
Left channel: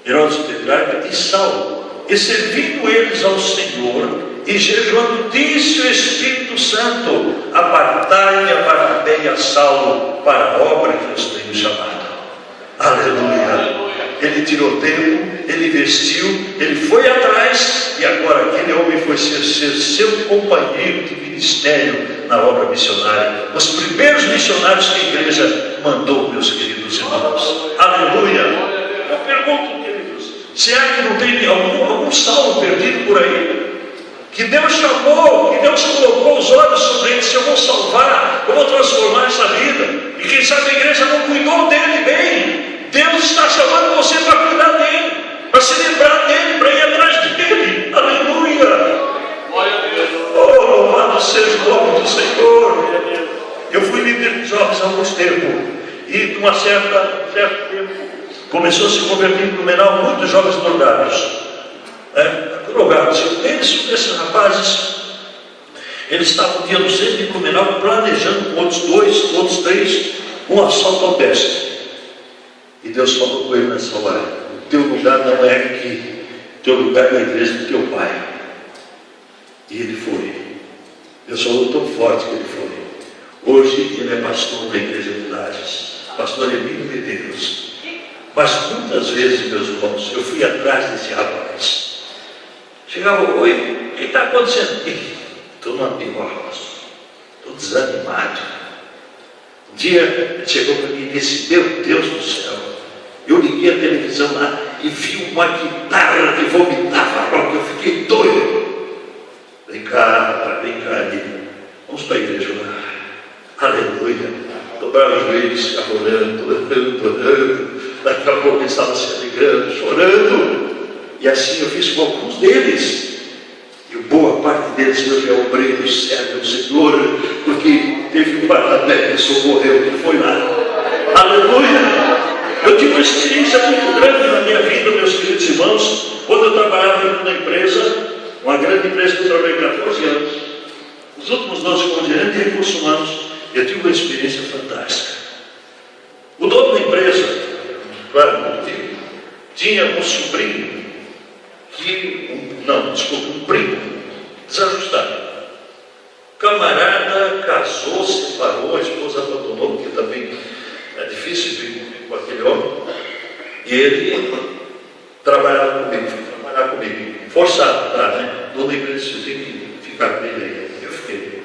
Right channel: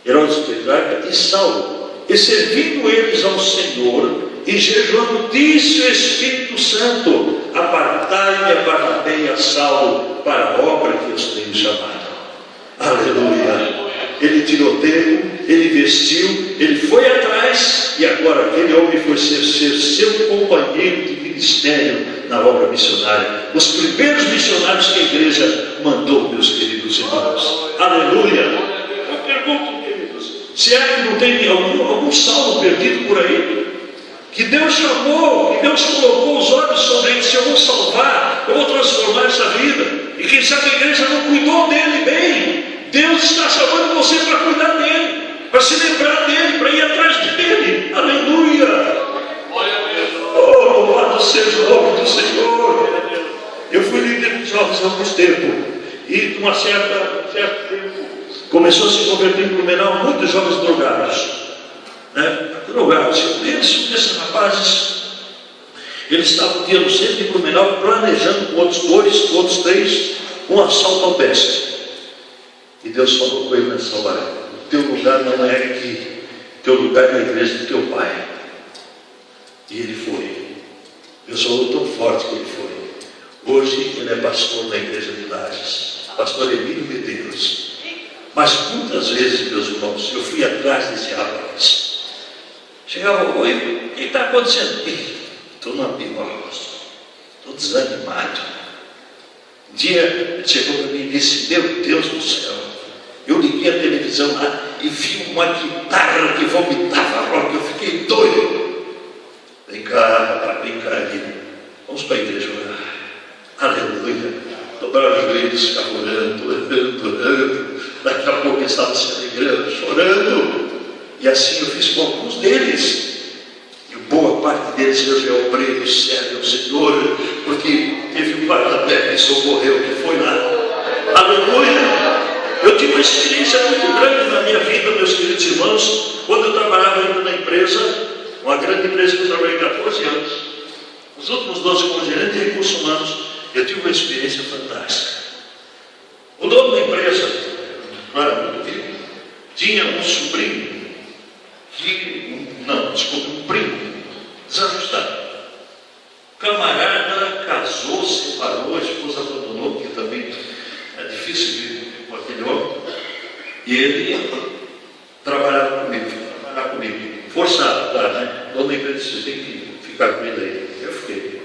Herodes o tetrarca, e Saulo. E servindo eles ao Senhor, e jejuando, disse o Espírito Santo, apartai-me a Barnabé e a Saulo para a obra que os tenho chamado. Aleluia! Ele tirou tempo, ele vestiu, ele foi atrás, e agora aquele homem foi ser seu companheiro de ministério na obra missionária. Os primeiros missionários que a igreja mandou, meus queridos irmãos. Aleluia! Eu pergunto, queridos, se é que não tem algum Saulo perdido por aí? que Deus chamou, que Deus colocou os olhos sobre ele. Se eu vou salvar, eu vou transformar essa vida. E quem sabe a igreja não cuidou dele bem. Deus está chamando você para cuidar dele, para se lembrar dele, para ir atrás dele. Aleluia! Glória a Deus. Oh, louvado seja o nome do Senhor. Eu fui líder de jovens há alguns tempo, e com um certo tempo começou a se converter em Blumenau muitos jovens drogados. Drogados. Esses rapazes, eles estavam um dia no centro de Blumenau planejando com outros três, um assalto ao pesque. E Deus falou com ele nessa hora: o teu lugar não é aqui, o teu lugar é na igreja do teu pai. E ele foi. Deus falou tão forte que ele foi. Hoje ele é pastor da igreja de Lages, pastor Emílio Medeiros. Mas muitas vezes, meus irmãos, eu fui atrás desse rapaz. Chegava: oi, o que está acontecendo? Estou numa piroca, estou desanimado. Um dia ele chegou para mim e disse: meu Deus do céu, eu liguei a televisão lá e vi uma guitarra que vomitava rock. Eu fiquei doido. Vem cá, Lívia, vamos para a igreja lá. Aleluia. Dobraram os joelhos, ficava orando. Daqui a pouco ele estava se alegrando, chorando. E assim eu fiz com alguns deles. E boa parte deles eu já obrei no servo do Senhor, porque teve um guarda-pé que socorreu, que foi lá. Aleluia! Eu tive uma experiência muito grande na minha vida, meus queridos irmãos, quando eu trabalhava ainda na empresa, uma grande empresa que eu trabalhei 14 anos. Os últimos 12 como gerente de recursos humanos, eu tive uma experiência fantástica. O dono da empresa, claro, muito vivo, tinha um sobrinho um primo desajustado. Camarada casou, separou, a esposa abandonou, porque também é difícil viver com aquele homem. E ele trabalhava comigo, forçado, tá, né? Toda empresa você tem que ficar com ele aí. Eu fiquei.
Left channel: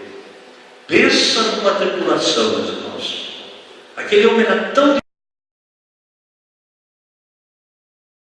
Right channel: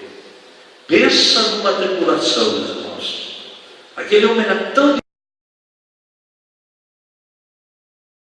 Pensa numa tribulação, meus irmãos. Aquele homem era tão